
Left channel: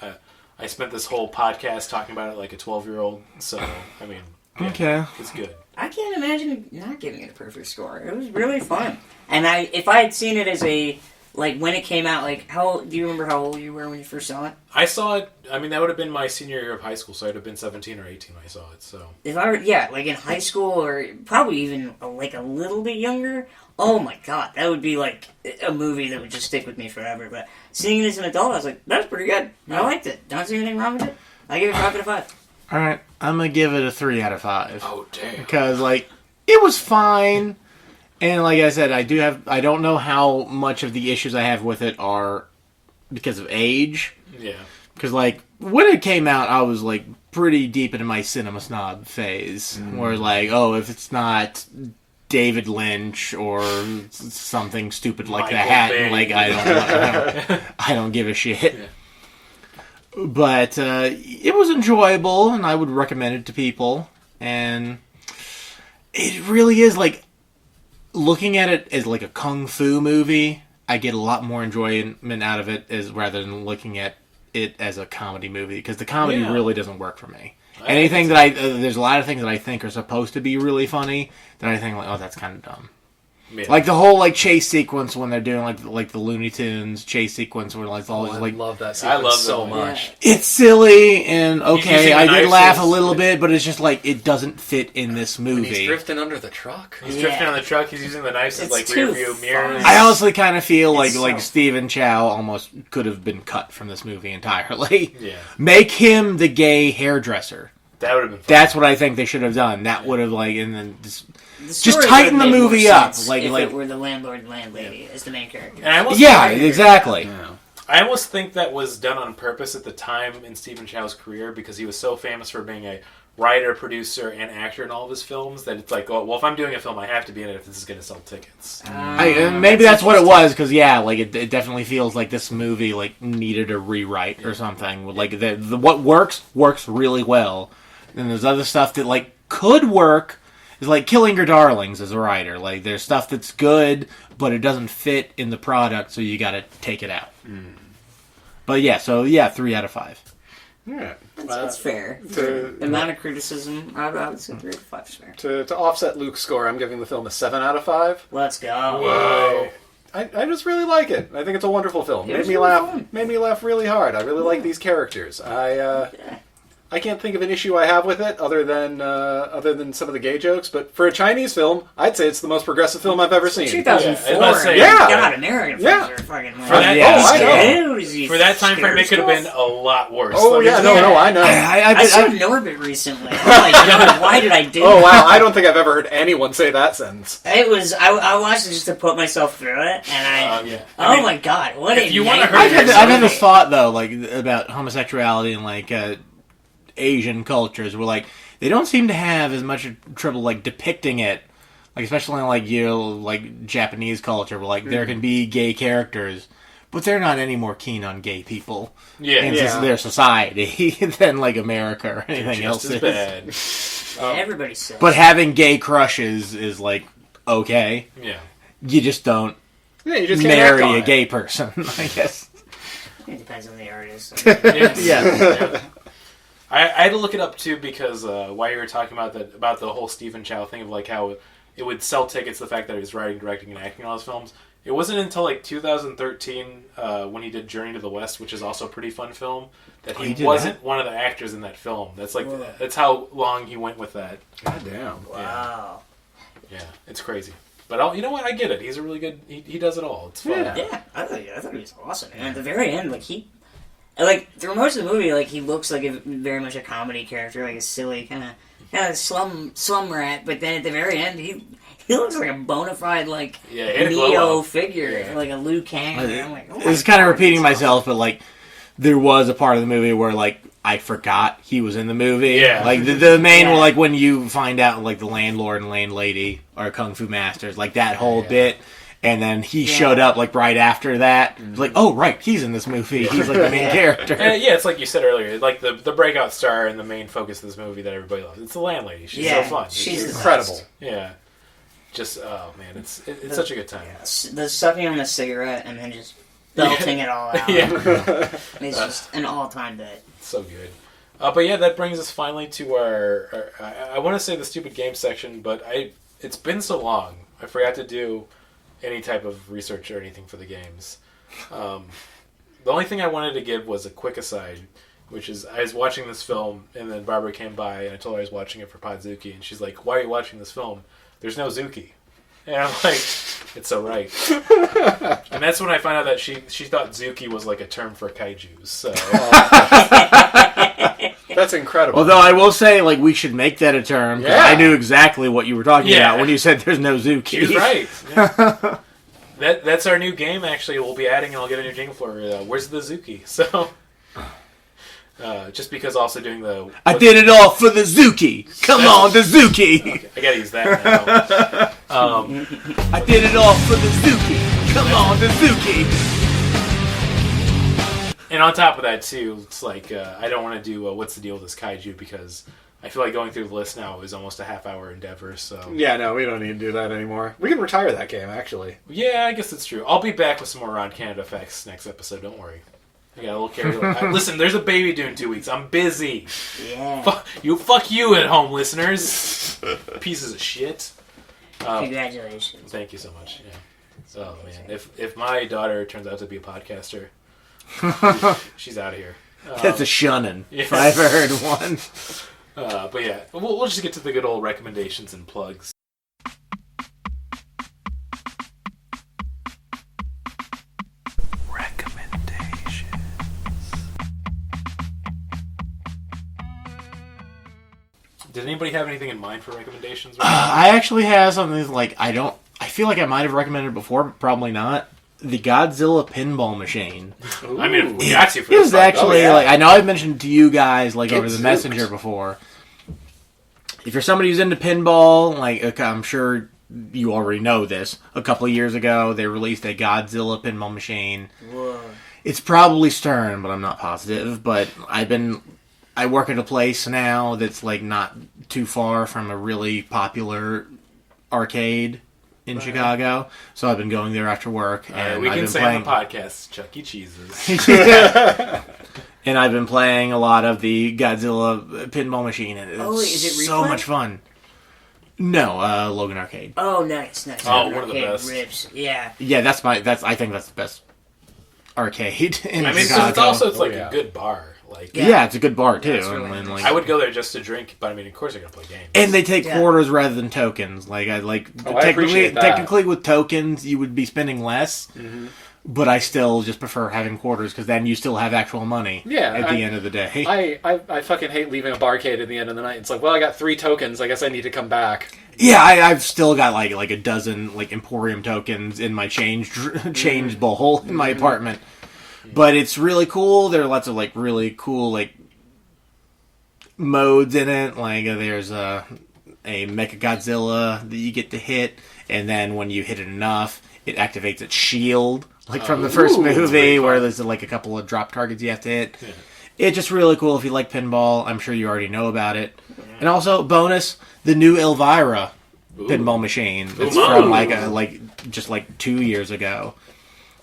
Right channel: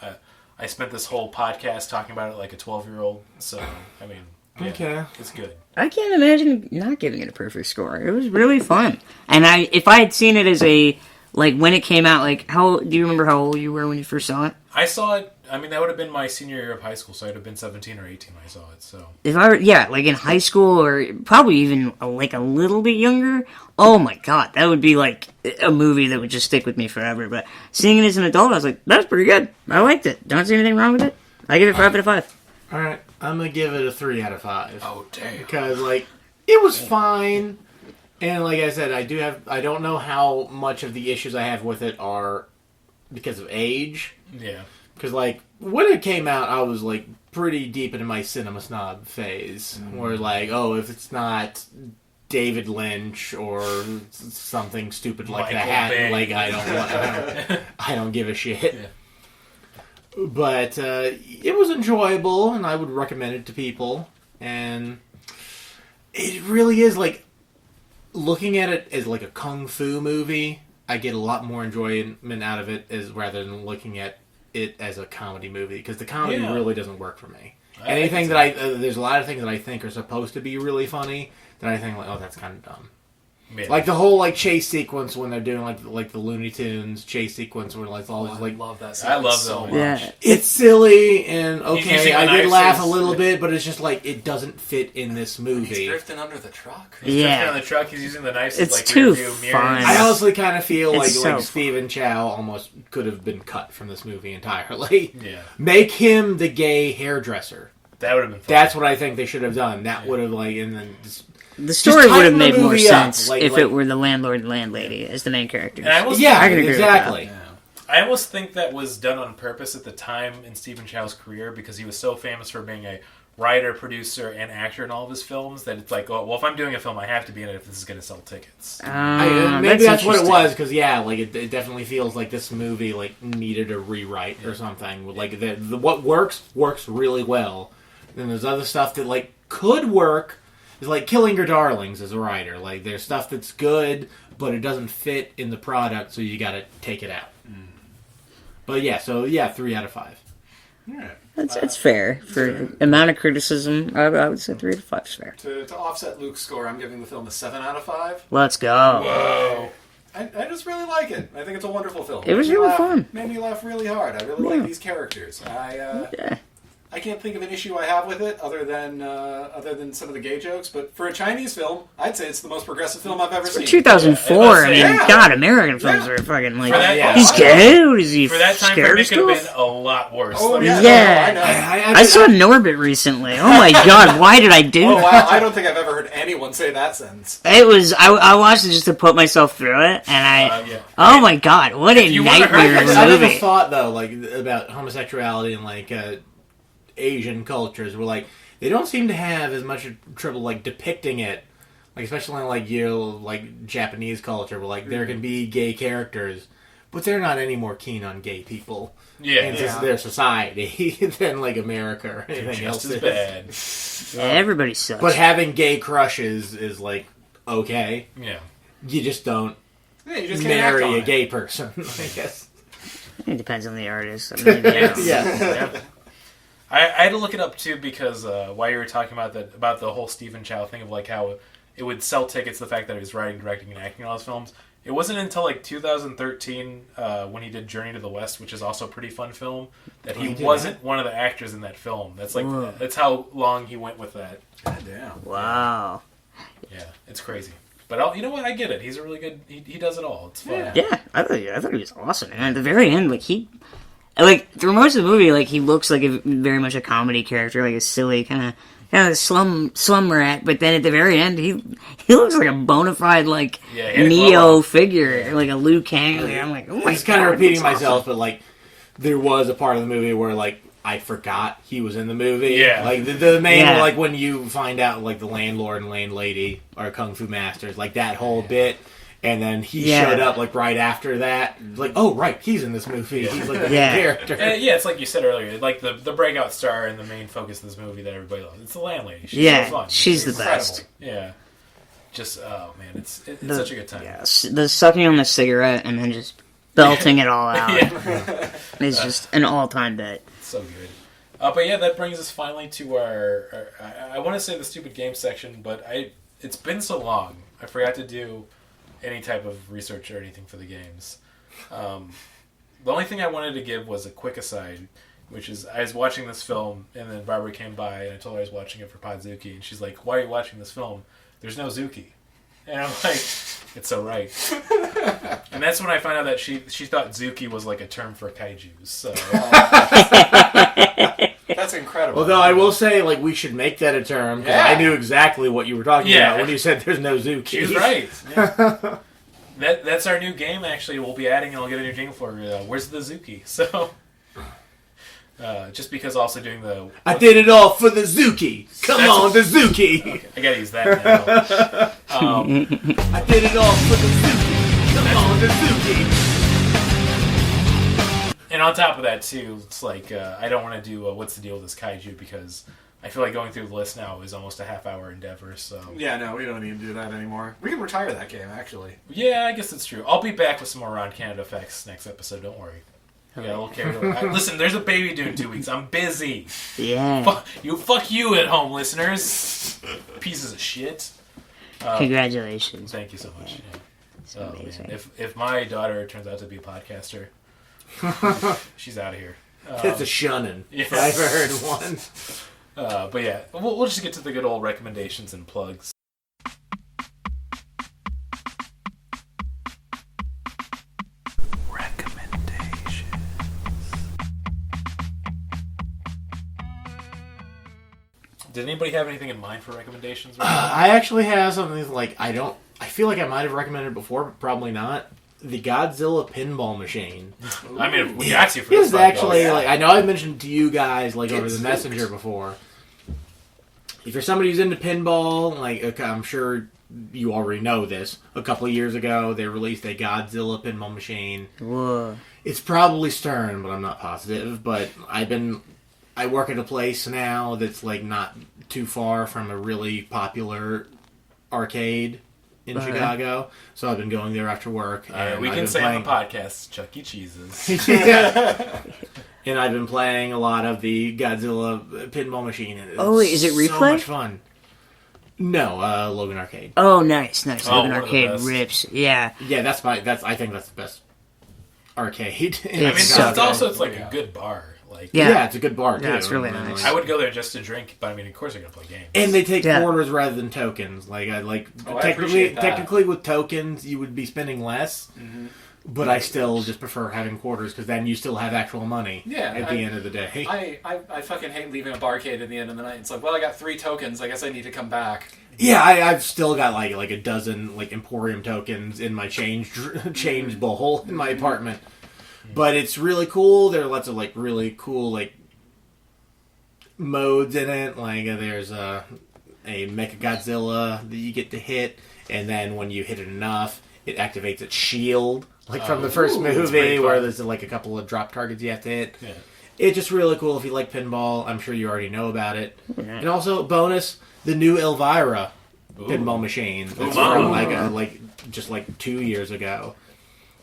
I spent this whole podcast talking about it like a 12-year-old. So I mean, Yeah, Okay. it's good. I can't imagine not giving it a perfect score. It was really fun. And if I had seen it as a, like, when it came out, like, do you remember how old you were when you first saw it? I saw it, I mean, that would have been my senior year of high school, so I'd have been 17 or 18 when I saw it, so. If I were, yeah, like in high school or probably even like a little bit younger, oh my god, that would be like a movie that would just stick with me forever. But seeing it as an adult, I was like, that's pretty good. I liked it. Don't see anything wrong with it. I give it 5 out of 5. All right, I'm gonna give it a 3 out of 5. Oh, damn. Because like it was fine, and like I said, I don't know how much of the issues I have with it are because of age. Yeah. Because like when it came out, I was like pretty deep into my cinema snob phase, where like, oh, if it's not David Lynch or something stupid like Michael that, Bay. like I don't give a shit. Yeah. But it was enjoyable, and I would recommend it to people. And it really is like looking at it as like a kung fu movie. I get a lot more enjoyment out of it rather than looking at it as a comedy movie, because the comedy really doesn't work for me. Anything that there's a lot of things that I think are supposed to be really funny that I think like, oh, that's kind of dumb. Yeah. Like the whole like chase sequence when they're doing like the Looney Tunes chase sequence where like it's all just I like love that I sequence love so that much. Yeah. it's silly and okay, using I the did knives laugh a as- little bit, but it's just like it doesn't fit in this He's movie. drifting under the truck. He's Yeah. drifting on the truck, he's using the knives as It's like too rear view mirrors. fun. I honestly kind of feel It's like so- Stephen Chow almost could have been cut from this movie entirely. Yeah. Make him the gay hairdresser. That would have been fun. That's what I think they should have done. That would have like, and then The story tighten would have the made movie more up, sense like- if like- it were the landlord and landlady as the main character. And I almost yeah, think, exactly. I almost think that was done on purpose at the time in Stephen Chow's career, because he was so famous for being a writer, producer, and actor in all of his films that it's like, oh, well, if I'm doing a film, I have to be in it if this is going to sell tickets. Maybe that's what it was, because yeah, like it definitely feels like this movie like needed a rewrite or something. Like the what works really well, and there's other stuff that like could work. Is like Killing Your Darlings as a writer. Like there's stuff that's good, but it doesn't fit in the product, so you got to take it out. But yeah, so yeah, 3 out of 5. Yeah. That's fair. For the amount of criticism, I would say 3 out of 5 is fair. To offset Luke's score, I'm giving the film a 7 out of 5. Let's go. Whoa. I just really like it. I think it's a wonderful film. It was Made me really laugh, fun. Made me laugh really hard. I really like these characters. Yeah. I can't think of an issue I have with it other than some of the gay jokes. But for a Chinese film, I'd say it's the most progressive film I've ever seen. 2004, Yeah, I mean, yeah. God, American films Yeah. are fucking like, For that- yeah. he's I gay? What is he, For that time frame, scared it could have been stuff? a lot worse. Oh Let me yeah, tell you. no, I know. I saw Norbit recently. Oh my god, why did I do Oh that? wow, I don't think I've ever heard anyone say that sentence. It was, I watched it just to put myself through it, and Yeah. oh my god, what a you wanna nightmare. hurt I never movie. thought though, like about homosexuality and like Asian cultures, where like they don't seem to have as much trouble like depicting it, like especially in like like Japanese culture, where like there can be gay characters, but they're not any more keen on gay people in their society than like America or anything else Just as is. bad. Yeah, everybody sucks. But having gay crushes is like okay. Yeah. You just don't Yeah, you just can't act marry on a it. gay person, I guess. It depends on the artist. Yeah. I had to look it up too, because while you were talking about the whole Stephen Chow thing of like how it would sell tickets, the fact that he was writing, directing, and acting in all his films. It wasn't until like 2013 when he did Journey to the West, which is also a pretty fun film, that he he did wasn't that? one of the actors in that film. That's like Whoa. that's how long he went with that. God damn. Wow. Yeah, it's crazy. But you know what? I get it. He's a really good. He does it all. It's fun. Yeah, I thought he was awesome. And at the very end, like through most of the movie, like he looks like very much a comedy character, like a silly kind of slum rat. But then at the very end, he looks like a bona fide like Yeah, he had a glow Neo up. figure, Yeah. like a Liu Kang. And I'm like, oh my It's kind of God, repeating he's myself, but like there was a part of the movie where like I forgot he was in the movie. Yeah. Like the main Yeah. like when you find out like the landlord and landlady are kung fu masters, like that whole bit. And then he Yeah. showed up like right after that. Like, oh right, he's in this movie. He's like the main Yeah. character. And, yeah, it's like you said earlier, like the breakout star and the main focus of this movie that everybody loves. It's the landlady. She's Yeah, so fun. she's It's the Incredible. best. Yeah. Just oh man, it's such a good time. Yeah, the sucking on the cigarette and then just belting it all out. Yeah. It's just an all-time bit. So good. But yeah, that brings us finally to our I want to say the stupid game section, but it's been so long. I forgot to do any type of research or anything for the games. The only thing I wanted to give was a quick aside, which is I was watching this film, and then Barbara came by, and I told her I was watching it for Podzuki, and she's like, "Why are you watching this film? There's no Zuki." And I'm like, "It's so right." And that's when I found out that she thought Zuki was like a term for kaijus. So That's incredible. Although I will say, like, we should make that a term, because I knew exactly what you were talking about when you said there's no Zuki. She was right. Yeah. That's our new game, actually. We'll be adding, and I'll get a new jingle for Where's the Zuki? So, just because also doing the... I did it all for the Zuki! Come on, the Zuki! Okay, I gotta use that now. I did it all for the Zuki! Come on, the Zuki! And on top of that, too, it's like, I don't want to do What's the Deal with this kaiju, because I feel like going through the list now is almost a half-hour endeavor, so... Yeah, no, we don't need to do that anymore. We can retire that game, actually. Yeah, I guess that's true. I'll be back with some more Ron Canada facts next episode, don't worry. I got a little carried away. Listen, there's a baby due in 2 weeks. I'm busy. Yeah. Fuck you at home, listeners. Pieces of shit. Congratulations. Thank you so much. Yeah. Oh, man. If my daughter turns out to be a podcaster, she's out of here. That's a shunning, yeah. if I've heard one. But yeah, we'll just get to the good old recommendations and plugs. Recommendations. Did anybody have anything in mind for recommendations? I actually have something like, I feel like I might have recommended it before, but probably not. The Godzilla pinball machine. Ooh. I mean, we got you for it this. Was actually, yeah. like, I know I've mentioned to you guys, like, over the messenger before. If you're somebody who's into pinball, like, I'm sure you already know this. A couple of years ago, they released a Godzilla pinball machine. Whoa. It's probably Stern, but I'm not positive. But I work at a place now that's, like, not too far from a really popular arcade in Chicago, so I've been going there after work. And we I've can been say playing... on the podcast, Chuck E. Cheese's. And I've been playing a lot of the Godzilla pinball machine, and it's is it so Replay? much fun. No, Logan Arcade. Oh, nice. Oh, Logan one of the Arcade best. rips. Yeah. Yeah, I think that's the best arcade in I mean, Chicago. it's like a good bar. Like, yeah, it's a good bar too. Yeah, it's really and, nice. like, I would go there just to drink, but I mean, of course, they're gonna play games. and they take Yeah. quarters rather than tokens. Like I technically, appreciate that. with tokens, you would be spending less. Mm-hmm. But I still just prefer having quarters because then you still have actual money. At the end of the day. I fucking hate leaving a barcade at the end of the night. It's like, well, I got 3 tokens. I guess I need to come back. Yeah, I've still got like a dozen like Emporium tokens in my change bowl in my apartment. But it's really cool. There are lots of like really cool like modes in it. Like there's a Mechagodzilla that you get to hit, and then when you hit it enough, it activates its shield, like from the first movie, where there's like a couple of drop targets you have to hit. Yeah. It's just really cool if you like pinball. I'm sure you already know about it. And also, bonus, the new Elvira pinball machine. It's from just 2 years ago.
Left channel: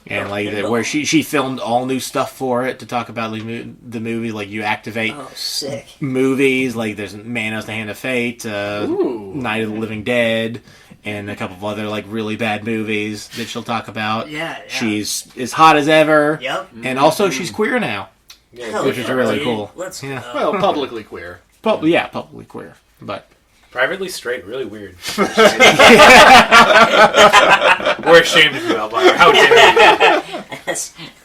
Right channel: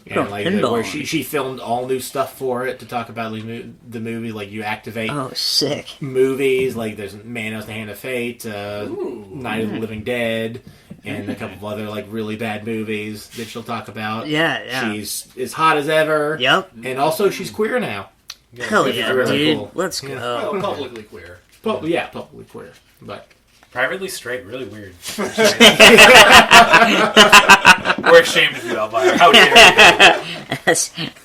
And where she filmed all new stuff for it to talk about the movie. Like you activate sick movies. Like there's Manos the Hand of Fate, Night of the Living Dead, and a couple of other like really bad movies that she'll talk about. Yeah. She's as hot as ever. Yep. And also she's queer now. Hell which is really cool. Let's go. Well, publicly queer. Publicly queer, but privately straight, really weird. We're ashamed of you, Elvira. How dare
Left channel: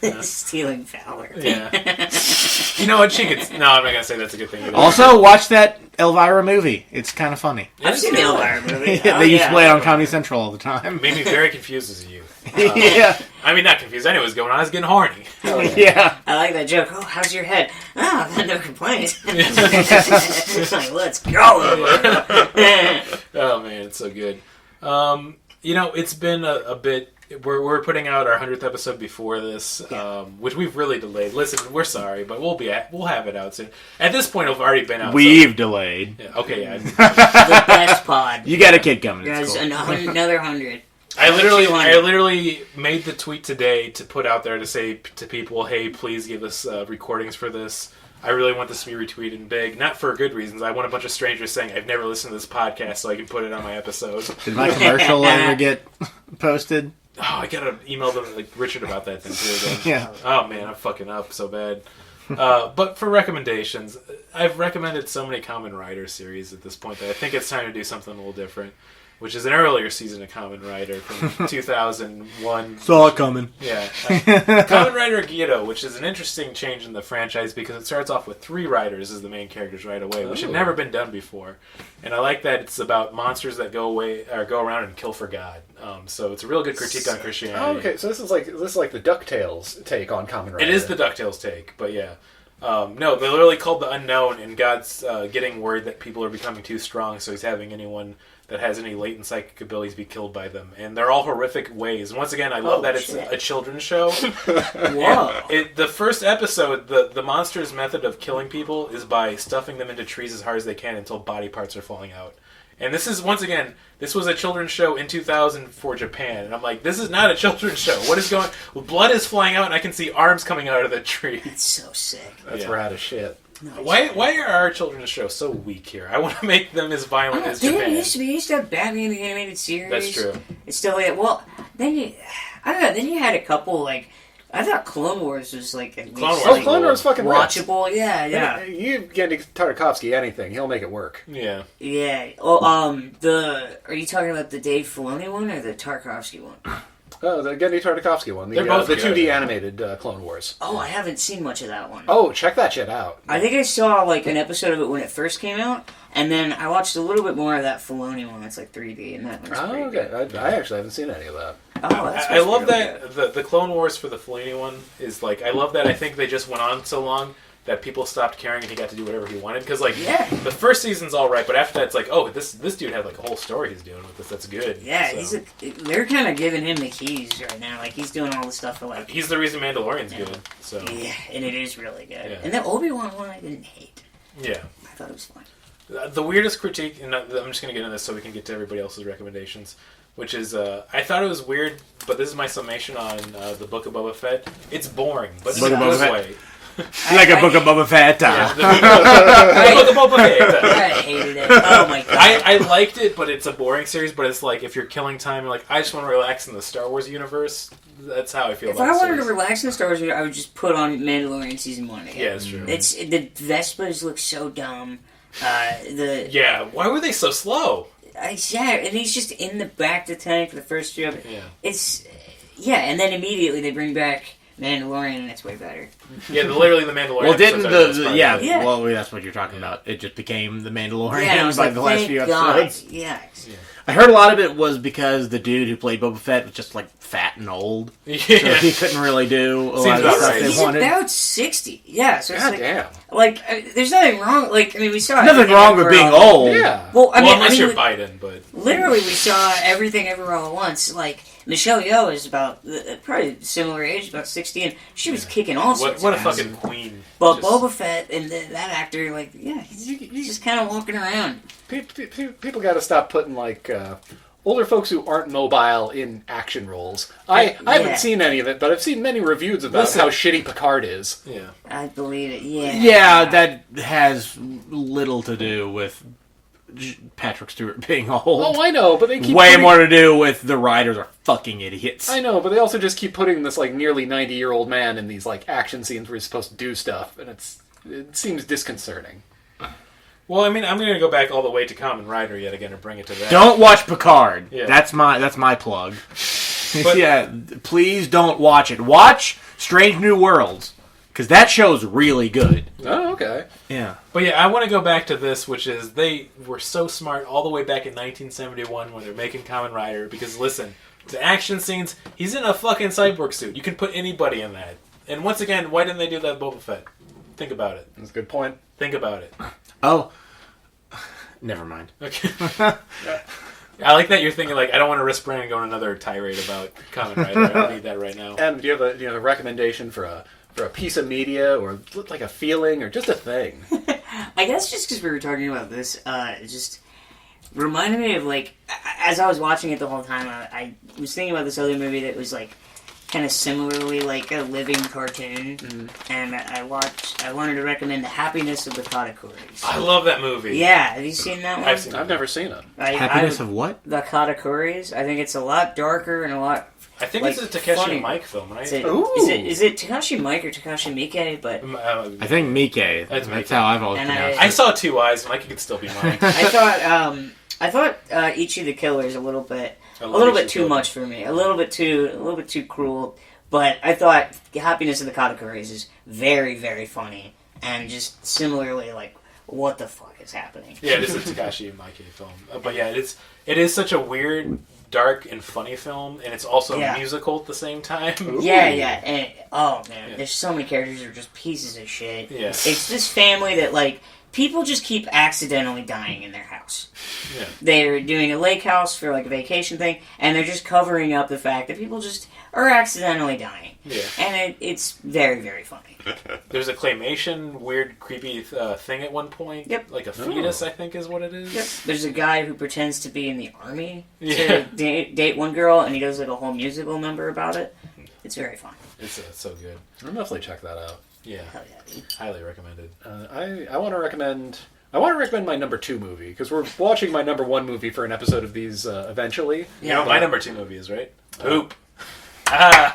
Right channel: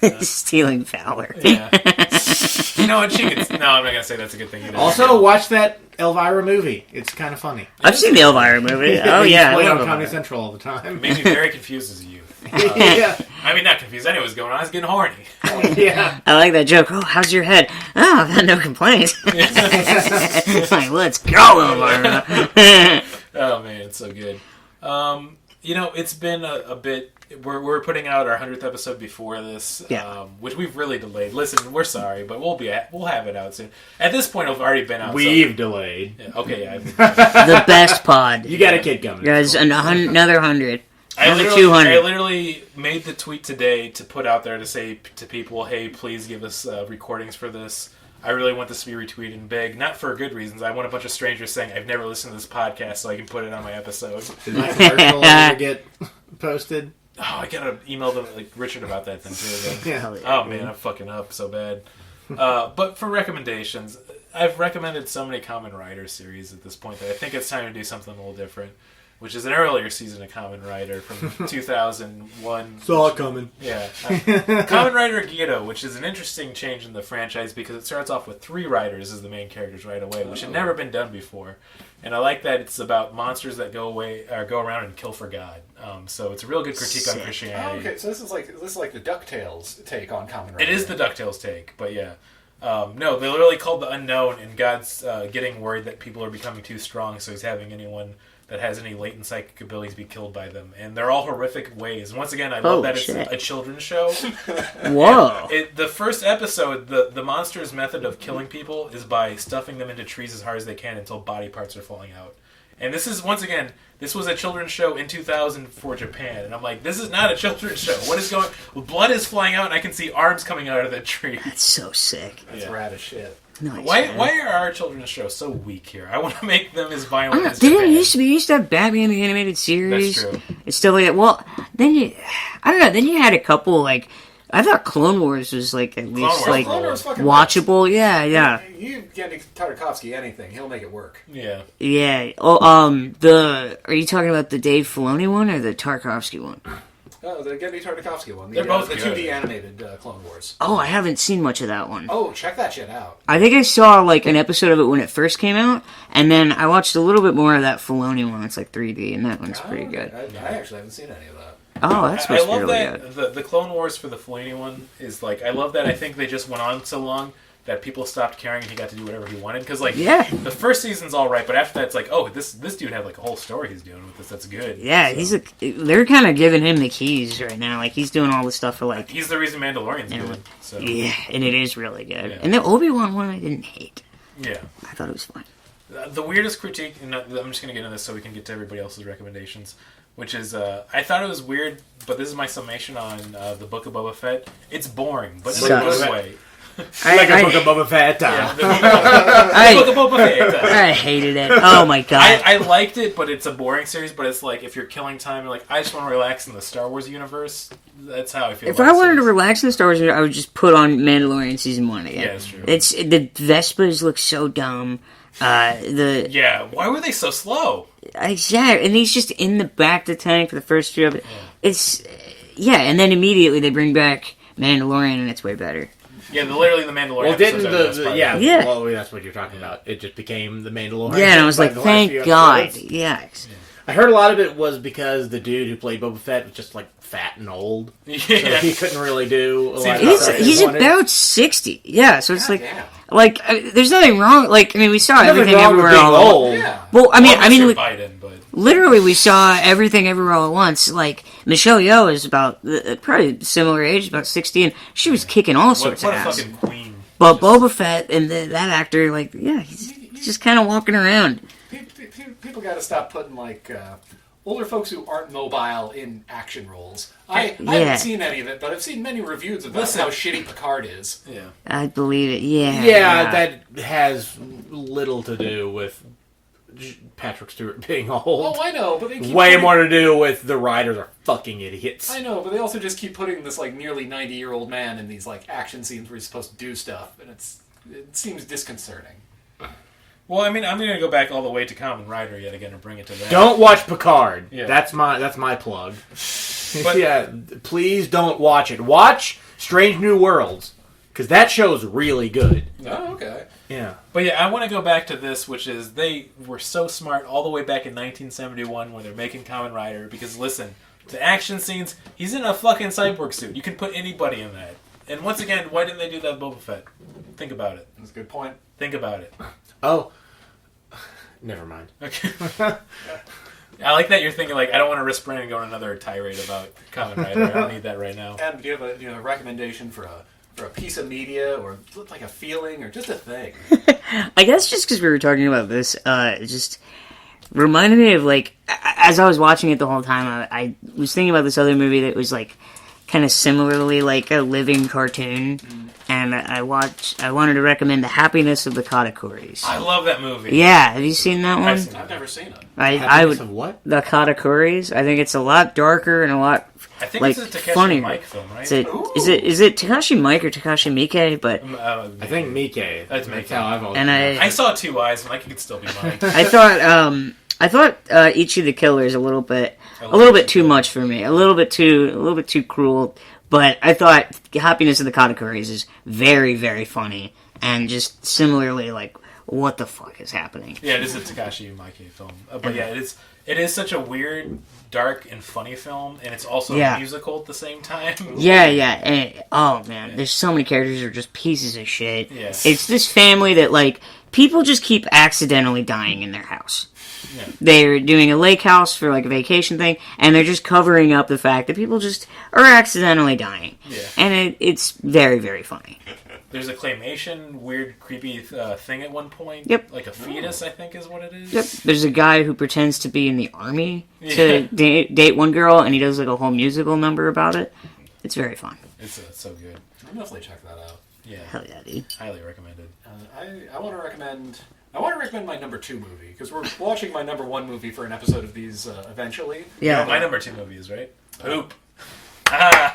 you? Stealing Fowler. Yeah. You know what? She gets. No, I'm not gonna say that's a good thing either. Also, watch that Elvira movie. It's kind of funny. I've seen the Elvira movie. They used to play it on Comedy Central all the time. Made me very confused as a youth. Yeah. I mean, not confused. I knew what was going on. I was getting horny. Yeah. I like that joke. Oh, how's your head? Oh, I've had no complaints. It's like, let's go, Elvira. Oh man, it's so good. It's been a bit. We're putting out our 100th episode before this, which we've really delayed. Listen, we're sorry, but we'll have it out soon. At this point, it've already been out. We've delayed. Yeah, okay, yeah. The best pod. You got a kid coming. Guys, cool. another 100. I literally made the tweet today to put out there to say to people, hey, please give us recordings for this. I really want this to be retweeted big, not for good reasons. I want a bunch of strangers saying, I've never listened to this podcast, so I can put it on my episode. Did my commercial ever get posted? Oh, I gotta email them, like, Richard about that thing, too. Then. Yeah. Oh, man, I'm fucking up so bad. But for recommendations, I've recommended so many Kamen Rider series at this point that I think it's time to do something a little different, which is an earlier season of Kamen Rider from 2001. Saw it coming. Yeah. Kamen Rider Gedo, which is an interesting change in the franchise because it starts off with 3 riders as the main characters right away, which had never been done before. And I like that it's about monsters that go around and kill for God. So it's a real good critique on Christianity. Oh, okay, so this is like the DuckTales take on Kamen Rider. It is the DuckTales take, but yeah. No, they're literally called the Unknown, and God's getting worried that people are becoming too strong, so he's having anyone that has any latent psychic abilities be killed by them. And they're all horrific ways. And once again, I love that it's a children's show. Whoa. The first episode, the monster's method of killing people is by stuffing them into trees as hard as they can until body parts are falling out. And this is, once again, this was a children's show in 2000 for Japan. And I'm like, this is not a children's show. What is going... Blood is flying out and I can see arms coming out of the tree. That's so sick. That's rad as shit. Nice, Why are our children's shows so weak here? I want to make them as violent as Japan. Didn't it used to have Batman the Animated Series? That's true. It's still like, well, then I don't know, then you had a couple, like, I thought Clone Wars was, like, at least, like, Clone Wars fucking watchable. Yeah. You get Tartakovsky anything, he'll make it work. Yeah. Yeah. Oh, are you talking about the Dave Filoni one or the Tarkovsky one? Oh, the Genndy Tartakovsky one. They're both the good. 2D animated Clone Wars. Oh, I haven't seen much of that one. Oh, check that shit out. I think I saw, like, an episode of it when it first came out, and then I watched a little bit more of that Filoni one. It's like 3D, and that one's pretty good. I actually haven't seen any of that. Oh, that's I love really that good. the Clone Wars for the Filoni one is like, I love that I think they just went on so long that people stopped caring and he got to do whatever he wanted. Because, like, the first season's all right, but after that, it's like, oh, this dude had, like, a whole story he's doing with this. That's good. Yeah, so. They're kind of giving him the keys right now. Like, he's doing all the stuff for, like... He's the reason Mandalorian's good. So. Yeah, and it is really good. Yeah. And the Obi-Wan one I didn't hate. Yeah. I thought it was fun. The weirdest critique, and I'm just going to get into this so we can get to everybody else's recommendations, which is, I thought it was weird, but this is my summation on the Book of Boba Fett. It's boring, but in a good way. Like a Book of Boba Fett. Yeah, the Book of Boba Fett. I hated it. Oh my god. I liked it, but it's a boring series. But it's like, if you're killing time, you're like, I just want to relax in the Star Wars universe. That's how I feel If about I the wanted series. to relax in the Star Wars, I would just put on Mandalorian Season 1 again. Yeah, that's true. It's the Vespas look so dumb. Yeah, why were they so slow? Yeah, and he's just in the back of the tank for the first few of it. Yeah. And then immediately they bring back Mandalorian, and it's way better. Yeah, literally the Mandalorian. Well, didn't episodes are yeah, Yeah. well, that's what you're talking about. It just became the Mandalorian. Yeah, and I was by like, the last few thank God. episodes. Yes. I heard a lot of it was because the dude who played Boba Fett was just, like, fat and old. Yeah. So he couldn't really do a lot of Seems stuff like he He's wanted. about 60. Yeah, so it's God like, damn. there's nothing wrong. Like, I mean, we saw Nothing everything wrong with everywhere being all- old. Yeah. Well, I mean, unless you're Biden, but literally, we saw everything everywhere all at once. Like, Michelle Yeoh is about probably similar age, about 60, and she was kicking all sorts what a of ass. fucking queen. But Just- Boba Fett and that actor, like, yeah, he's just kind of walking around. People got to stop putting, like, older folks who aren't mobile in action roles. I haven't seen any of it, but I've seen many reviews about how shitty Picard is. Yeah. I believe it. Yeah. Yeah, that has little to do with Patrick Stewart being old. Oh, I know, but they keep Way putting- more to do with the writers are fucking idiots. I know, but they also just keep putting this, like, nearly 90-year-old man in these, like, action scenes where he's supposed to do stuff, and it seems disconcerting. Well, I mean, I'm going to go back all the way to Kamen Rider yet again and bring it to that. Don't watch Picard. Yeah. That's my plug. But- yeah, please don't watch it. Watch Strange New Worlds, because that show's really good. Oh, okay. Yeah. But yeah, I want to go back to this, which is they were so smart all the way back in 1971 when they're making Kamen Rider. Because listen, the action scenes, he's in a fucking cyborg suit. You can put anybody in that. And once again, why didn't they do that with Boba Fett? Think about it. That's a good point. Think about it. Oh. Never mind. Okay. I like that you're thinking, like, I don't want to risk Brandon going another tirade about Kamen Rider. I don't need that right now. And do you have a recommendation for a piece of media, or like a feeling, or just a thing? I guess just because we were talking about this, it just reminded me of, like, as I was watching it the whole time, I was thinking about this other movie that was, like, kind of similarly like a living cartoon, and I wanted to recommend The Happiness of the Katakuris. I love that movie. Yeah, have you seen that one? I've seen I've never seen it. Happiness of what? The Katakuris. I think it's a lot darker and a lot. I think like, it's a Takeshi funnier. Mike film, right? Is it Takashi Mike or Takashi Miike? But I think Miike. That's That's Miike. how I've always And pronounced I it. saw Two Eyes. Mike could still be Mike. I thought Ichi the Killer is a little bit too much for me. A little bit too cruel. But I thought Happiness of the Katakuris is very, very funny, and just similarly like, what the fuck is happening? Yeah, it is a Takashi Miike film. But yeah, it is such a weird, dark, and funny film, and it's also Yeah. a musical at the same time. Yeah, and oh man, there's so many characters who are just pieces of shit. Yeah. It's this family that like people just keep accidentally dying in their house. Yeah. They're doing a lake house for like a vacation thing, and they're just covering up the fact that people just are accidentally dying. Yeah. And it's very, very funny. There's a claymation, weird, creepy thing at one point. Yep. Like a fetus, I think is what it is. Yep. There's a guy who pretends to be in the army Yeah. to date one girl, and he does like a whole musical number about it. It's very fun. It's so good. I'll definitely check that out. Yeah. Hell yeah, dude. Highly recommended. I want to recommend my number 2 movie, because we're watching my number 1 movie for an episode of these eventually. You Yeah. know, my number 2 movie is, right? Poop. Ah.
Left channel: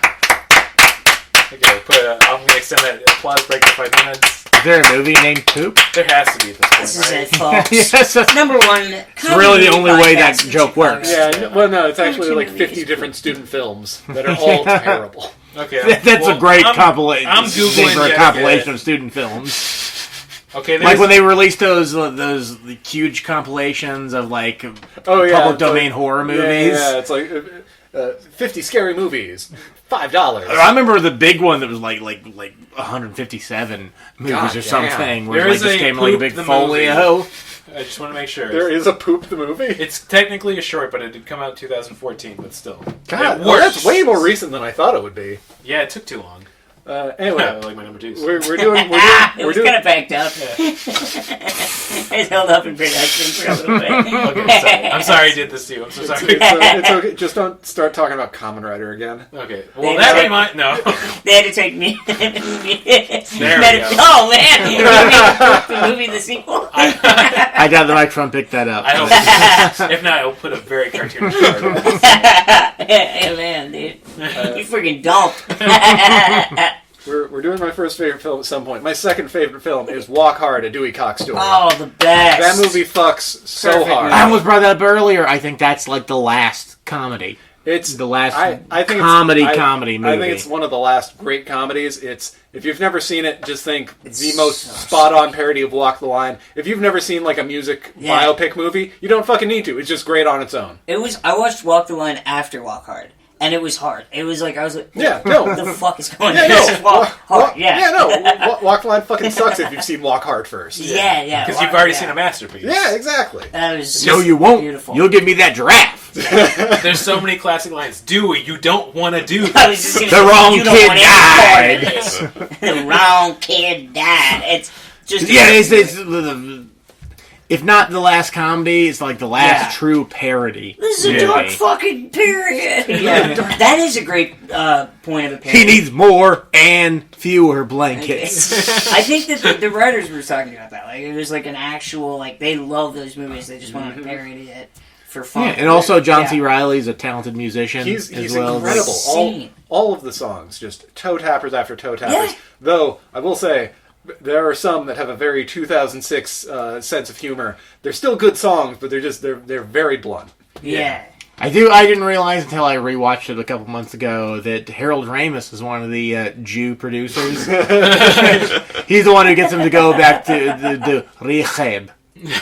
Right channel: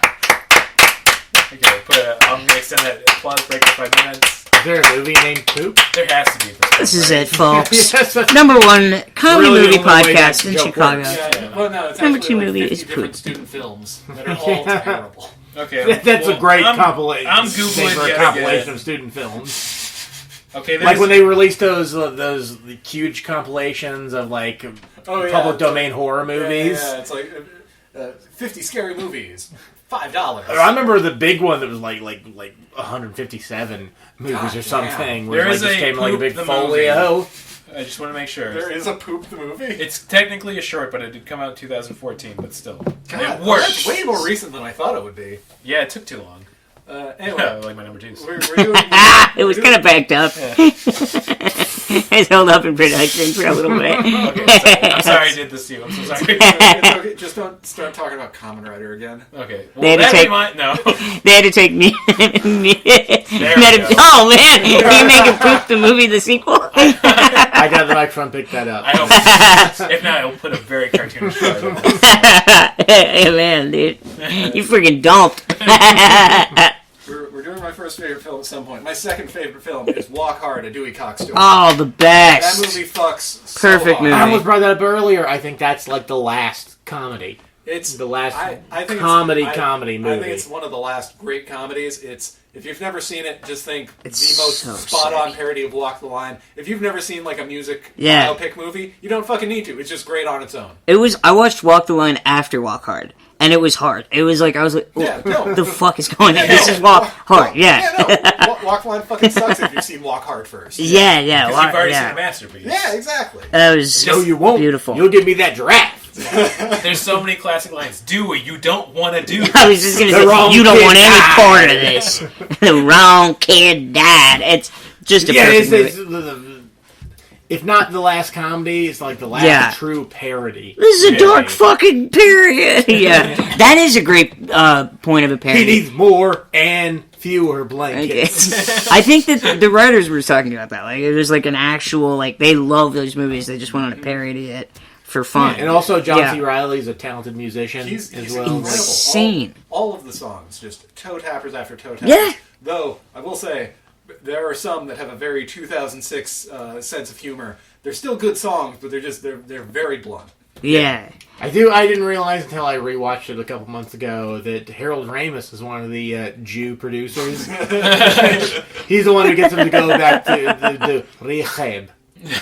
Okay, I'm going to extend that applause break for 5 minutes. Is there a movie named Poop? There has to be at this point, This is right? it, folks. Yes, that's Number one comedy really the movie only way that podcast in joke Chicago. works. Yeah, well, no, it's Number actually 2 like movie 50 is different Poop. student films that are all terrible. Okay. That's well, a great I'm compilation. I'm Googling for a yet compilation again. of student films. Okay, Like when they released those huge compilations of like Oh, yeah, public it's like- domain horror movies. Yeah, it's like 50 scary movies, $5. I remember the big one that was like 157 movies God or damn. something, where There it is just a came in like a Poop big the folio. I just want to make sure. There is a Poop the movie? It's technically a short, but it did come out in 2014, but still. God, it well, works. that's way more recent than I thought it would be. Yeah, it took too long. Anyway, Like my number 2s. we're doing... It was kind of backed up. It held up in production for a little bit. Okay, I'm sorry I did this to you. I'm so sorry. It's okay. Just don't start talking about Kamen Rider again. Okay. They Well, had to that take- reminds... No. They had to take me. There we go. Oh man! Did you make a Poop the movie the sequel? I got the microphone, picked that up. I don't... If not, I'll put a very cartoonish part in it. Hey man, dude, you freaking dumped. We're doing my first favorite film at some point. My second favorite film is Walk Hard, a Dewey Cox story. Oh, the best. That movie fucks so Perfect hard. movie. I almost brought that up earlier. I think that's like the last comedy. It's The last I think it's- comedy I movie. think it's one of the last great comedies. It's if you've never seen it, just think It's the most so spot-on parody of Walk the Line. If you've never seen like a music Yeah. biopic movie, you don't fucking need to. It's just great on its own. I watched Walk the Line after Walk Hard, and it was hard. It was like I was like, Yeah, no. what the fuck is going on? Yeah, This no. is Walk Hard. Yeah. no. Walk the Line fucking sucks if you've seen Walk Hard first. Yeah. Because you've already seen a masterpiece. Yeah, exactly. That was No, you won't. beautiful. You'll give me that giraffe. There's so many classic lines. Dewey, you don't want to do I was this. just gonna The say, wrong you don't kid want died. any part of this. The wrong kid died. It's just a Yeah, perfect it's movie. if not the last comedy, it's like the last Yeah. true parody. This is a movie. dark fucking period. Yeah, that is a great point of a parody. He needs more and fewer blankets. I think that the writers were talking about that. Like, it was like an actual, like, they love those movies. They just wanted to parody it for fun. And also, John Yeah. C. Reilly's a talented musician He's as well. incredible. Insane. All of the songs, just toe tappers after toe tappers. Yeah. Though, I will say, there are some that have a very 2006 sense of humor. They're still good songs, but they're very blunt. Yeah. I didn't realize until I rewatched it a couple months ago that Harold Ramis is one of the Jew producers. He's the one who gets him to go back to the rehab.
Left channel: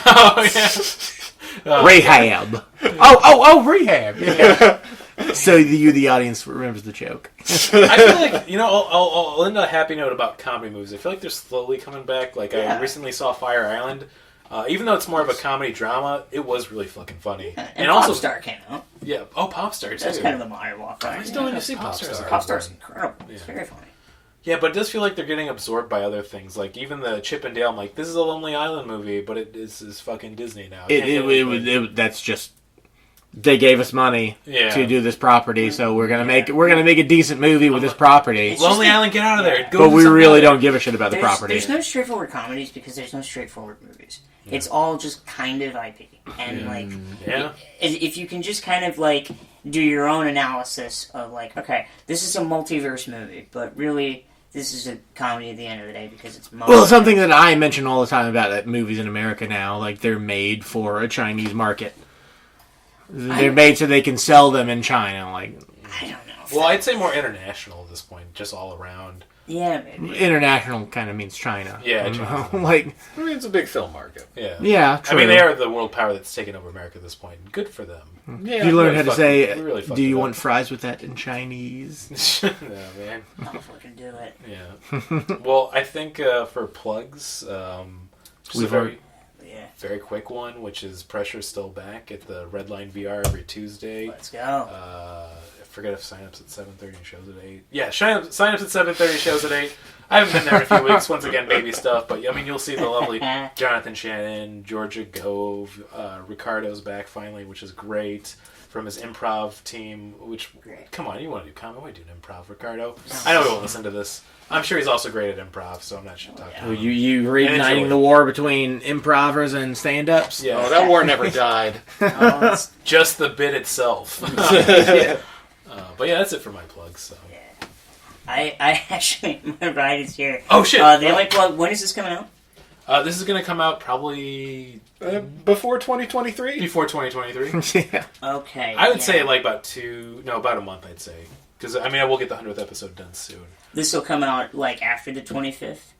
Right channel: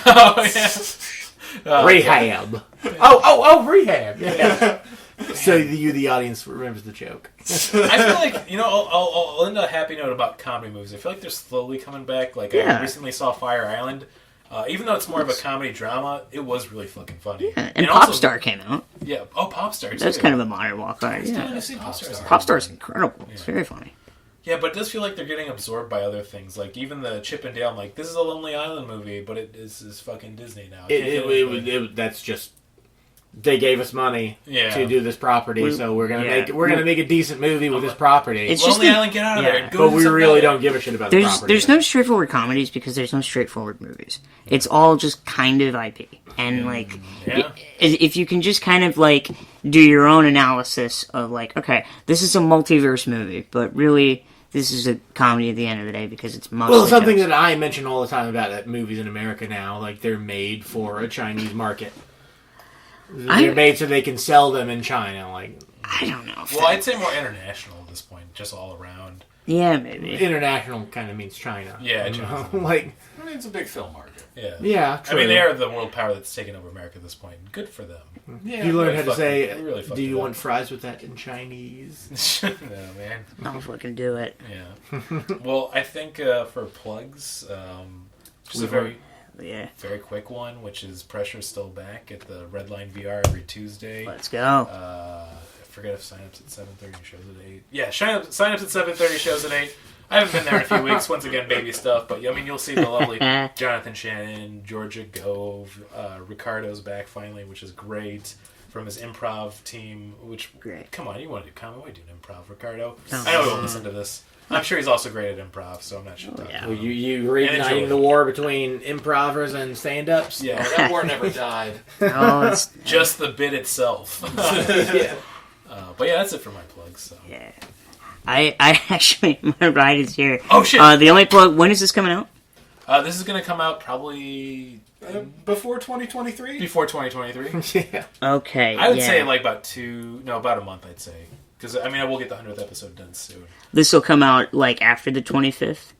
Oh, yeah. Rehab. Oh, rehab. Yeah. So the audience remembers the joke. I feel like, I'll end on a happy note about comedy movies. I feel like they're slowly coming back. Like, I Yeah. recently saw Fire Island. Even though it's more of a comedy drama, it was really fucking funny. And Popstar came out. Yeah. Oh, Popstar, too. That's kind of a modern walk on. I still Yeah. haven't seen Popstar. Popstar's incredible. It's very funny. Yeah, but it does feel like they're getting absorbed by other things. Like, even the Chip and Dale, I'm like, this is a Lonely Island movie, but it is fucking Disney now. I can't do anything. That's just they gave us money to do this property, so we're gonna make a decent movie with this property. It's Lonely just Island, get out of there. Go But do we something really other. don't give a shit about the property. There's no straightforward comedies because there's no straightforward movies. It's all just kind of IP. And, like, if you can just kind of, like, do your own analysis of, like, okay, this is a multiverse movie, but really, this is a comedy at the end of the day because it's Well, something that I mention all the time about movies in America now, like, they're made for a Chinese market. They're made so they can sell them in China, like... I don't know. Well, I'd say more international at this point, just all around. Yeah, maybe. International kind of means China. Yeah, China. Like... I mean, it's a big film market. Yeah, true. I mean, they are the world power that's taken over America at this point. Good for them. Yeah, you learn how to say, really do you want fries with that in Chinese? No, man. I'll fucking do it. Yeah. Well, I think for plugs, just a very quick one, which is Pressure's still back at the Redline VR every Tuesday. Let's go. I forget if sign-ups at 7:30, shows at 8. Yeah, sign-ups at 7:30, shows at 8. I haven't been there in a few weeks. Once again, baby stuff. But, I mean, you'll see the lovely Jonathan Shannon, Georgia Gove, Ricardo's back finally, which is great. From his improv team, which, come on, you want to do comedy? Why do an improv, Ricardo? I know he won't listen to this. I'm sure he's also great at improv, so I'm not sure. Well, you reigniting the war between improvers and stand-ups? Yeah, that war never died. Oh, it's just the bit itself. Yeah. But yeah, that's it for my plugs. So. Yeah. I actually, my ride is here. Oh shit! The only plug. When is this coming out? This is going to come out probably before 2023. Before 2023. Yeah. Okay. I would say like about a month. I'd say because I mean I will get the 100th episode done soon. This will come out like after the 25th.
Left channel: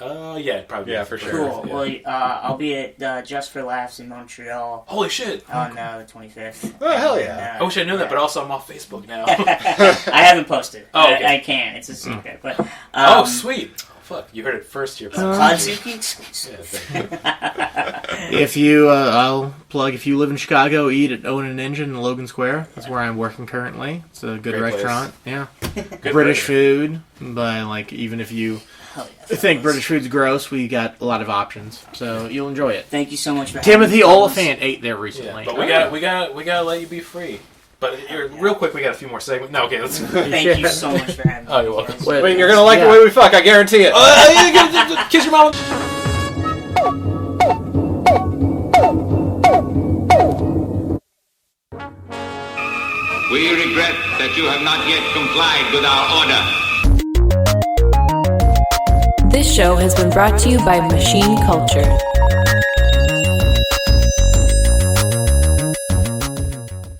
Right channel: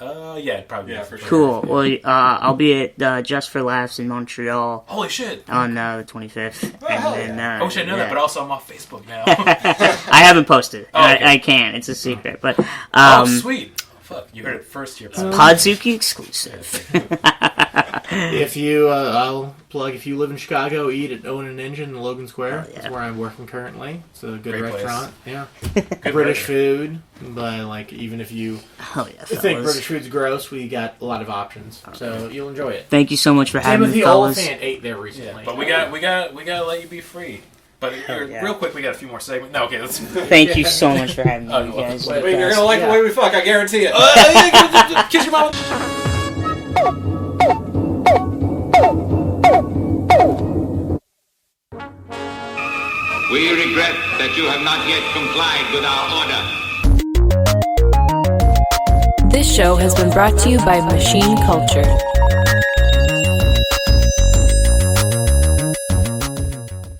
Yeah, probably. Yeah, for sure. Cool. Yeah. Well, I'll be at Just for Laughs in Montreal. Holy shit! On the 25th. Oh, hell yeah. I wish I knew that, but also I'm off Facebook now. I haven't posted. Oh, okay. I can't. It's a secret. But oh, sweet. Oh, fuck, you heard it first here. Podzuki exclusive. If you, I'll plug. If you live in Chicago, eat at Owen and Engine in Logan Square. That's where I'm working currently. It's a good Great restaurant. place. Yeah, British food. But like, even if you think British food's gross, we got a lot of options, so you'll enjoy it. Thank you so much for having me. Timothy Oliphant ate there recently. Yeah, but we gotta let you be free. But real quick, we got a few more segments. No, okay, let's. Thank you so much for having me. Oh, you're welcome. Wait, you're gonna like the way we fuck. I guarantee it. Kiss your mama. We regret that you have not yet complied with our order. This show has been brought to you by Machine Culture.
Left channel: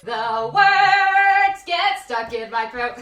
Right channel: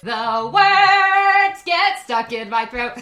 The words get stuck in my throat.